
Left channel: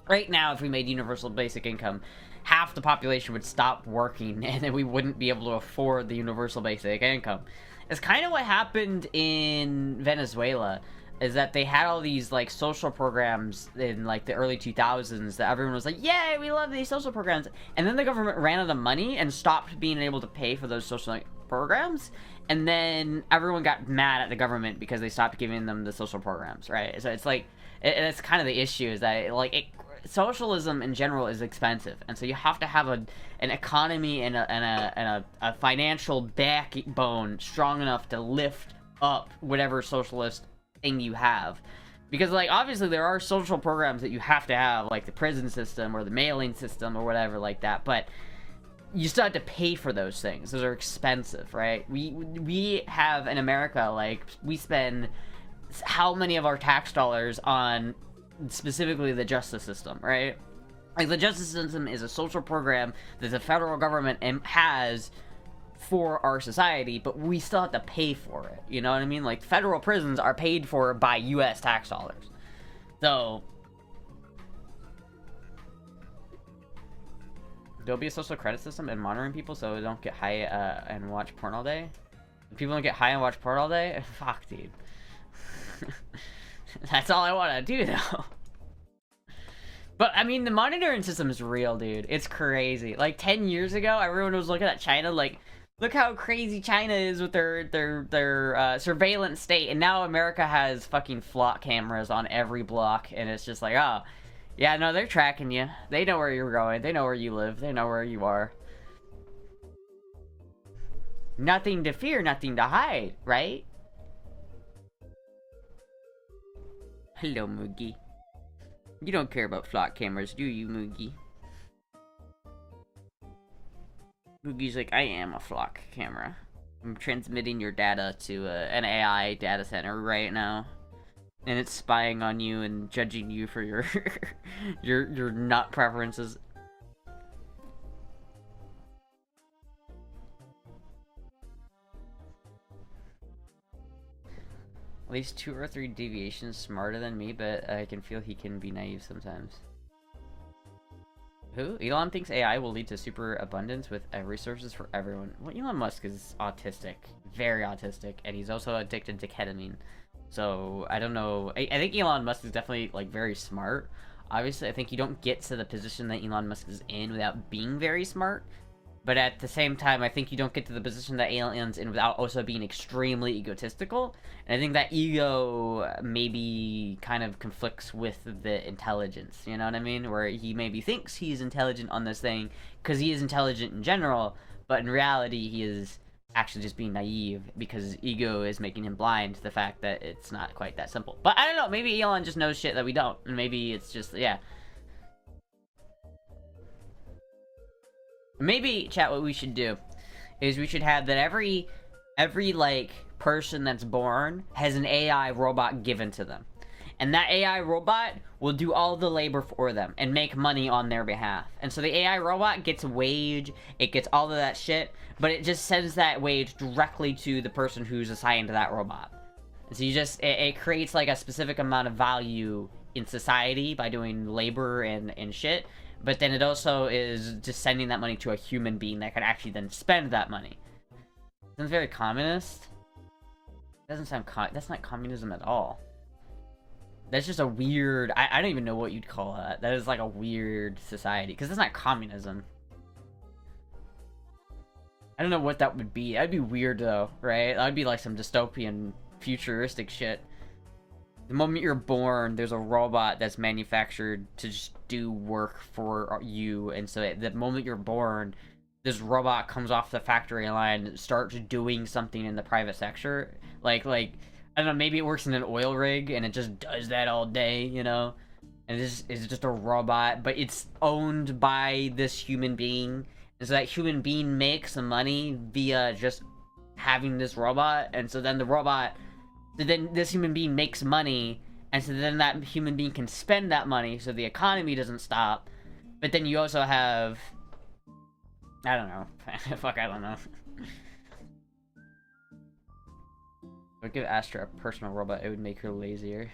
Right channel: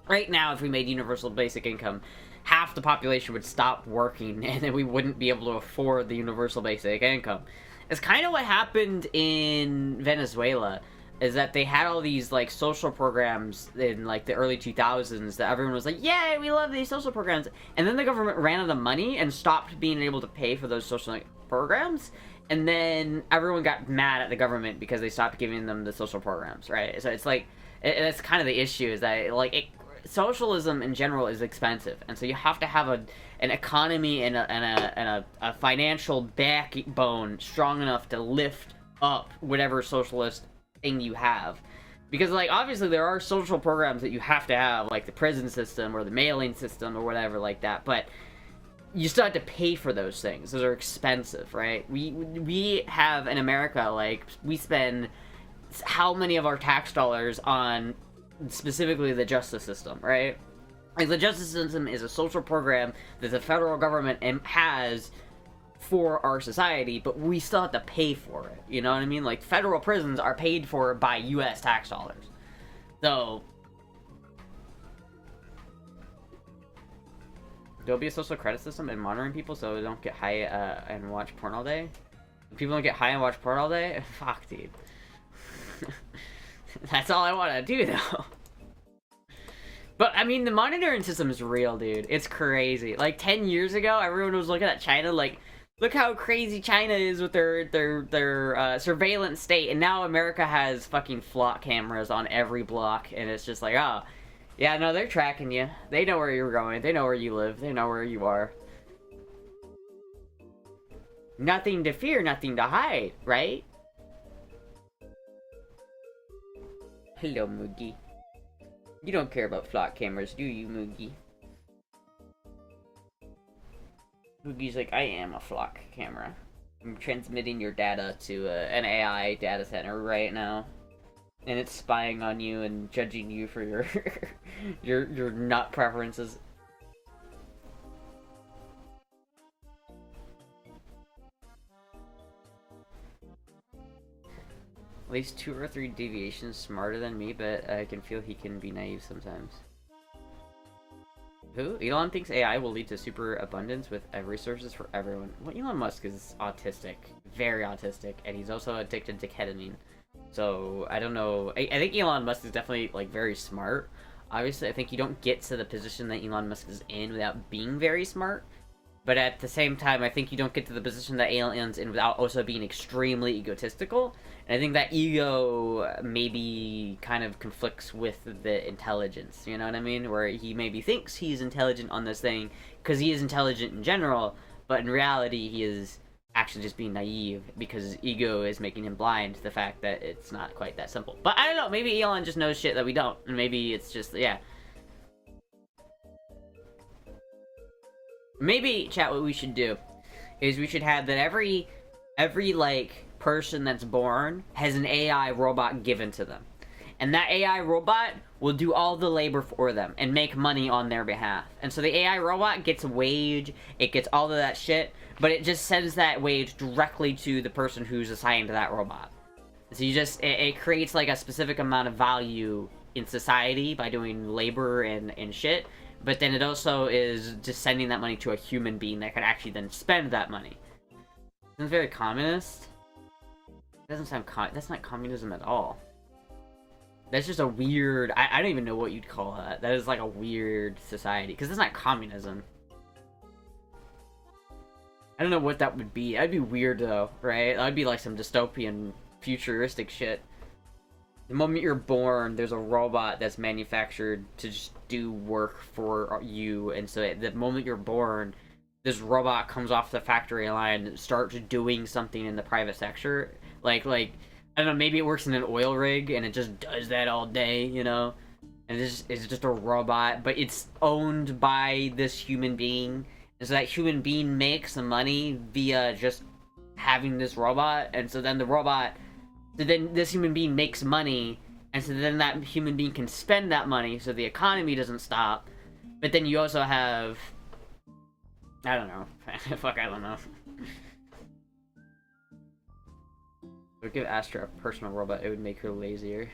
right now, if we made universal basic income, half the population would stop working and then we wouldn't be able to afford the universal basic income. It's kind of what happened in Venezuela, is that they had all these like social programs in like the early 2000s that everyone was like, yeah, we love these social programs, and then the government ran out of money and stopped being able to pay for those social programs, and then everyone got mad at the government because they stopped giving them the social programs, right? So it's like it's kind of the issue, is that like socialism in general is expensive, and so you have to have an economy and a financial backbone strong enough to lift up whatever socialist thing you have. Because like obviously there are social programs that you have to have, like the prison system or the mailing system or whatever like that, but you still have to pay for those things. Those are expensive, right? We have in America, like we spend how many of our tax dollars on specifically the justice system, right? Like the justice system is a social program that the federal government has for our society, but we still have to pay for it. You know what I mean? Like federal prisons are paid for by US tax dollars. So there'll be a social credit system and monitoring people so they don't get high and watch porn all day. If people don't get high and watch porn all day, fuck, dude. That's all I want to do, though. But, I mean, the monitoring system is real, dude. It's crazy. Like, 10 years ago, everyone was looking at China like, look how crazy China is with their surveillance state. And now America has fucking flock cameras on every block. And it's just like, oh, yeah, no, they're tracking you. They know where you're going. They know where you live. They know where you are. Nothing to fear, nothing to hide, right? Hello, Moogie. You don't care about flock cameras, do you, Moogie? Moogie's like, I am a flock camera. I'm transmitting your data to an AI data center right now. And it's spying on you and judging you for your your nut preferences. At least 2 or 3 deviations smarter than me, but I can feel he can be naive sometimes. Who? Elon thinks AI will lead to super abundance with resources for everyone. Well, Elon Musk is autistic. Very autistic. And he's also addicted to ketamine. So, I don't know. I think Elon Musk is definitely, like, very smart. Obviously, I think you don't get to the position that Elon Musk is in without being very smart. But at the same time, I think you don't get to the position that Elon's in without also being extremely egotistical. And I think that ego maybe kind of conflicts with the intelligence, you know what I mean? Where he maybe thinks he's intelligent on this thing because he is intelligent in general, but in reality he is actually just being naive because his ego is making him blind to the fact that it's not quite that simple. But I don't know, maybe Elon just knows shit that we don't, and maybe it's just, yeah. Maybe, chat, what we should do is we should have that every like person that's born has an AI robot given to them. and that AI robot will do all the labor for them and make money on their behalf. And so the AI robot gets a wage, it gets all of that shit, but it just sends that wage directly to the person who's assigned to that robot. So you just, it creates like a specific amount of value in society by doing labor and shit, but then it also is just sending that money to a human being that can actually then spend that money. Sounds very communist. Doesn't sound that's not communism at all. That's just a weird, I don't even know what you'd call that. That is like a weird society, because that's not communism. I don't know what that would be. That'd be weird though, right? That'd be like some dystopian, futuristic shit. The moment you're born, there's a robot that's manufactured to just do work for you, and so the moment you're born, this robot comes off the factory line and starts doing something in the private sector. Like, I don't know, maybe it works in an oil rig, and it just does that all day, you know? And it's just a robot, but it's owned by this human being. And so that human being makes some money via just having this robot, and so then then this human being makes money, and so then that human being can spend that money so the economy doesn't stop. But then you also have, I don't know. Fuck, I don't know. If I give Astra a personal robot, it would make her lazier.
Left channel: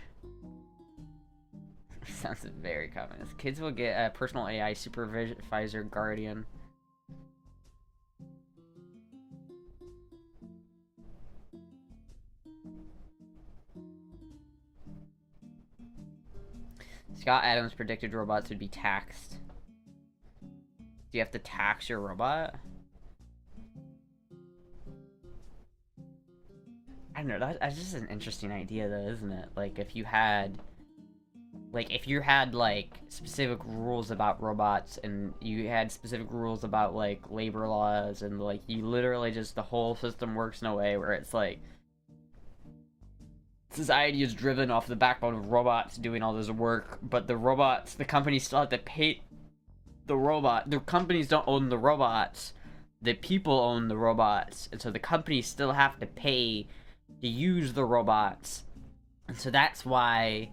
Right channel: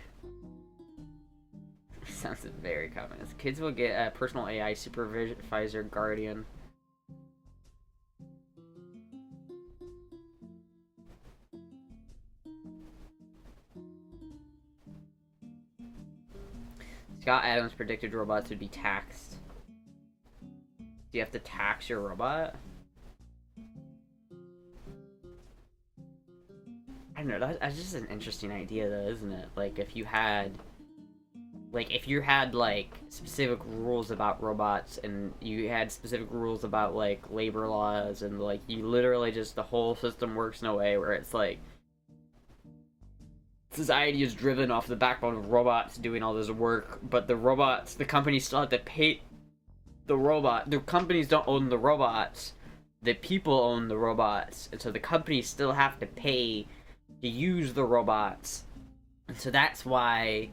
Sounds very communist. Kids will get a personal AI supervisor guardian. Scott Adams predicted robots would be taxed. Do you have to tax your robot? I don't know, that's just an interesting idea though, isn't it? Like, if you had, like, specific rules about robots, and you had specific rules about, like, labor laws, and, like, you literally just, the whole system works in a way where it's, like, society is driven off the backbone of robots doing all this work, but the companies still have to pay the robot. The companies don't own the robots. The people own the robots, and so the companies still have to pay to use the robots. And so that's why,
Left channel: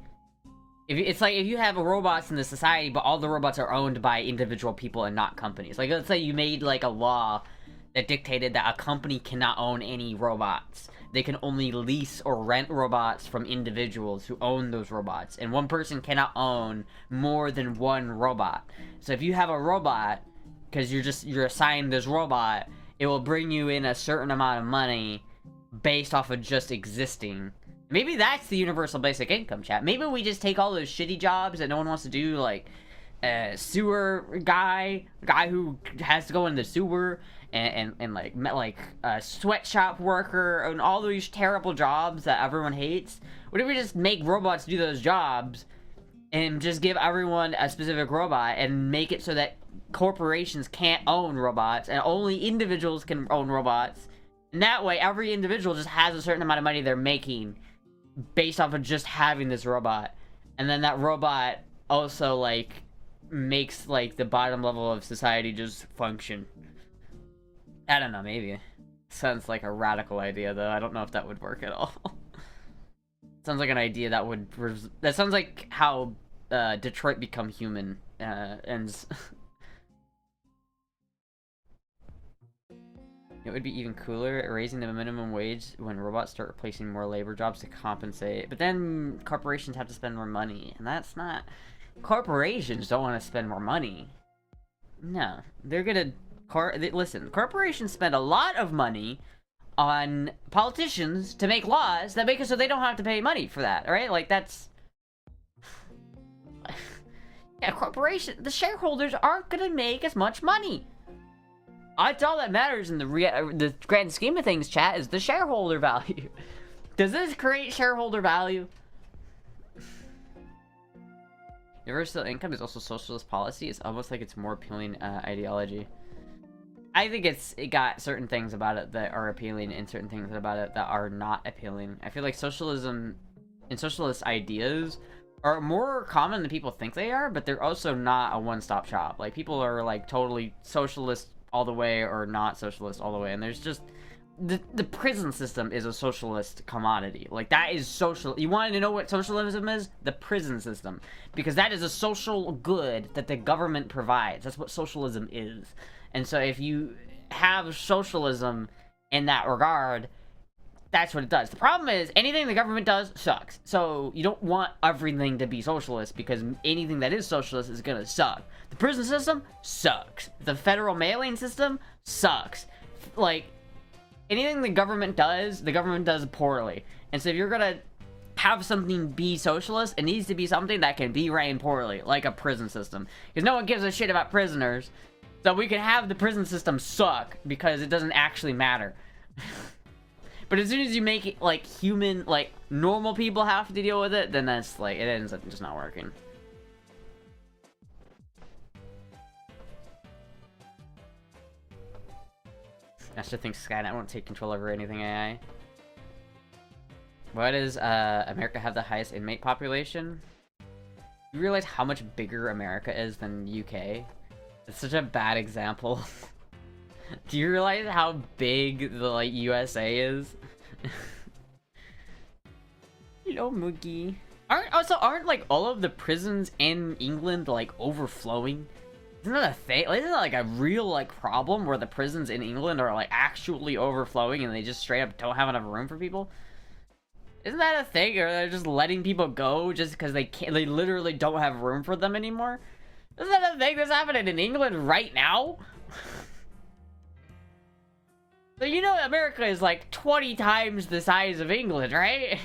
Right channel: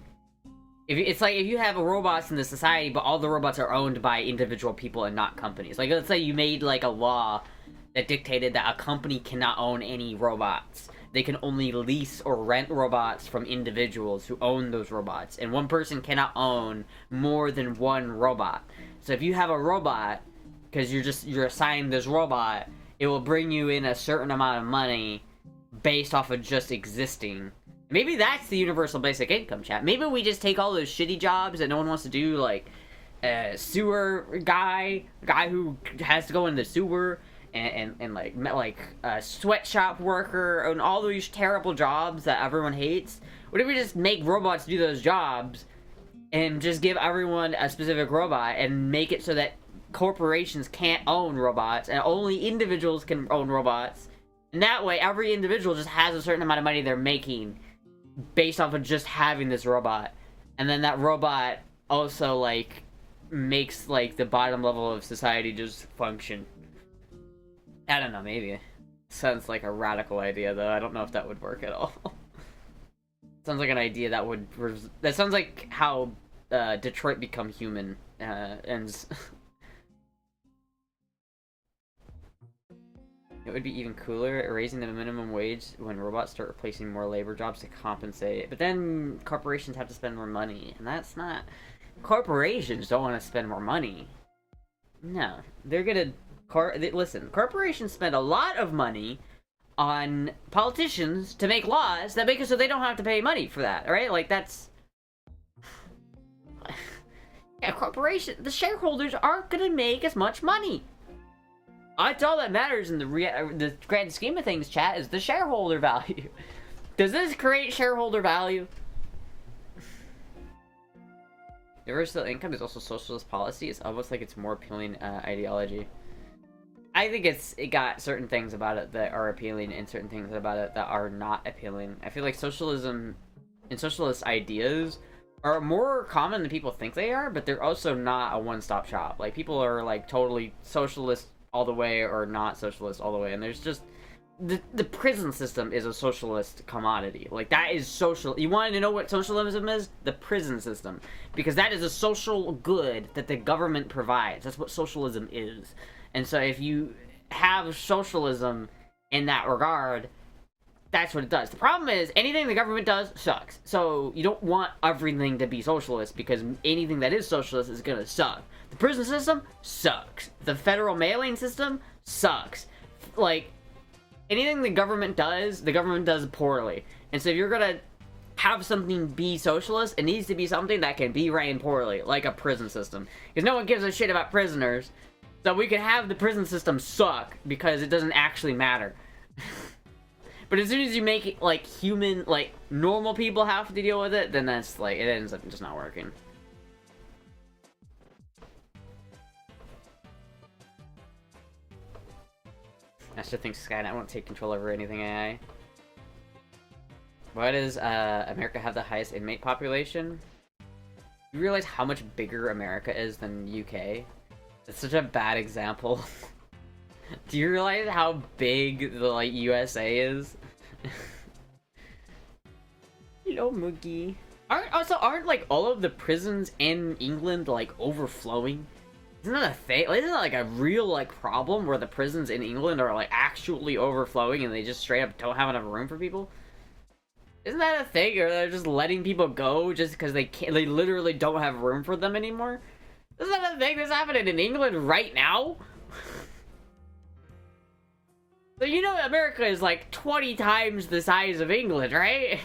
it's like if you have robots in the society, but all the robots are owned by individual people and not companies. Like, let's say you made, like, a law that dictated that a company cannot own any robots. They can only lease or rent robots from individuals who own those robots, and one person cannot own more than one robot. So if you have a robot, because you're assigned this robot, it will bring you in a certain amount of money based off of just existing. Maybe that's the universal basic income, chat. Maybe we just take all those shitty jobs that no one wants to do, like a sewer guy who has to go in the sewer, and like a sweatshop worker, and all these terrible jobs that everyone hates. What if we just make robots do those jobs, and just give everyone a specific robot, and make it so that corporations can't own robots, and only individuals can own robots? And that way, every individual just has a certain amount of money they're making based off of just having this robot. And then that robot also, like, makes, like, the bottom level of society just function. I don't know, maybe. Sounds like a radical idea, though. I don't know if that would work at all. Sounds like an idea that would... That sounds like how Detroit Become Human ends. It would be even cooler, raising the minimum wage when robots start replacing more labor jobs to compensate. But then corporations have to spend more money, and that's not... Corporations don't want to spend more money. No. They're gonna... Listen, corporations spend a lot of money on politicians to make laws that make it so they don't have to pay money for that, right? Like, that's... Yeah, the shareholders aren't gonna make as much money. That's all that matters in the grand scheme of things, chat, is the shareholder value. Does this create shareholder value? Universal income is also socialist policy. It's almost like it's more appealing ideology. I think it got certain things about it that are appealing and certain things about it that are not appealing. I feel like socialism and socialist ideas are more common than people think they are, but they're also not a one-stop shop. Like, people are, like, totally socialist all the way or not socialist all the way, and there's just the prison system is a socialist commodity. Like, that is social. You want to know what socialism is? The prison system. Because that is a social good that the government provides. That's what socialism is. And so if you have socialism in that regard, that's what it does. The problem is, anything the government does sucks. So you don't want everything to be socialist, because anything that is socialist is gonna suck. The prison system sucks. The federal mailing system sucks. Like, anything the government does poorly. And so if you're gonna have something be socialist, it needs to be something that can be ran poorly, like a prison system. Because no one gives a shit about prisoners, so we can have the prison system suck, because it doesn't actually matter. But as soon as you make it, like, human, like, normal people have to deal with it, then that's, like, it ends up just not working. Astra thinks Skynet won't take control over anything AI. Why does America have the highest inmate population? You realize how much bigger America is than UK? That's such a bad example. Do you realize how big the, like, USA is? Hello, Moogie. Aren't, like, all of the prisons in England, like, overflowing? Isn't that a thing? Like, isn't that, like, a real, like, problem where the prisons in England are, like, actually overflowing and they just straight up don't have enough room for people? Isn't that a thing? Or they're just letting people go just because they literally don't have room for them anymore? Isn't that a thing that's happening in England right now? So you know America is like 20 times the size of England, right?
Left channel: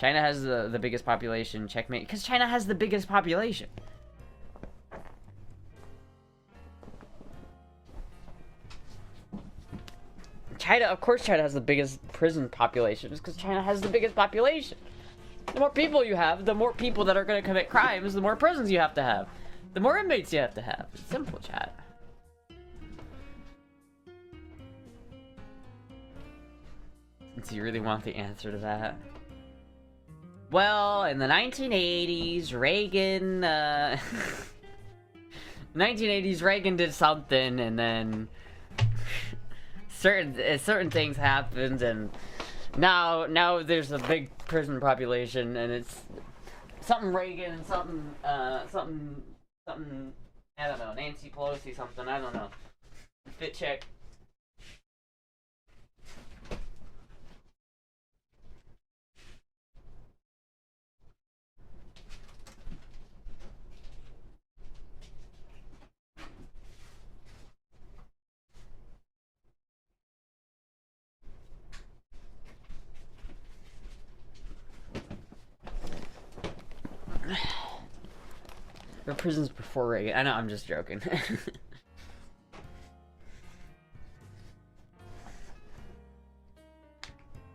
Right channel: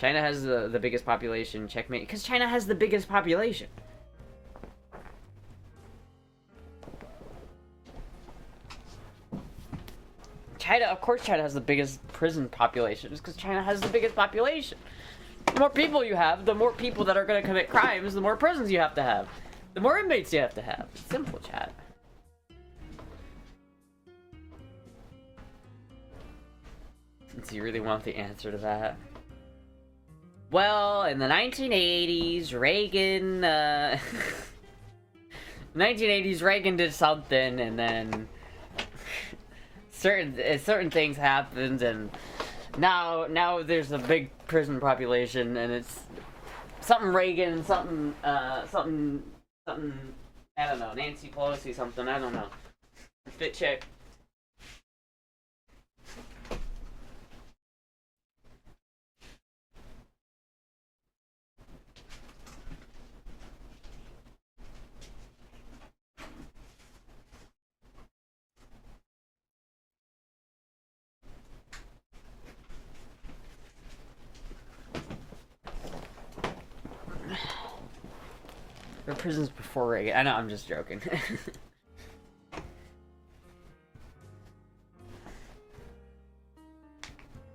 China has the biggest population, checkmate. Because China has the biggest population. China, of course China has the biggest prison population, just because China has the biggest population. The more people you have, the more people that are going to commit crimes, the more prisons you have to have. The more inmates you have to have. It's simple, chat. Do you really want the answer to that? Well, in the 1980s, Reagan, 1980s, Reagan did something, and then certain things happened, and now there's a big prison population, and it's something Reagan, something, I don't know, Nancy Pelosi, something, I don't know. Fit check. Or prisons before Reagan. I know, I'm just joking.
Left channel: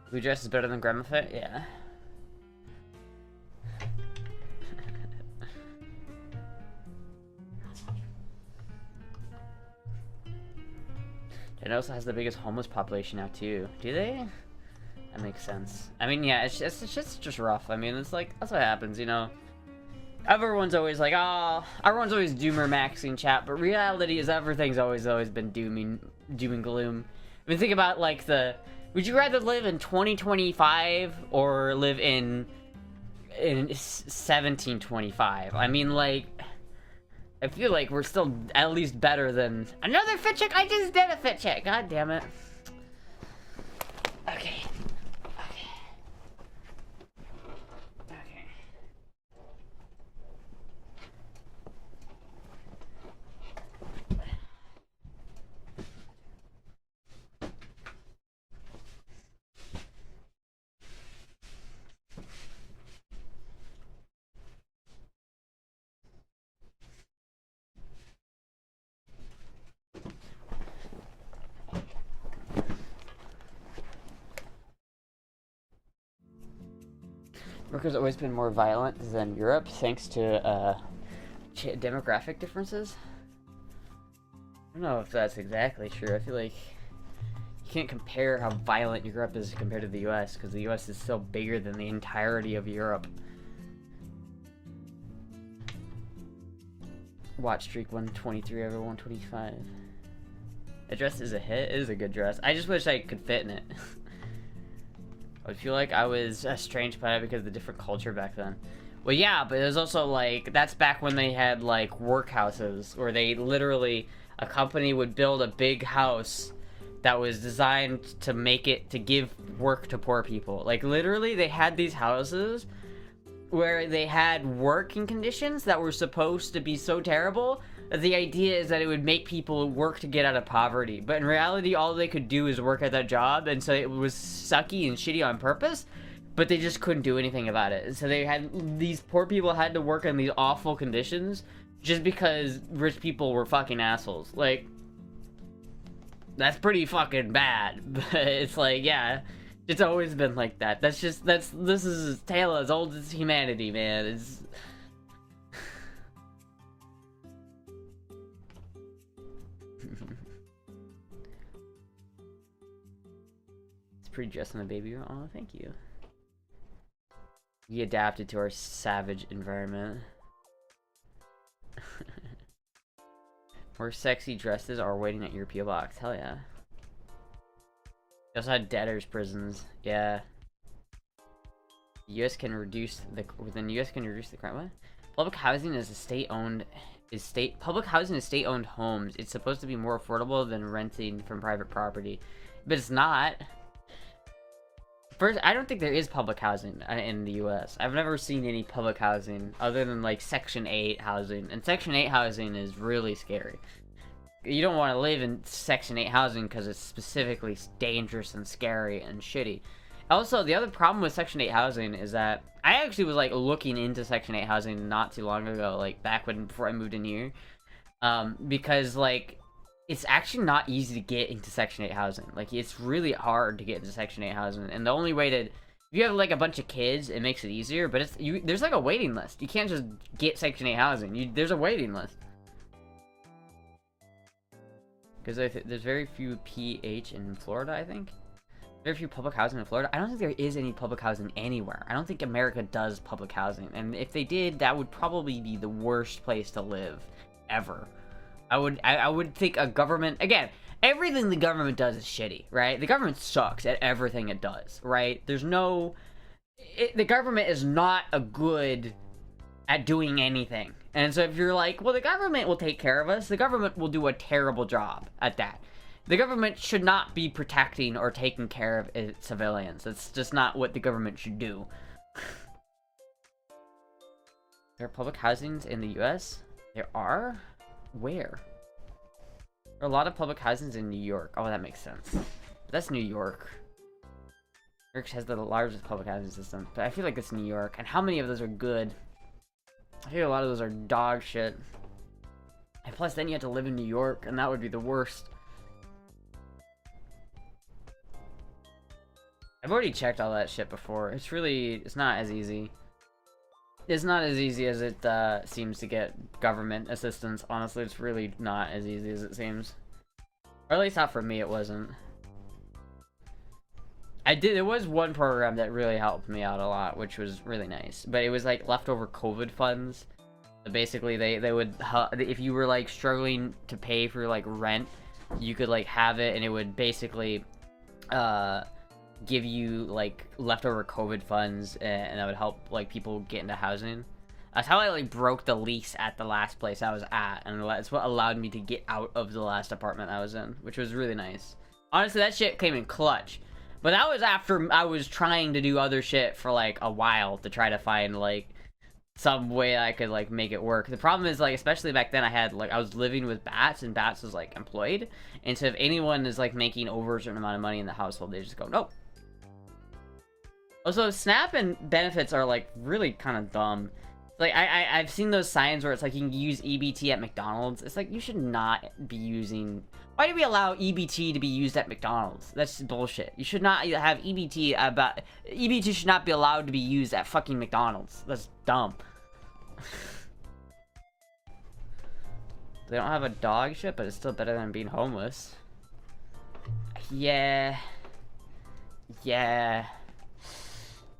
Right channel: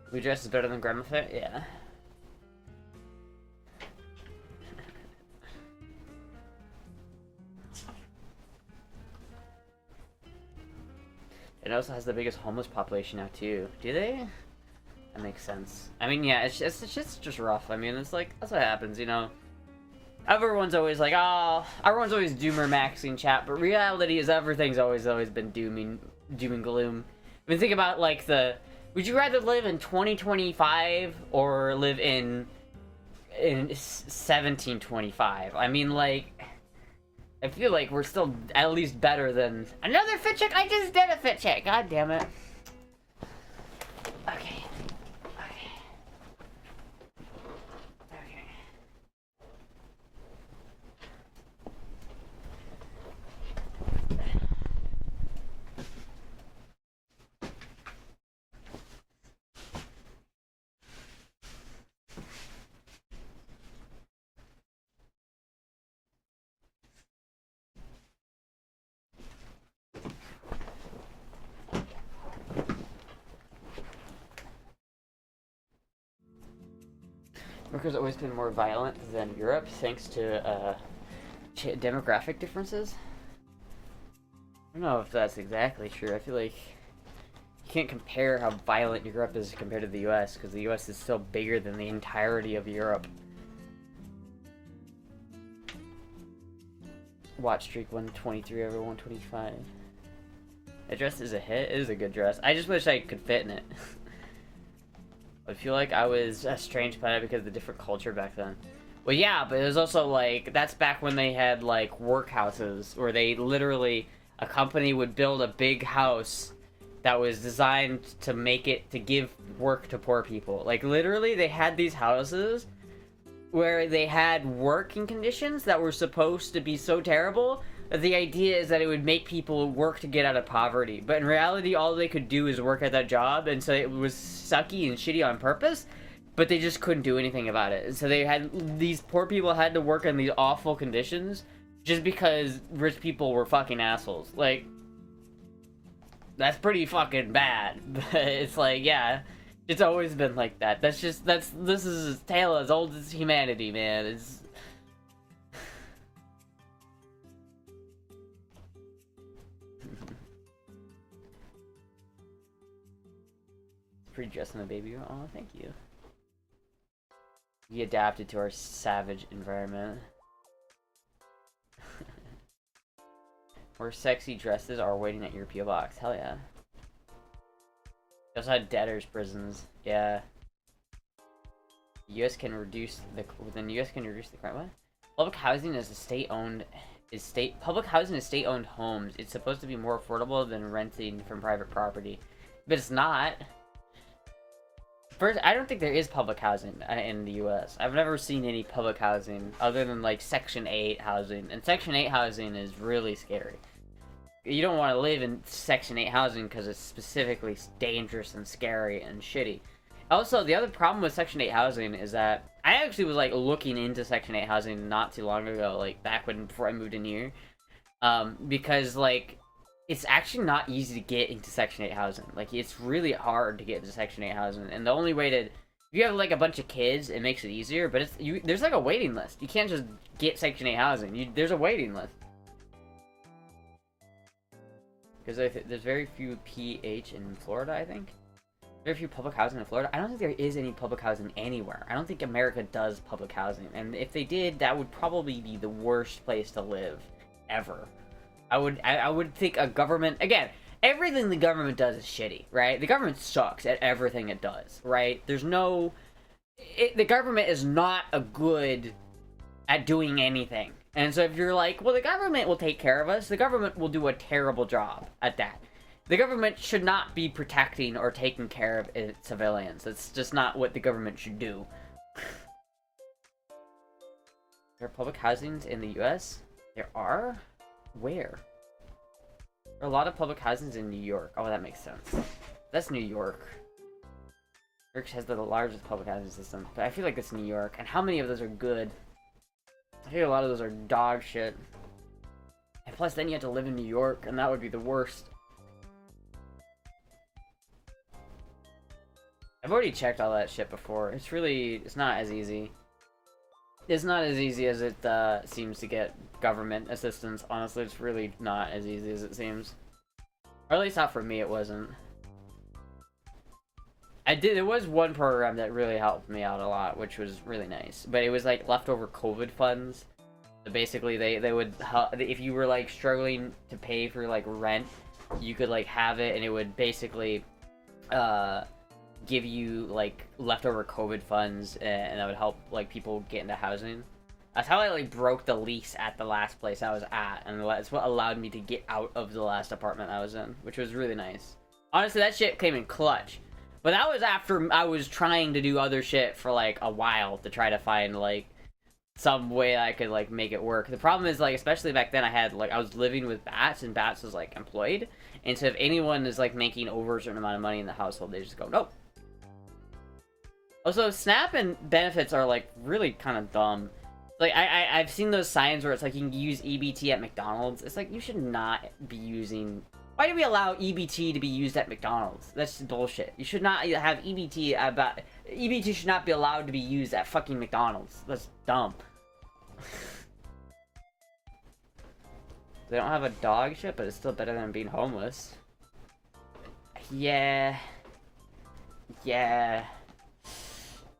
Blue dress is better than Grandma Fit? Yeah. It also has the biggest homeless population now too. Do they? That makes sense. I mean, yeah, it's just rough. I mean, it's like, that's what happens, you know? Everyone's always like, oh, everyone's always doomer maxing chat, but reality is everything's always been doom and gloom. I mean, think about, like, would you rather live in 2025 or live in 1725? I mean, like, I feel like we're still at least better than another fit check. I just did a fit check. God damn it. Okay. America's always been more violent than Europe, thanks to demographic differences. I don't know if that's exactly true. I feel like you can't compare how violent Europe is compared to the US, because the US is still bigger than the entirety of Europe. Watch streak 123 over 125. The dress is a hit. It is a good dress. I just wish I could fit in it. I feel like I was estranged by it because of the different culture back then. Well, yeah, but it was also like, that's back when they had like workhouses where they literally, a company would build a big house that was designed to make it, to give work to poor people. Like literally they had these houses where they had working conditions that were supposed to be so terrible that the idea is that it would make people work to get out of poverty. But in reality, all they could do is work at that job, and so it was sucky and shitty on purpose, but they just couldn't do anything about it. And so they had, these poor people had to work in these awful conditions just because rich people were fucking assholes. Like, that's pretty fucking bad. But it's like, yeah, it's always been like that. This is a tale as old as humanity, man. It's pretty dressed in a baby. Oh, thank you. We adapted to our savage environment. More sexy dresses are waiting at your PO box. Hell yeah. We also had debtors prisons. Yeah. The U.S. can reduce the crime. What? Public housing is public housing is state-owned homes. It's supposed to be more affordable than renting from private property, but it's not. First, I don't think there is public housing in the U.S. I've never seen any public housing other than like Section 8 housing, and Section 8 housing is really scary. You don't want to live in Section 8 housing because it's specifically dangerous and scary and shitty. Also, the other problem with Section 8 housing is that I actually was like looking into Section 8 housing not too long ago, like before I moved in here, because like it's actually not easy to get into Section 8 housing. Like, it's really hard to get into Section 8 housing, and the only way to, if you have like a bunch of kids, it makes it easier, but there's like a waiting list. You can't just get Section 8 housing. There's a waiting list. Because there's very few PH in Florida, I think. Very few public housing in Florida. I don't think there is any public housing anywhere. I don't think America does public housing, and if they did, that would probably be the worst place to live ever. I would think a government, again, everything the government does is shitty, right? The government sucks at everything it does, right? The government is not good at doing anything. And so if you're like, well, the government will take care of us, the government will do a terrible job at that. The government should not be protecting or taking care of its civilians. It's just not what the government should do. There are public housings in the U.S.? There are? Where? There are a lot of public housings in New York. Oh, that makes sense. That's New York. New York has the largest public housing system, but I feel like it's New York. And how many of those are good? I feel a lot of those are dog shit. And plus, then you have to live in New York, and that would be the worst. I've already checked all that shit before. It's not as easy. It's not as easy as it seems to get government assistance. Honestly, it's really not as easy as it seems. Or at least not for me, it wasn't. There was one program that really helped me out a lot, which was really nice. But it was like leftover COVID funds. So basically, they would, if you were like struggling to pay for like rent, you could like have it, and it would basically give you like leftover COVID funds, and that would help like people get into housing. That's how I like broke the lease at the last place I was at, and that's what allowed me to get out of the last apartment I was in, which was really nice. Honestly, that shit came in clutch. But that was after I was trying to do other shit for like a while to try to find like some way I could like make it work. The problem is like, especially back then, I was living with Bats, and Bats was like employed, and so if anyone is like making over a certain amount of money in the household, they just go nope. Also, SNAP and benefits are like really kind of dumb. Like I've seen those signs where it's like you can use EBT at McDonald's. It's like you should not be using. Why do we allow EBT to be used at McDonald's? That's bullshit. You should not have EBT EBT should not be allowed to be used at fucking McDonald's. That's dumb. They don't have a dog shit, but it's still better than being homeless. Yeah.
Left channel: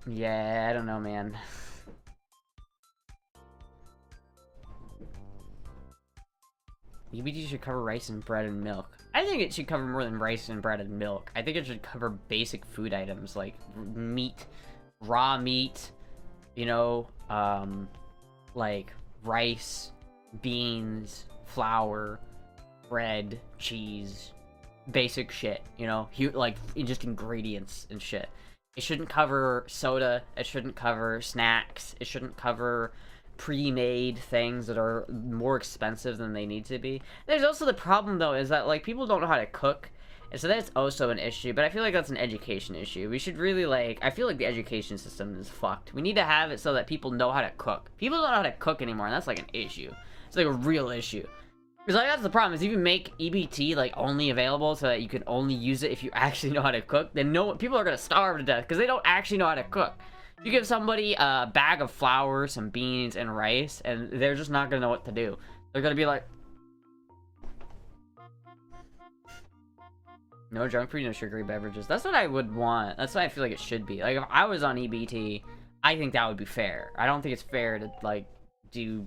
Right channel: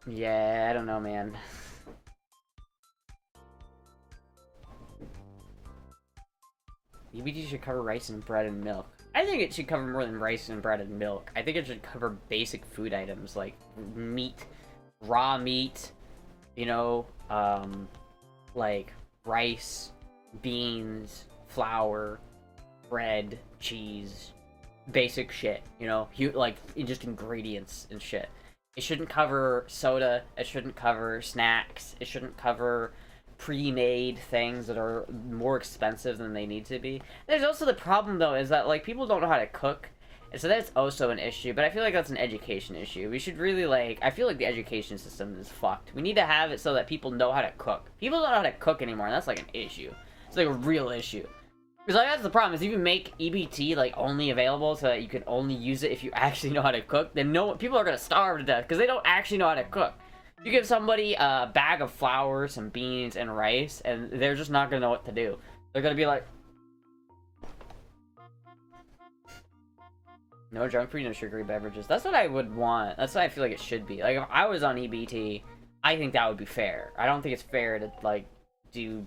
Yeah, I don't know, man. EBT should cover rice and bread and milk. I think it should cover more than rice and bread and milk. I think it should cover basic food items like meat, raw meat, you know, like rice, beans, flour, bread, cheese, basic shit, you know, like just ingredients and shit. It shouldn't cover soda, it shouldn't cover snacks, it shouldn't cover pre-made things that are more expensive than they need to be. There's also the problem though is that like people don't know how to cook, and so that's also an issue, but I feel like that's an education issue. We should really like, I feel like the education system is fucked. We need to have it so that people know how to cook. People don't know how to cook anymore, and that's like an issue. It's like a real issue. Because like that's the problem, is if you make EBT like only available so that you can only use it if you actually know how to cook, then people are gonna starve to death because they don't actually know how to cook. You give somebody a bag of flour, some beans, and rice, and they're just not gonna know what to do. They're gonna be like, no junk food, no sugary beverages. That's what I would want. That's what I feel like it should be. Like, if I was on EBT, I think that would be fair. I don't think it's fair to, like, to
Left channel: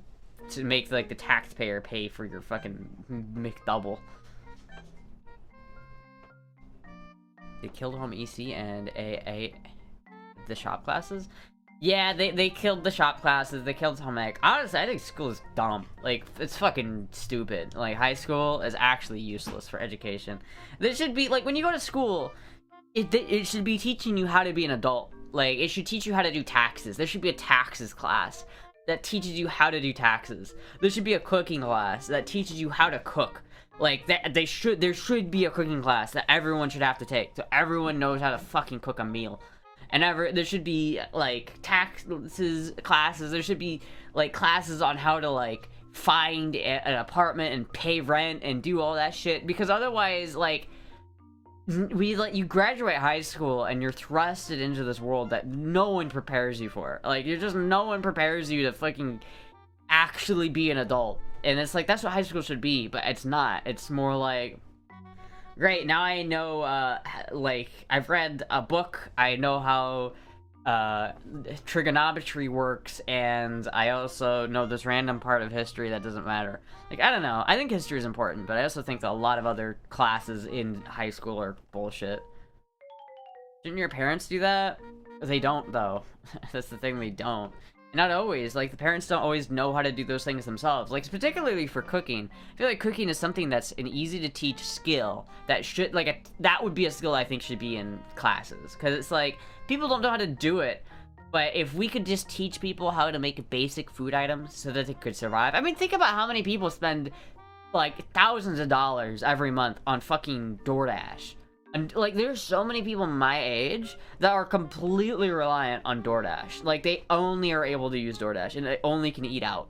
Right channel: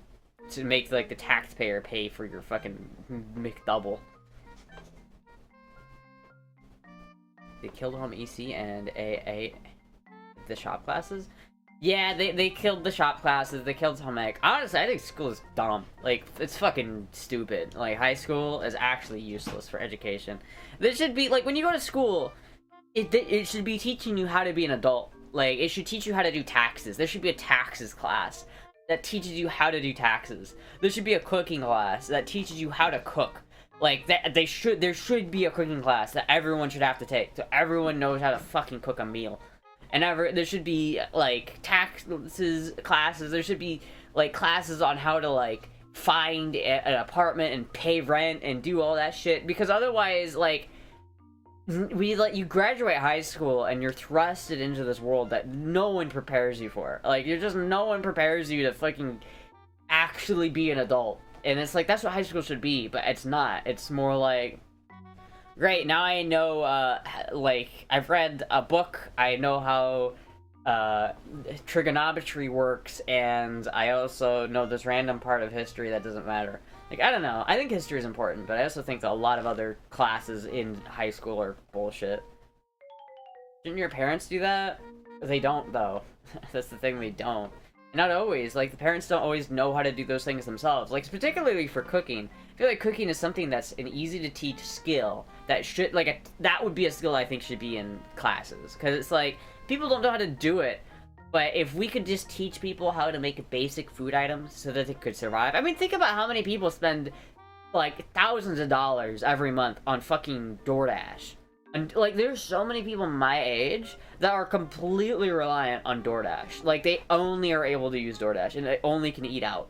make, like, the taxpayer pay for your fucking McDouble. They killed home EC and the shop classes? Yeah, they killed the shop classes, they killed home ec. Honestly, I think school is dumb. Like, it's fucking stupid. Like, high school is actually useless for education. There should be, like, when you go to school, it should be teaching you how to be an adult. Like, it should teach you how to do taxes. There should be a taxes class that teaches you how to do taxes. There should be a cooking class that teaches you how to cook. Like, there should be a cooking class that everyone should have to take, so everyone knows how to fucking cook a meal. And there should be, like, taxes classes. There should be, like, classes on how to, like, find an apartment and pay rent and do all that shit. Because otherwise, like, you graduate high school and you're thrusted into this world that no one prepares you for. Like, no one prepares you to fucking actually be an adult. And it's like, that's what high school should be, but it's not. It's more like, great, now I know, like, I've read a book, I know how, trigonometry works, and I also know this random part of history that doesn't matter. Like, I don't know, I think history is important, but I also think that a lot of other classes in high school are bullshit. Shouldn't your parents do that? They don't, though. That's the thing, they don't. Not always. Like, the parents don't always know how to do those things themselves. Like, particularly for cooking. I feel like cooking is something that's an easy-to-teach skill that should, like, that would be a skill I think should be in classes. Because it's like, people don't know how to do it. But if we could just teach people how to make basic food items so that they could survive. I mean, think about how many people spend, like, thousands of dollars every month on fucking DoorDash. And, like, there's so many people my age that are completely reliant on DoorDash. Like, they only are able to use DoorDash, and they only can eat out.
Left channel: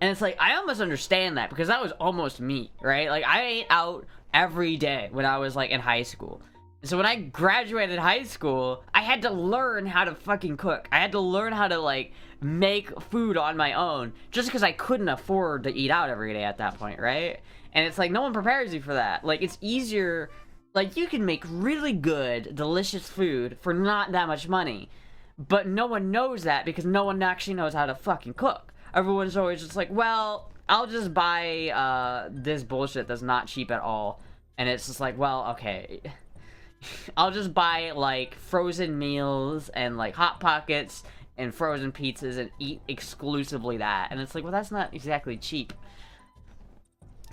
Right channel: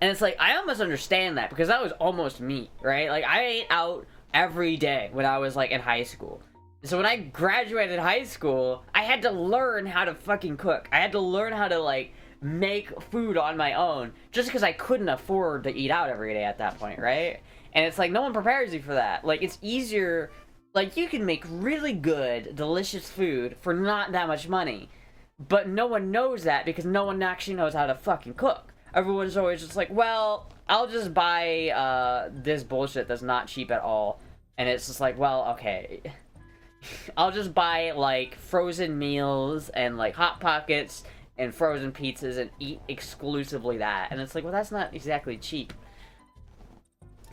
And it's like, I almost understand that, because that was almost me, right? Like, I ate out every day when I was, like, in high school. So when I graduated high school, I had to learn how to fucking cook. I had to learn how to, like, make food on my own, just because I couldn't afford to eat out every day at that point, right? And it's like, no one prepares you for that. Like, it's easier... Like, you can make really good, delicious food for not that much money. But no one knows that because no one actually knows how to fucking cook. Everyone's always just like, well, I'll just buy this bullshit that's not cheap at all. And it's just like, well, okay. I'll just buy, like, frozen meals and, like, Hot Pockets and frozen pizzas and eat exclusively that. And it's like, well, that's not exactly cheap.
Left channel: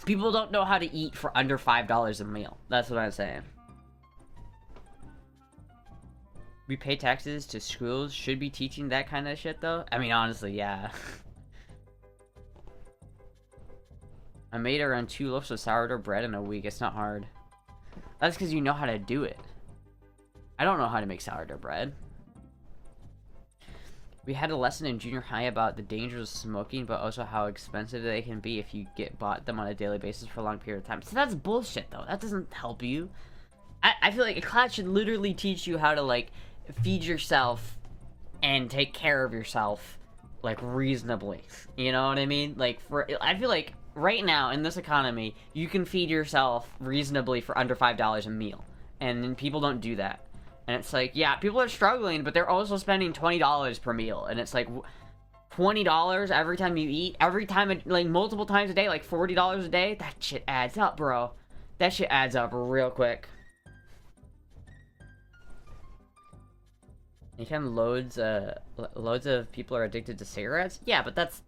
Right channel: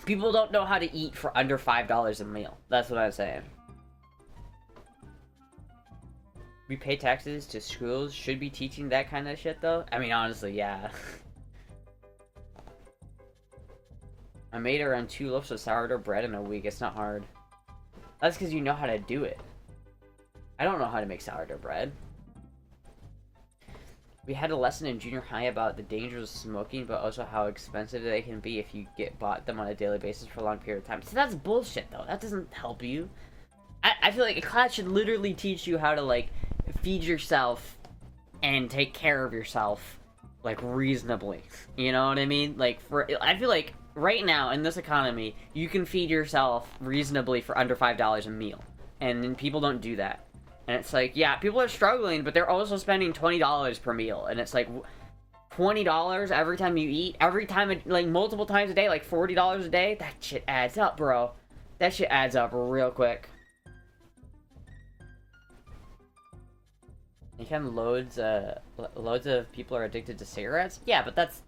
People don't know how to eat for under $5 a meal. That's what I'm saying. We pay taxes to schools. Should be teaching that kind of shit, though? I mean, honestly, yeah. I made around 2 loaves of sourdough bread in a week. It's not hard. That's because you know how to do it. I don't know how to make sourdough bread. We had a lesson in junior high about the dangers of smoking, but also how expensive they can be if you bought them on a daily basis for a long period of time. So that's bullshit, though. That doesn't help you. I feel like a class should literally teach you how to, like, feed yourself and take care of yourself, like, reasonably. You know what I mean? Like, I feel like right now, in this economy, you can feed yourself reasonably for under $5 a meal. And people don't do that. And it's like, yeah, people are struggling, but they're also spending $20 per meal. And it's like, $20 every time you eat, every time, like, multiple times a day, like $40 a day, that shit adds up, bro. That shit adds up real quick. You can loads of people are addicted to cigarettes? Yeah, but that's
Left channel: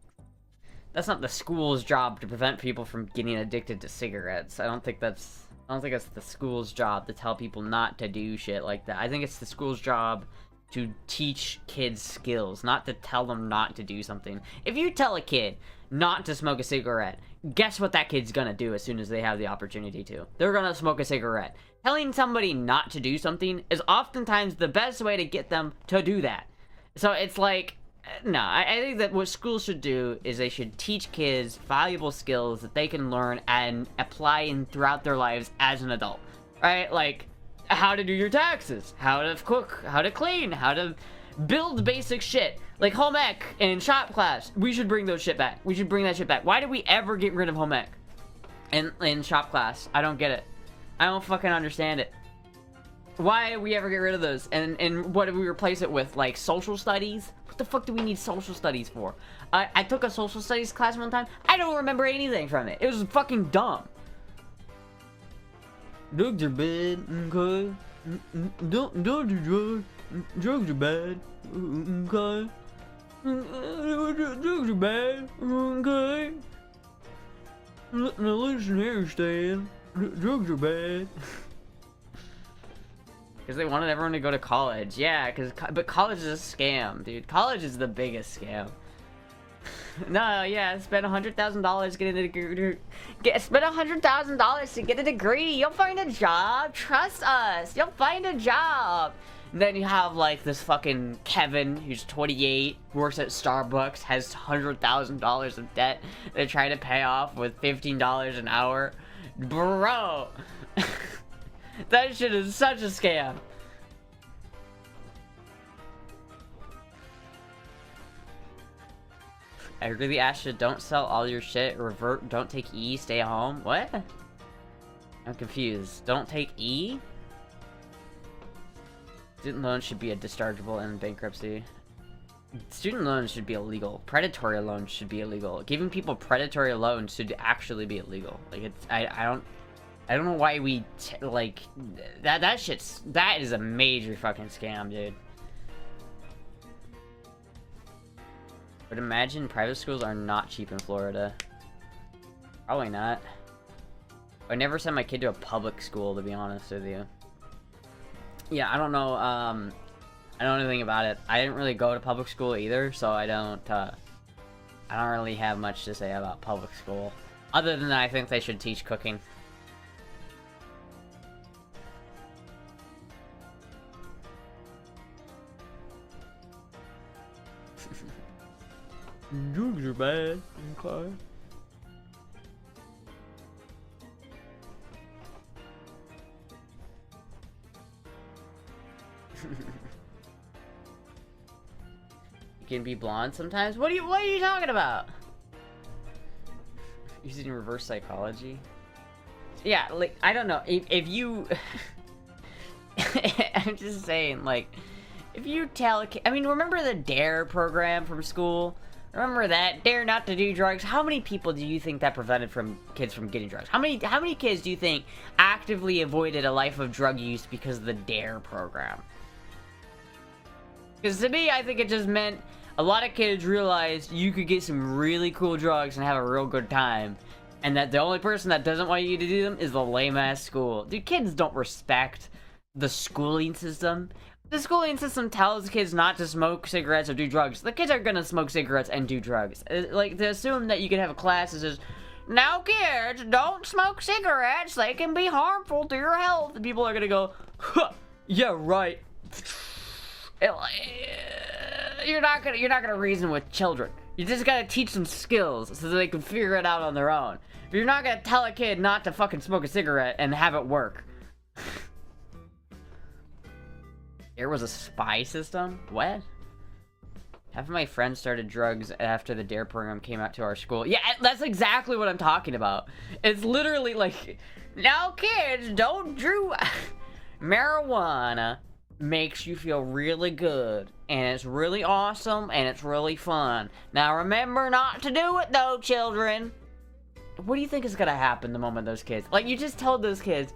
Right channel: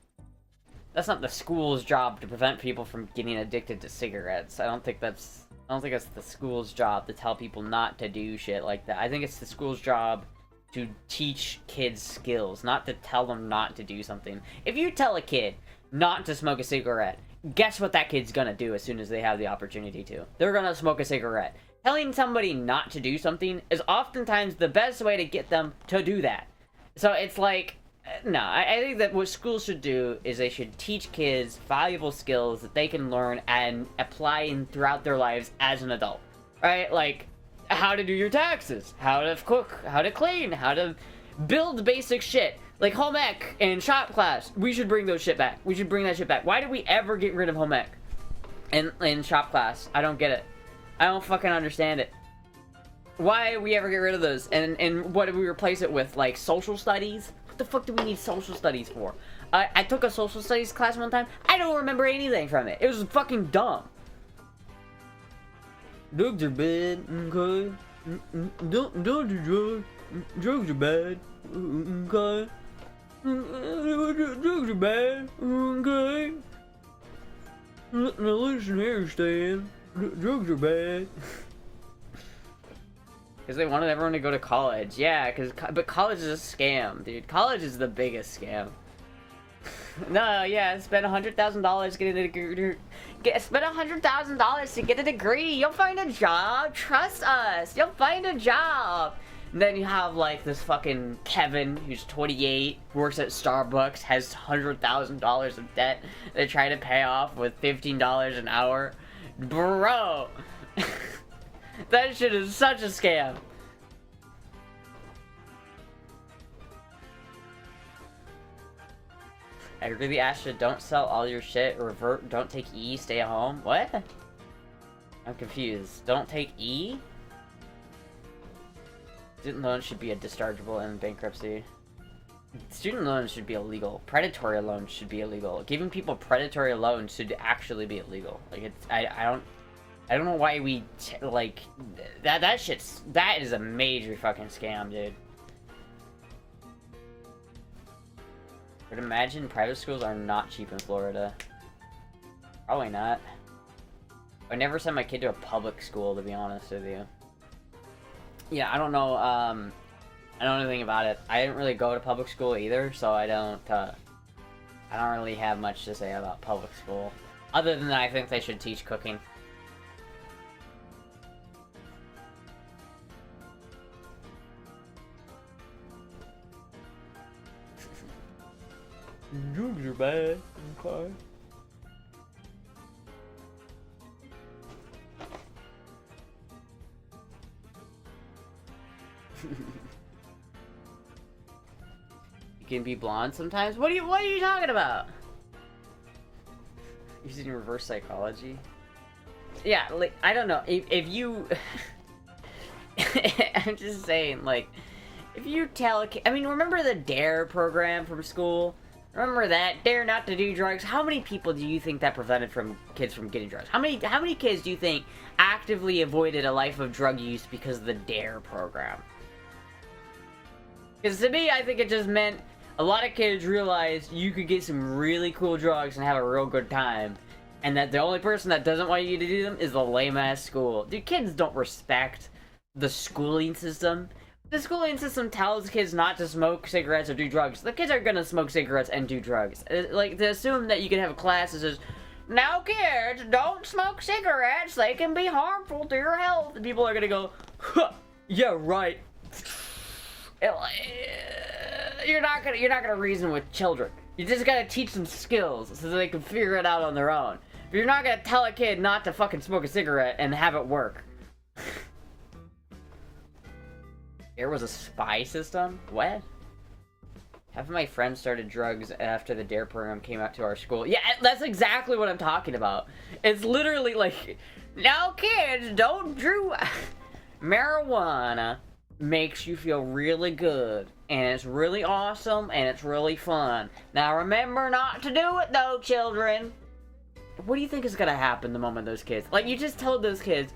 not the school's job to prevent people from getting addicted to cigarettes. I don't think that's the school's job to tell people not to do shit like that. I think it's the school's job to teach kids skills, not to tell them not to do something. If you tell a kid not to smoke a cigarette, guess what that kid's gonna do as soon as they have the opportunity to? They're gonna smoke a cigarette. Telling somebody not to do something is oftentimes the best way to get them to do that. So it's like, no, I think that what schools should do is they should teach kids valuable skills that they can learn and apply throughout their lives as an adult. Right? Like, how to do your taxes, how to cook, how to clean, how to build basic shit. Like home ec and shop class. We should bring those shit back. We should bring that shit back. Why do we ever get rid of home ec in shop class? I don't get it. I don't fucking understand it. Why do we ever get rid of those? And what do we replace it with? Like social studies? What the fuck do we need social studies for? I took a social studies class one time. I don't remember anything from it. It was fucking dumb. Drugs are bad, okay? Don't do drugs. Drugs are bad, okay? Drugs are bad, okay? Now listen here, Stan. Drugs are bad. Because they wanted everyone to go to college. Yeah, but college is a scam, dude. College is the biggest scam. No, yeah, spend $100,000 getting a degree. Spend $100,000 to get a degree. You'll find a job. Trust us. You'll find a job. And then you have like this fucking Kevin who's 28, works at Starbucks, has $100,000 of debt they're trying to pay off with $15 an hour. Bro, that shit is such a scam. I really asked you, don't sell all your shit, revert, don't take E, stay at home. What? I'm confused. Don't take E? Student loans should be a dischargeable in bankruptcy. Student loans should be illegal. Predatory loans should be illegal. Giving people predatory loans should actually be illegal. Like it's, I don't know why we like that is a major fucking scam, dude. But imagine private schools are not cheap in Florida. Probably not. I never send my kid to a public school, to be honest with you. Yeah, I don't know, I don't know anything about it. I didn't really go to public school either, so I don't really have much to say about public school. Other than that, I think they should teach cooking. Drugs are bad. Okay. You can be blonde sometimes? What are you talking about? Using reverse psychology? Yeah, like, I don't know. If you... I'm just saying, like, if you tell a kid... I mean, remember the DARE program from school? Remember that? Dare not to do drugs? How many people do you think that prevented kids from getting drugs? How many kids do you think actively avoided a life of drug use because of the DARE program? Because to me, I think it just meant a lot of kids realized you could get some really cool drugs and have a real good time. And that the only person that doesn't want you to do them is the lame-ass school. Dude, kids don't respect the schooling system. The schooling system tells kids not to smoke cigarettes or do drugs. The kids are gonna smoke cigarettes and do drugs. Like, to assume that you can have a class that says, now kids, don't smoke cigarettes, they can be harmful to your health. And people are gonna go, huh, yeah, right. You're not gonna reason with children. You just gotta teach them skills so that they can figure it out on their own. But you're not gonna tell a kid not to fucking smoke a cigarette and have it work. There was a spy system? What? Half of my friends started drugs after the DARE program came out to our school. Yeah, that's exactly what I'm talking about. It's literally like, now kids, don't do... Marijuana makes you feel really good, and it's really awesome, and it's really fun. Now remember not to do it though, children. what do you think is gonna happen the moment those kids, like, you just tell those kids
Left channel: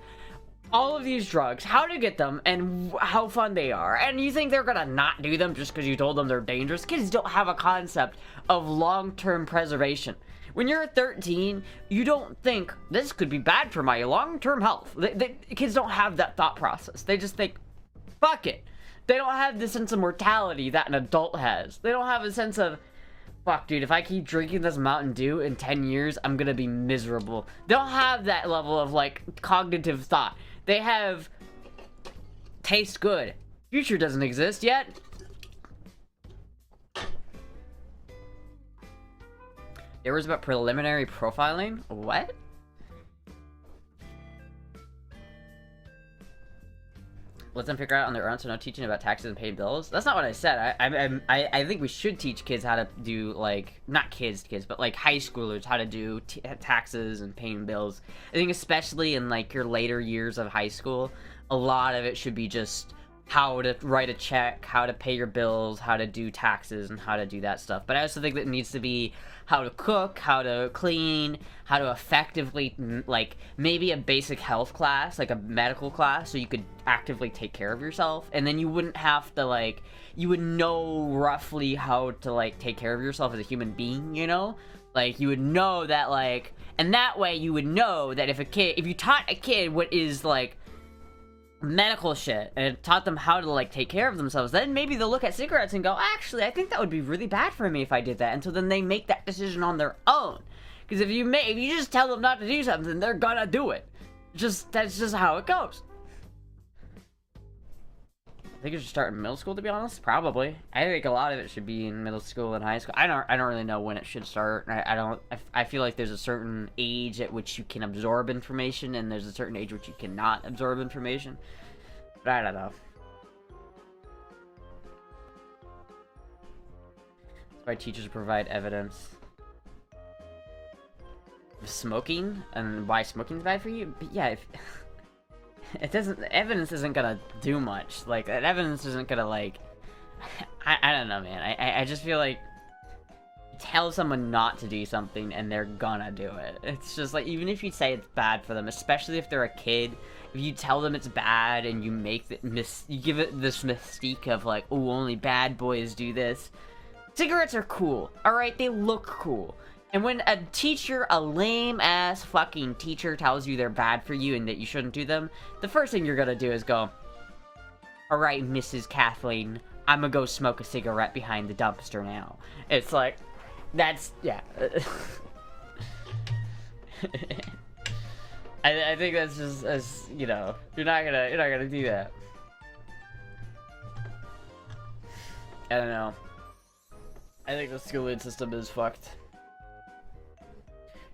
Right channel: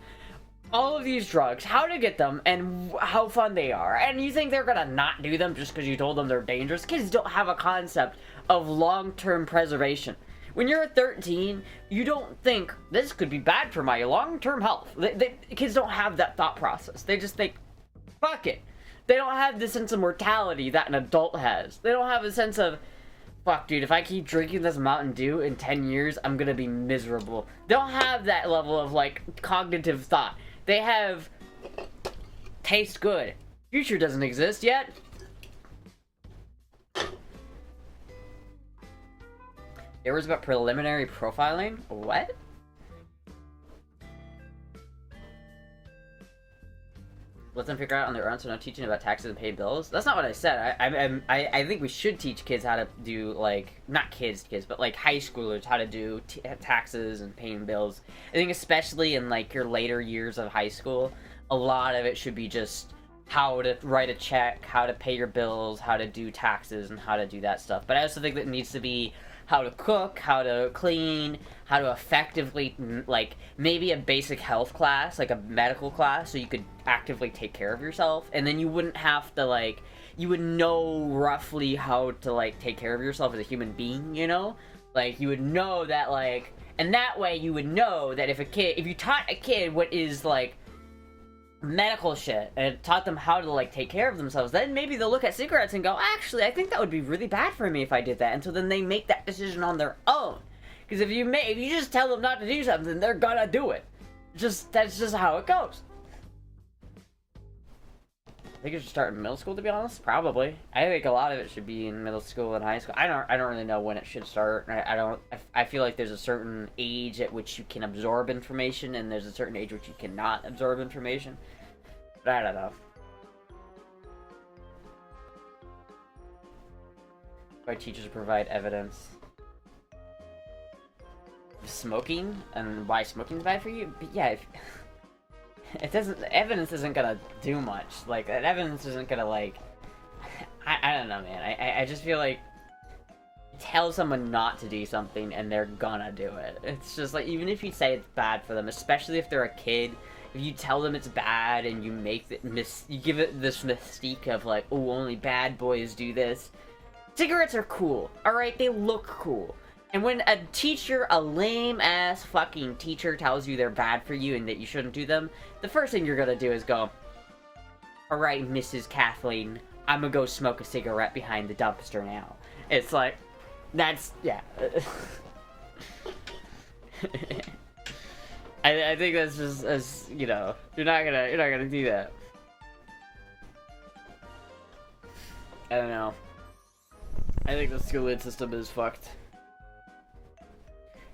all of these drugs, how to get them, and how fun they are, and you think they're gonna not do them just because you told them they're dangerous? Kids don't have a concept of long-term preservation. When you're 13, you don't think, this could be bad for my long-term health. Kids don't have that thought process. They just think, fuck it. They don't have the sense of mortality that an adult has. They don't have a sense of, fuck, dude, if I keep drinking this Mountain Dew in 10 years, I'm gonna be miserable. They don't have that level of, like, cognitive thought. They have, taste good. Future doesn't exist yet. There was about preliminary profiling? What? Let them figure out on their own, so no teaching about taxes and paid bills? That's not what I said. I think we should teach kids how to do, like, not kids, but, like, high schoolers how to do taxes and paying bills. I think especially in, like, your later years of high school, a lot of it should be just how to write a check, how to pay your bills, how to do taxes, and how to do that stuff. But I also think that it needs to be how to cook, how to clean, how to effectively, like, maybe a basic health class, like a medical class, so you could actively take care of yourself, and then you wouldn't have to, like, you would know roughly how to, like, take care of yourself as a human being, you know? Like, you would know that, like, and that way you would know that if you taught a kid what is, like, medical shit, and it taught them how to, like, take care of themselves, then maybe they'll look at cigarettes and go, actually, I think that would be really bad for me if I did that, and so then they make that decision on their own. Because if you just tell them not to do something, they're gonna do it. That's just how it goes. I think it should start in middle school, to be honest. Probably. I think a lot of it should be in middle school and high school. I don't really know when it should start. I feel like there's a certain age at which you can absorb information, and there's a certain age which you cannot absorb information. But I don't know. Why teachers provide evidence. Smoking, and why smoking's bad for you? But yeah, it doesn't, evidence isn't gonna do much. Like, that evidence isn't gonna, like, I don't know, man. I just feel like you tell someone not to do something and they're gonna do it. It's just like, even if you say it's bad for them, especially if they're a kid, if you tell them it's bad and you make you give it this mystique of, like, oh, only bad boys do this. Cigarettes are cool, alright? They look cool. And when a teacher, a lame-ass fucking teacher, tells you they're bad for you and that you shouldn't do them, the first thing you're gonna do is go, alright, Mrs. Kathleen, I'm gonna go smoke a cigarette behind the dumpster now. It's like, that's, yeah. I think that's just, as, you know, you're not gonna do that. I don't know. I think the schooling system is fucked.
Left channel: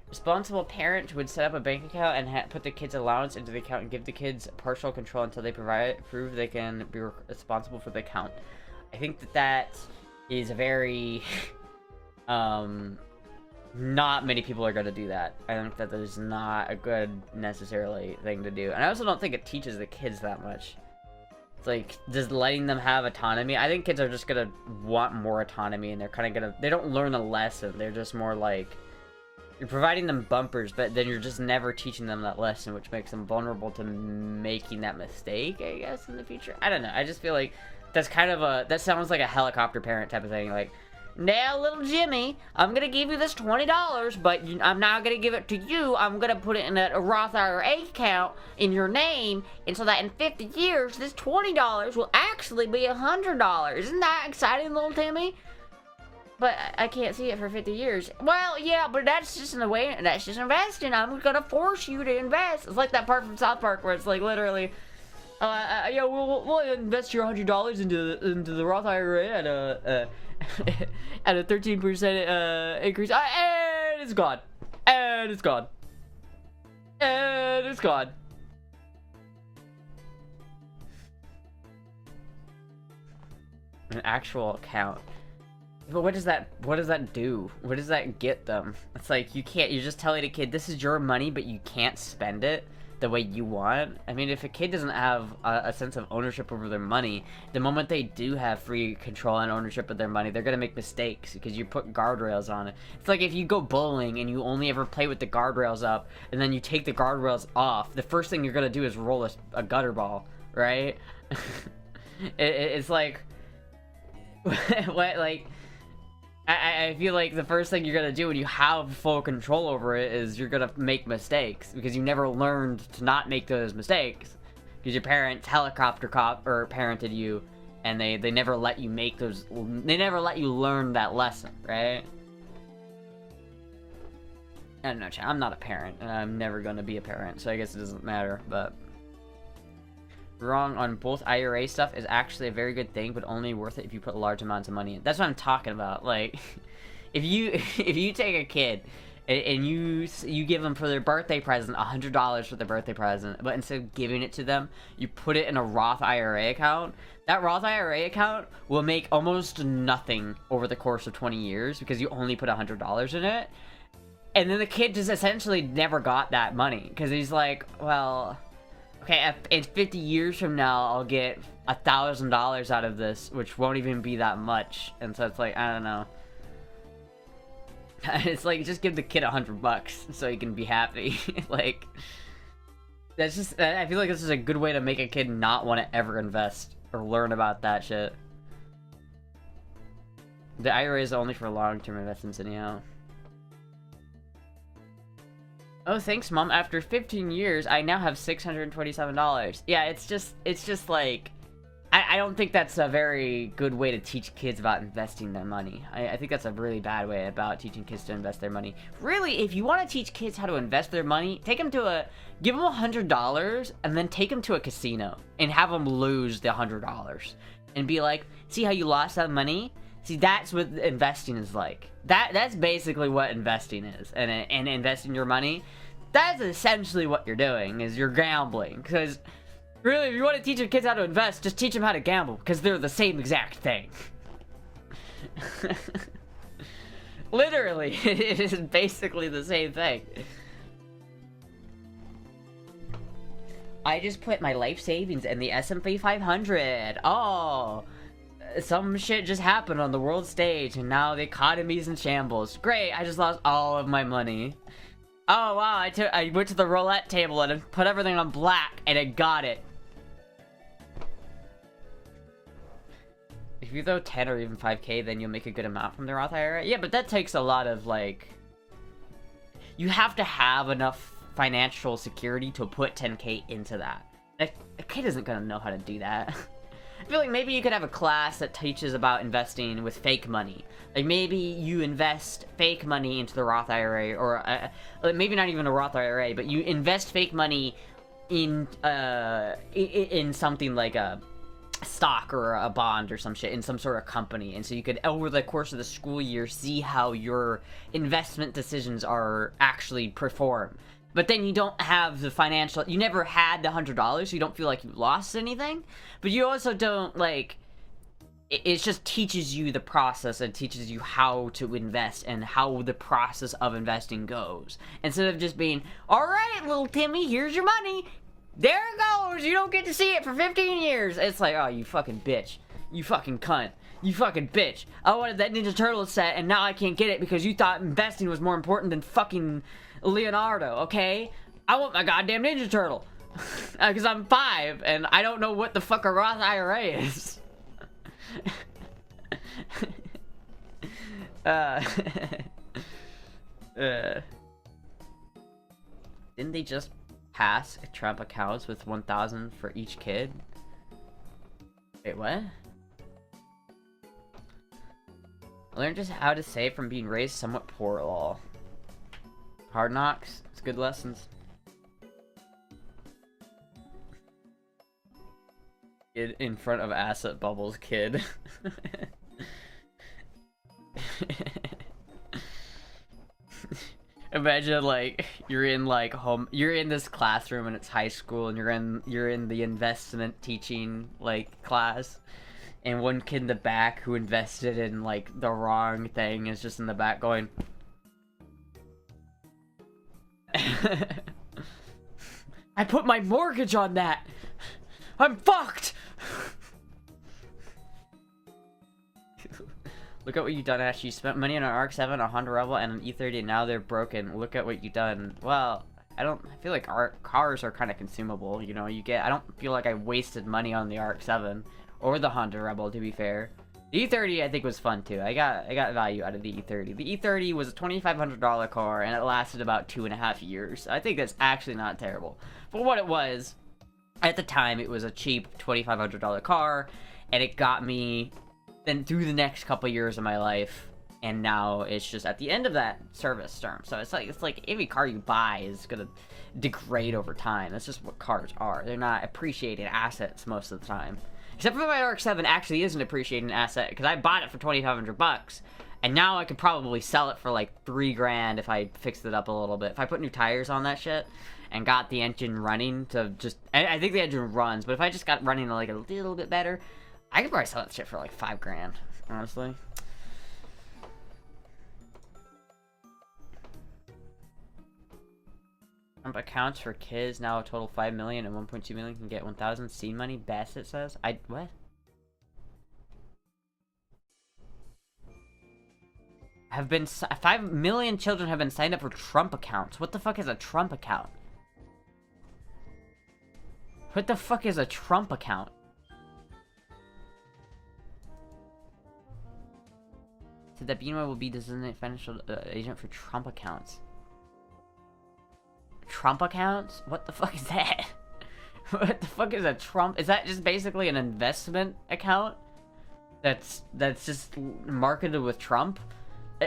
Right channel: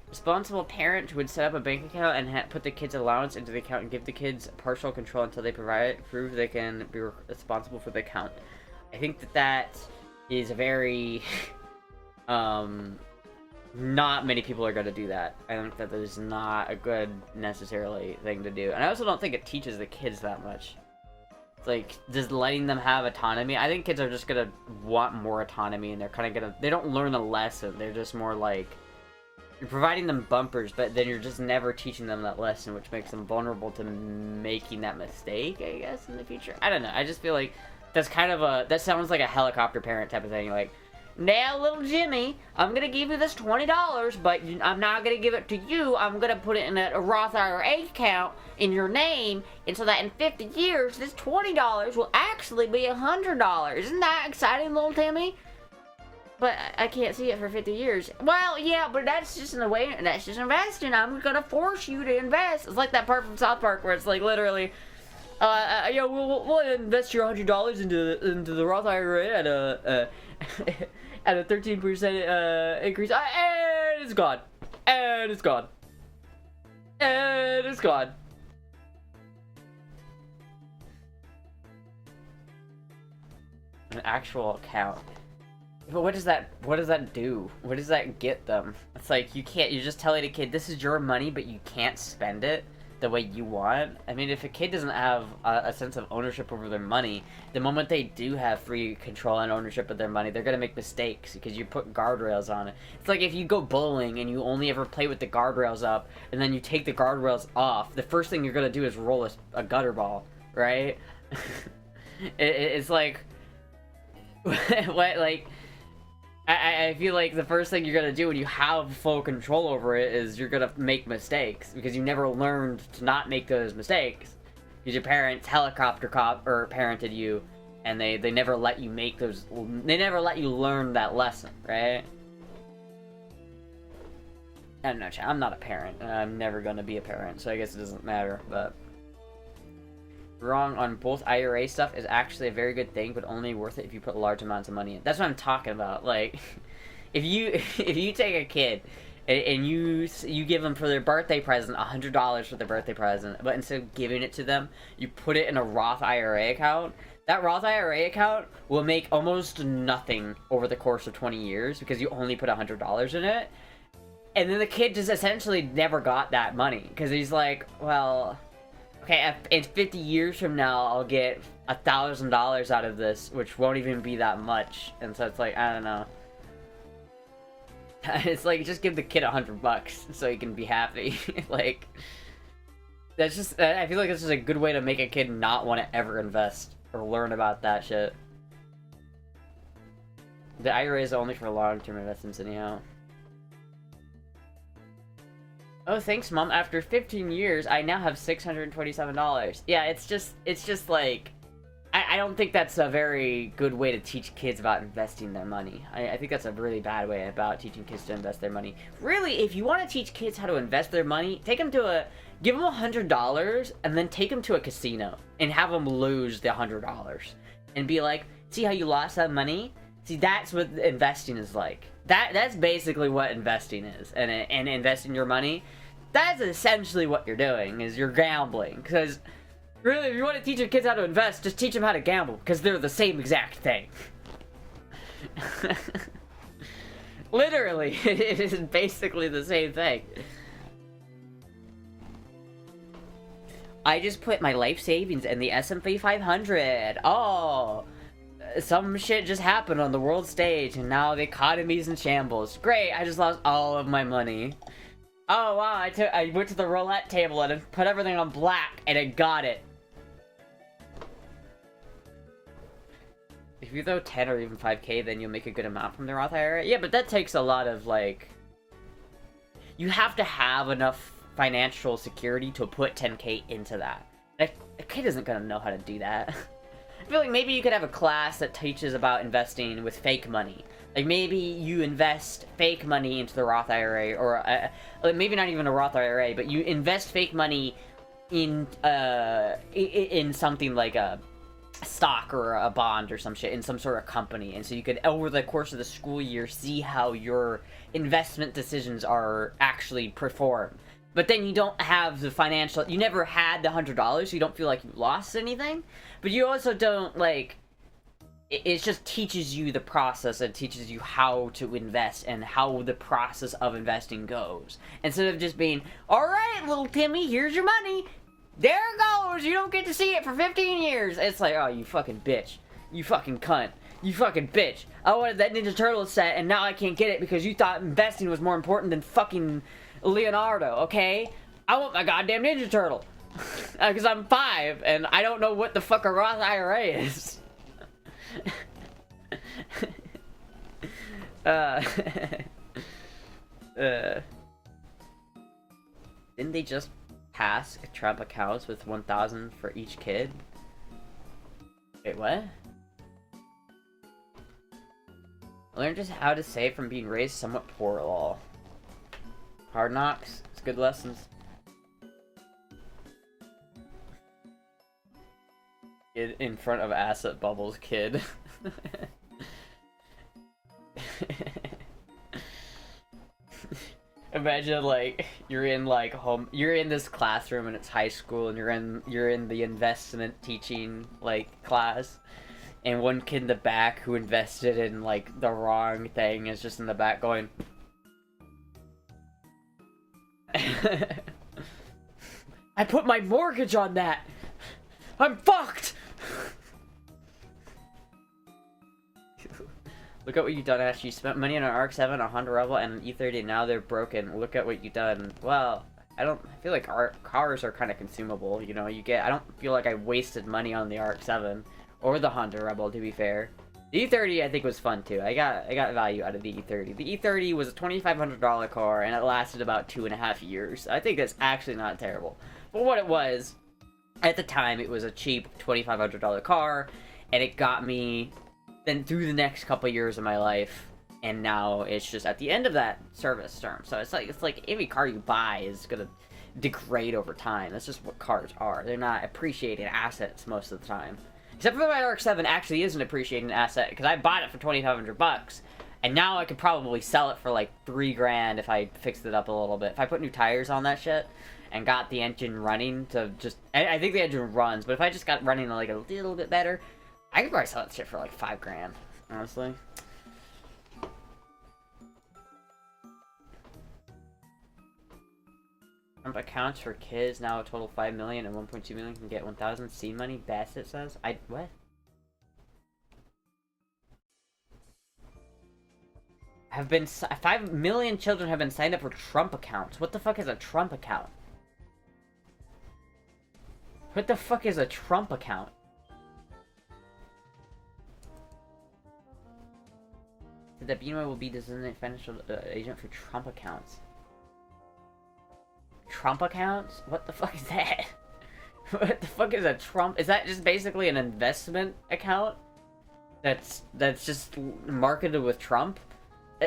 Responsible parent would set up a bank account and put the kid's allowance into the account and give the kids partial control until they prove they can be responsible for the account. I think that is a very, not many people are going to do that. I think that is not a good, necessarily, thing to do. And I also don't think it teaches the kids that much. It's like, just letting them have autonomy. I think kids are just going to want more autonomy, and they're kind of going to, they don't learn a lesson. They're just more like, you're providing them bumpers, but then you're just never teaching them that lesson, which makes them vulnerable to making that mistake, I guess, in the future. I don't know. I just feel like that's kind of a, that sounds like a helicopter parent type of thing. Like, now, little Jimmy, I'm going to give you this $20, but I'm not going to give it to you. I'm going to put it in a Roth IRA account in your name, and so that in 50 years, this $20 will actually be $100. Isn't that exciting, little Timmy? But I can't see it for 50 years. Well, yeah, but that's just in a way, that's just investing. I'm gonna force you to invest. It's like that part from South Park where it's like literally, yeah, we'll invest your $100 into the Roth IRA at a at a 13% increase, and it's gone, and it's gone, and it's gone. An actual account. But what does that do? What does that get them? It's like, you just telling a kid, this is your money, but you can't spend it. the way you want. I mean, if a kid doesn't have a sense of ownership over their money, the moment they do have free control and ownership of their money, they're gonna make mistakes because you put guardrails on it. It's like if you go bowling and you only ever play with the guardrails up, and then you take the guardrails off, the first thing you're gonna do is roll a gutter ball, right? It's like, what, like, I feel like the first thing you're gonna do when you have full control over it is you're gonna make mistakes because you never learned to not make those mistakes because your parents helicopter cop or parented you, and they never let you make those. They never let you learn that lesson, right? I don't know, I'm not a parent, and I'm never gonna be a parent, so I guess it doesn't matter. But wrong on both IRA stuff is actually a very good thing, but only worth it if you put large amounts of money in. That's what I'm talking about. Like, if you take a kid and you give them for their birthday present $100 for their birthday present, but instead of giving it to them, you put it in a Roth IRA account. That Roth IRA account will make almost nothing over the course of 20 years because you only put $100 in it. And then the kid just essentially never got that money because he's like, well, okay, in 50 years from now, I'll get $1,000 out of this, which won't even be that much. And so it's like, I don't know. It's like, just give the kid $100 so he can be happy. Like, that's just, I feel like this is a good way to make a kid not want to ever invest or learn about that shit. The IRA is only for long-term investments anyhow. Oh, thanks, Mom. After 15 years, I now have $627. Yeah, it's just like, I don't think that's a very good way to teach kids about investing their money. I think that's a really bad way about teaching kids to invest their money. Really, if you want to teach kids how to invest their money, give them $100 and then take them to a casino and have them lose the $100 and be like, see how you lost that money? See, that's what investing is like. That's basically what investing is, and investing your money. That's essentially what you're doing, is you're gambling. Because really, if you want to teach your kids how to invest, just teach them how to gamble, because they're the same exact thing. Literally, it is basically the same thing. I just put my life savings in the S&P 500. Oh. Some shit just happened on the world stage, and now the economy's in shambles. Great, I just lost all of my money. Oh wow, I went to the roulette table and put everything on black, and it got it. If you throw 10 or even 5K, then you'll make a good amount from the Roth IRA. Yeah, but that takes a lot of, like... You have to have enough financial security to put 10K into that. A kid isn't gonna know how to do that. I feel like maybe you could have a class that teaches about investing with fake money. Like, maybe you invest fake money into the Roth IRA, or maybe not even a Roth IRA, but you invest fake money in something like a stock or a bond or some shit, in some sort of company. And so you could, over the course of the school year, see how your investment decisions are actually performed. But then you don't have the financial... You never had the $100, so you don't feel like you lost anything. But you also don't, like... It just teaches you the process and teaches you how to invest and how the process of investing goes. Instead of just being, alright, little Timmy, here's your money. There it goes. You don't get to see it for 15 years. It's like, oh, you fucking bitch. You fucking cunt. You fucking bitch. I wanted that Ninja Turtle set, and now I can't get it because you thought investing was more important than fucking... Leonardo, okay? I want my goddamn Ninja Turtle. Because I'm 5, and I don't know what the fuck a Roth IRA is. Didn't they just pass Trump accounts with 1,000 for each kid? Wait, what? Learn just how to save from being raised somewhat poor at all. Hard knocks. It's good lessons. Kid in front of asset bubbles, kid. Imagine, like, you're in this classroom and it's high school, and you're in the investment teaching, like, class, and one kid in the back who invested in, like, the wrong thing is just in the back going... I put my mortgage on that. I'm fucked. Look at what you've done, Ash. You spent money on an Arc 7, a Honda Rebel, and an E30, and now they're broken. Look at what you've done. Well, I feel like cars are kind of consumable, you know, I don't feel like I wasted money on the Arc 7, or the Honda Rebel, to be fair. The E30, I think, was fun, too. I got value out of the E30. The E30 was a $2,500 car, and it lasted about 2.5 years. I think that's actually not terrible. For what it was, at the time, it was a cheap $2,500 car, and it got me then through the next couple years of my life, and now it's just at the end of that service term. So it's like every car you buy is gonna degrade over time. That's just what cars are. They're not appreciating assets most of the time. Except for my RX-7 actually is an appreciating asset, because I bought it for $2,500, and now I could probably sell it for like $3,000 if I fixed it up a little bit. If I put new tires on that shit and got the engine running to just, I think the engine runs, but if I just got running like a little bit better, I could probably sell that shit for like $5,000, honestly. Trump accounts for kids now a total 5 million and 1.2 million can get 1,000 seed money. Bassett says. What? Have been 5 million children have been signed up for Trump accounts. What the fuck is a Trump account? What the fuck is a Trump account? So that Beanway will be designated financial agent for Trump accounts. Trump accounts? What the fuck is that? What the fuck is a Trump? Is that just basically an investment account? That's just marketed with Trump?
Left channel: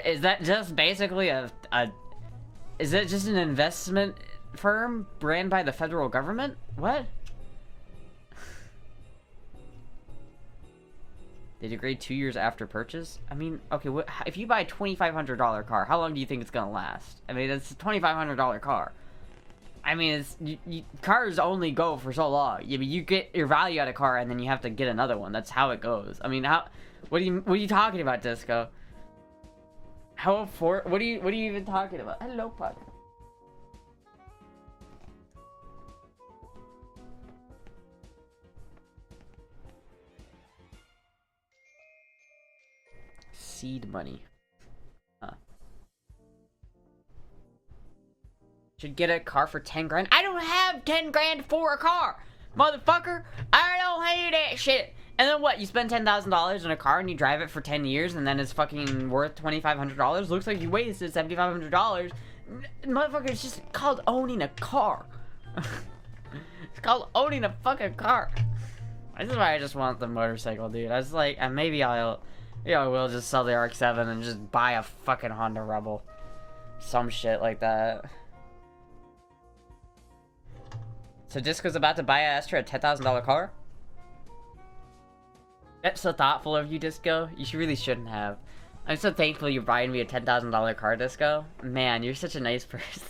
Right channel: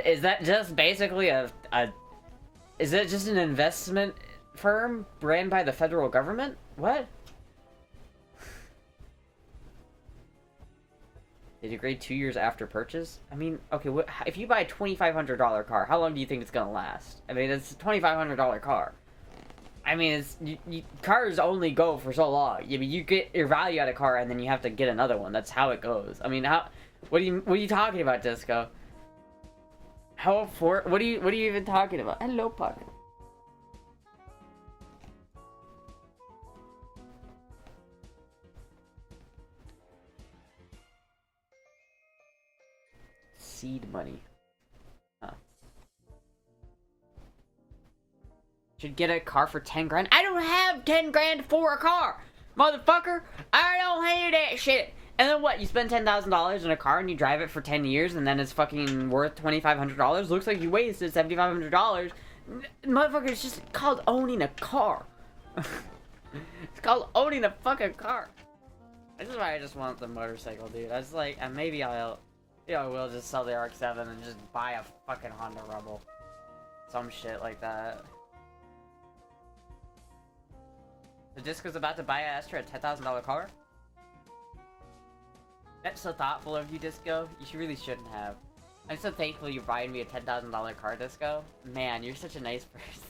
Is that just basically is it just an investment firm ran by the federal government? What? They degrade 2 years after purchase? I mean, okay, if you buy a $2,500 car, how long do you think it's gonna last? I mean, it's a $2,500 car. I mean, cars only go for so long. You get your value out of a car, and then you have to get another one. That's how it goes. I mean, what are you talking about, Disco? What are you even talking about? Hello, Puck. Seed money. Huh. Should get a car for 10 grand. I don't have 10 grand for a car, motherfucker. I don't hear that shit. And then what? You spend $10,000 on a car and you drive it for 10 years, and then it's fucking worth $2,500. Looks like you wasted $7,500. Motherfucker, it's just called owning a car. It's called owning a fucking car. This is why I just want the motorcycle, dude. I was like, and maybe I will just sell the RX-7 and just buy a fucking Honda Rebel. Some shit like that. So Disco's about to buy an Astra, a $10,000 car? That's so thoughtful of you, Disco. You really shouldn't have. I'm so thankful you're buying me a $10,000 car, Disco. Man, you're such a nice person.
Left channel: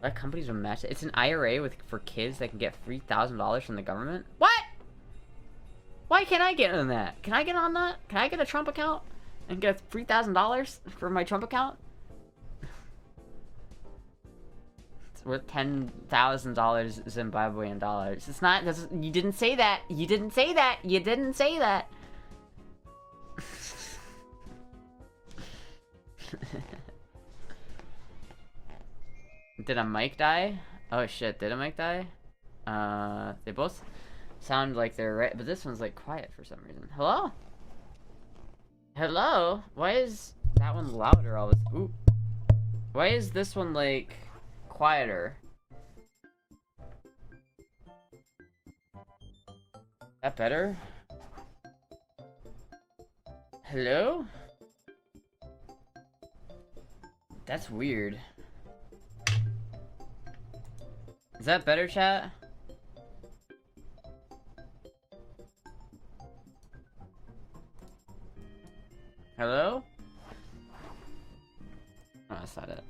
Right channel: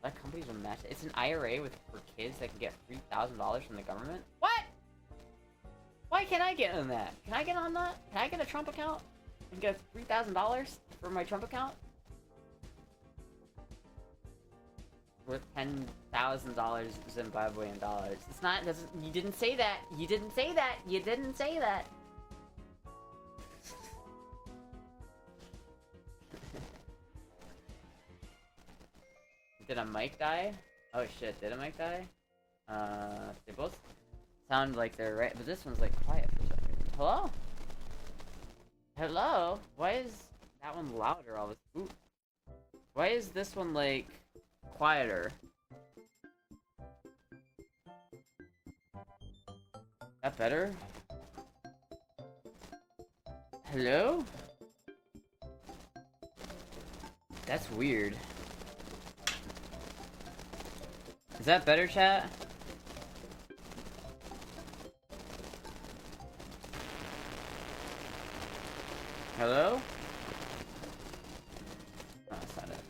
What companies will match it? It's an IRA for kids that can get $3,000 from the government? What? Why can't I get on that? Can I get on that? Can I get a Trump account and get $3,000 for my Trump account? Worth $10,000 Zimbabwean dollars. It's not. You didn't say that. You didn't say that. You didn't say that. Did a mic die? Oh shit! Did a mic die? They both sound like they're right, but this one's like quiet for some reason. Hello? Hello? Why is that one louder all this? Ooh. Why is this one like quieter? That better? Hello? That's weird. Is that better, chat? Hello? Oh, that's not it.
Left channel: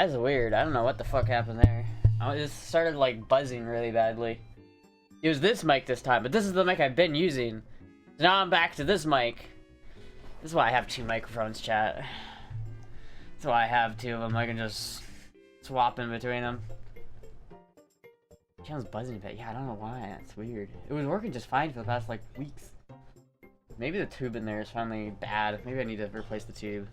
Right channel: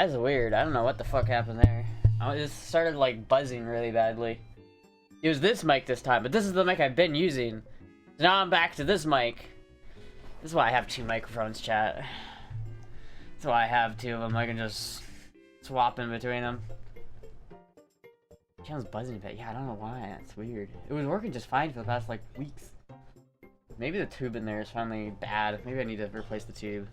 That's weird. I don't know what the fuck happened there. I just started like buzzing really badly. It was this mic this time, but this is the mic I've been using. So now I'm back to this mic. This is why I have 2 microphones, chat. That's why I have 2 of them. I can just swap in between them. Channel's buzzing a bit. Yeah, I don't know why. That's weird. It was working just fine for the past like weeks. Maybe the tube in there is finally bad. Maybe I need to replace the tube.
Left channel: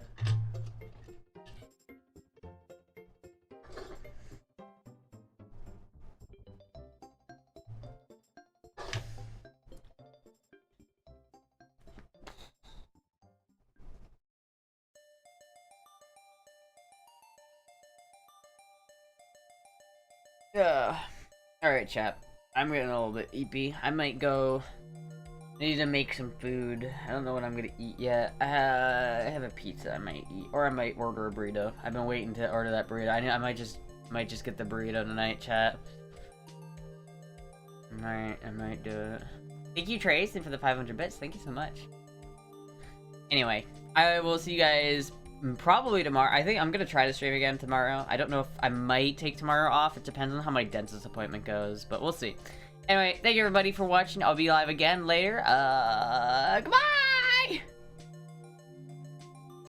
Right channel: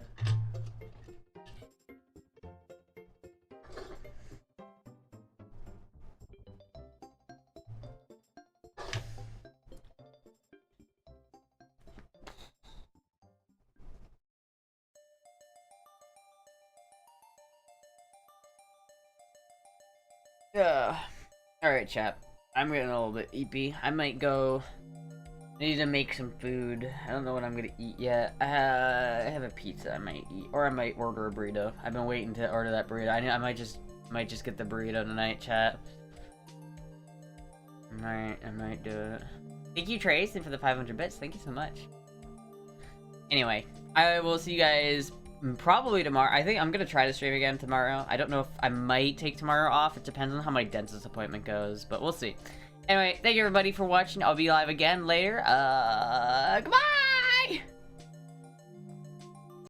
Alright, chat. I'm getting a little bit eepy. I might go... I need to make some food. I don't know what I'm gonna eat yet. I have a pizza I might eat. Or I might order a burrito. I've been waiting to order that burrito. I might just get the burrito tonight, chat. I might do it. Thank you, Trace, and for the 500 bits. Thank you so much. Anyway, I will see you guys probably tomorrow. I think I'm gonna try to stream again tomorrow. I don't know if I might take tomorrow off. It depends on how my dentist appointment goes, but we'll see. Anyway, thank you everybody for watching. I'll be live again later. Goodbye!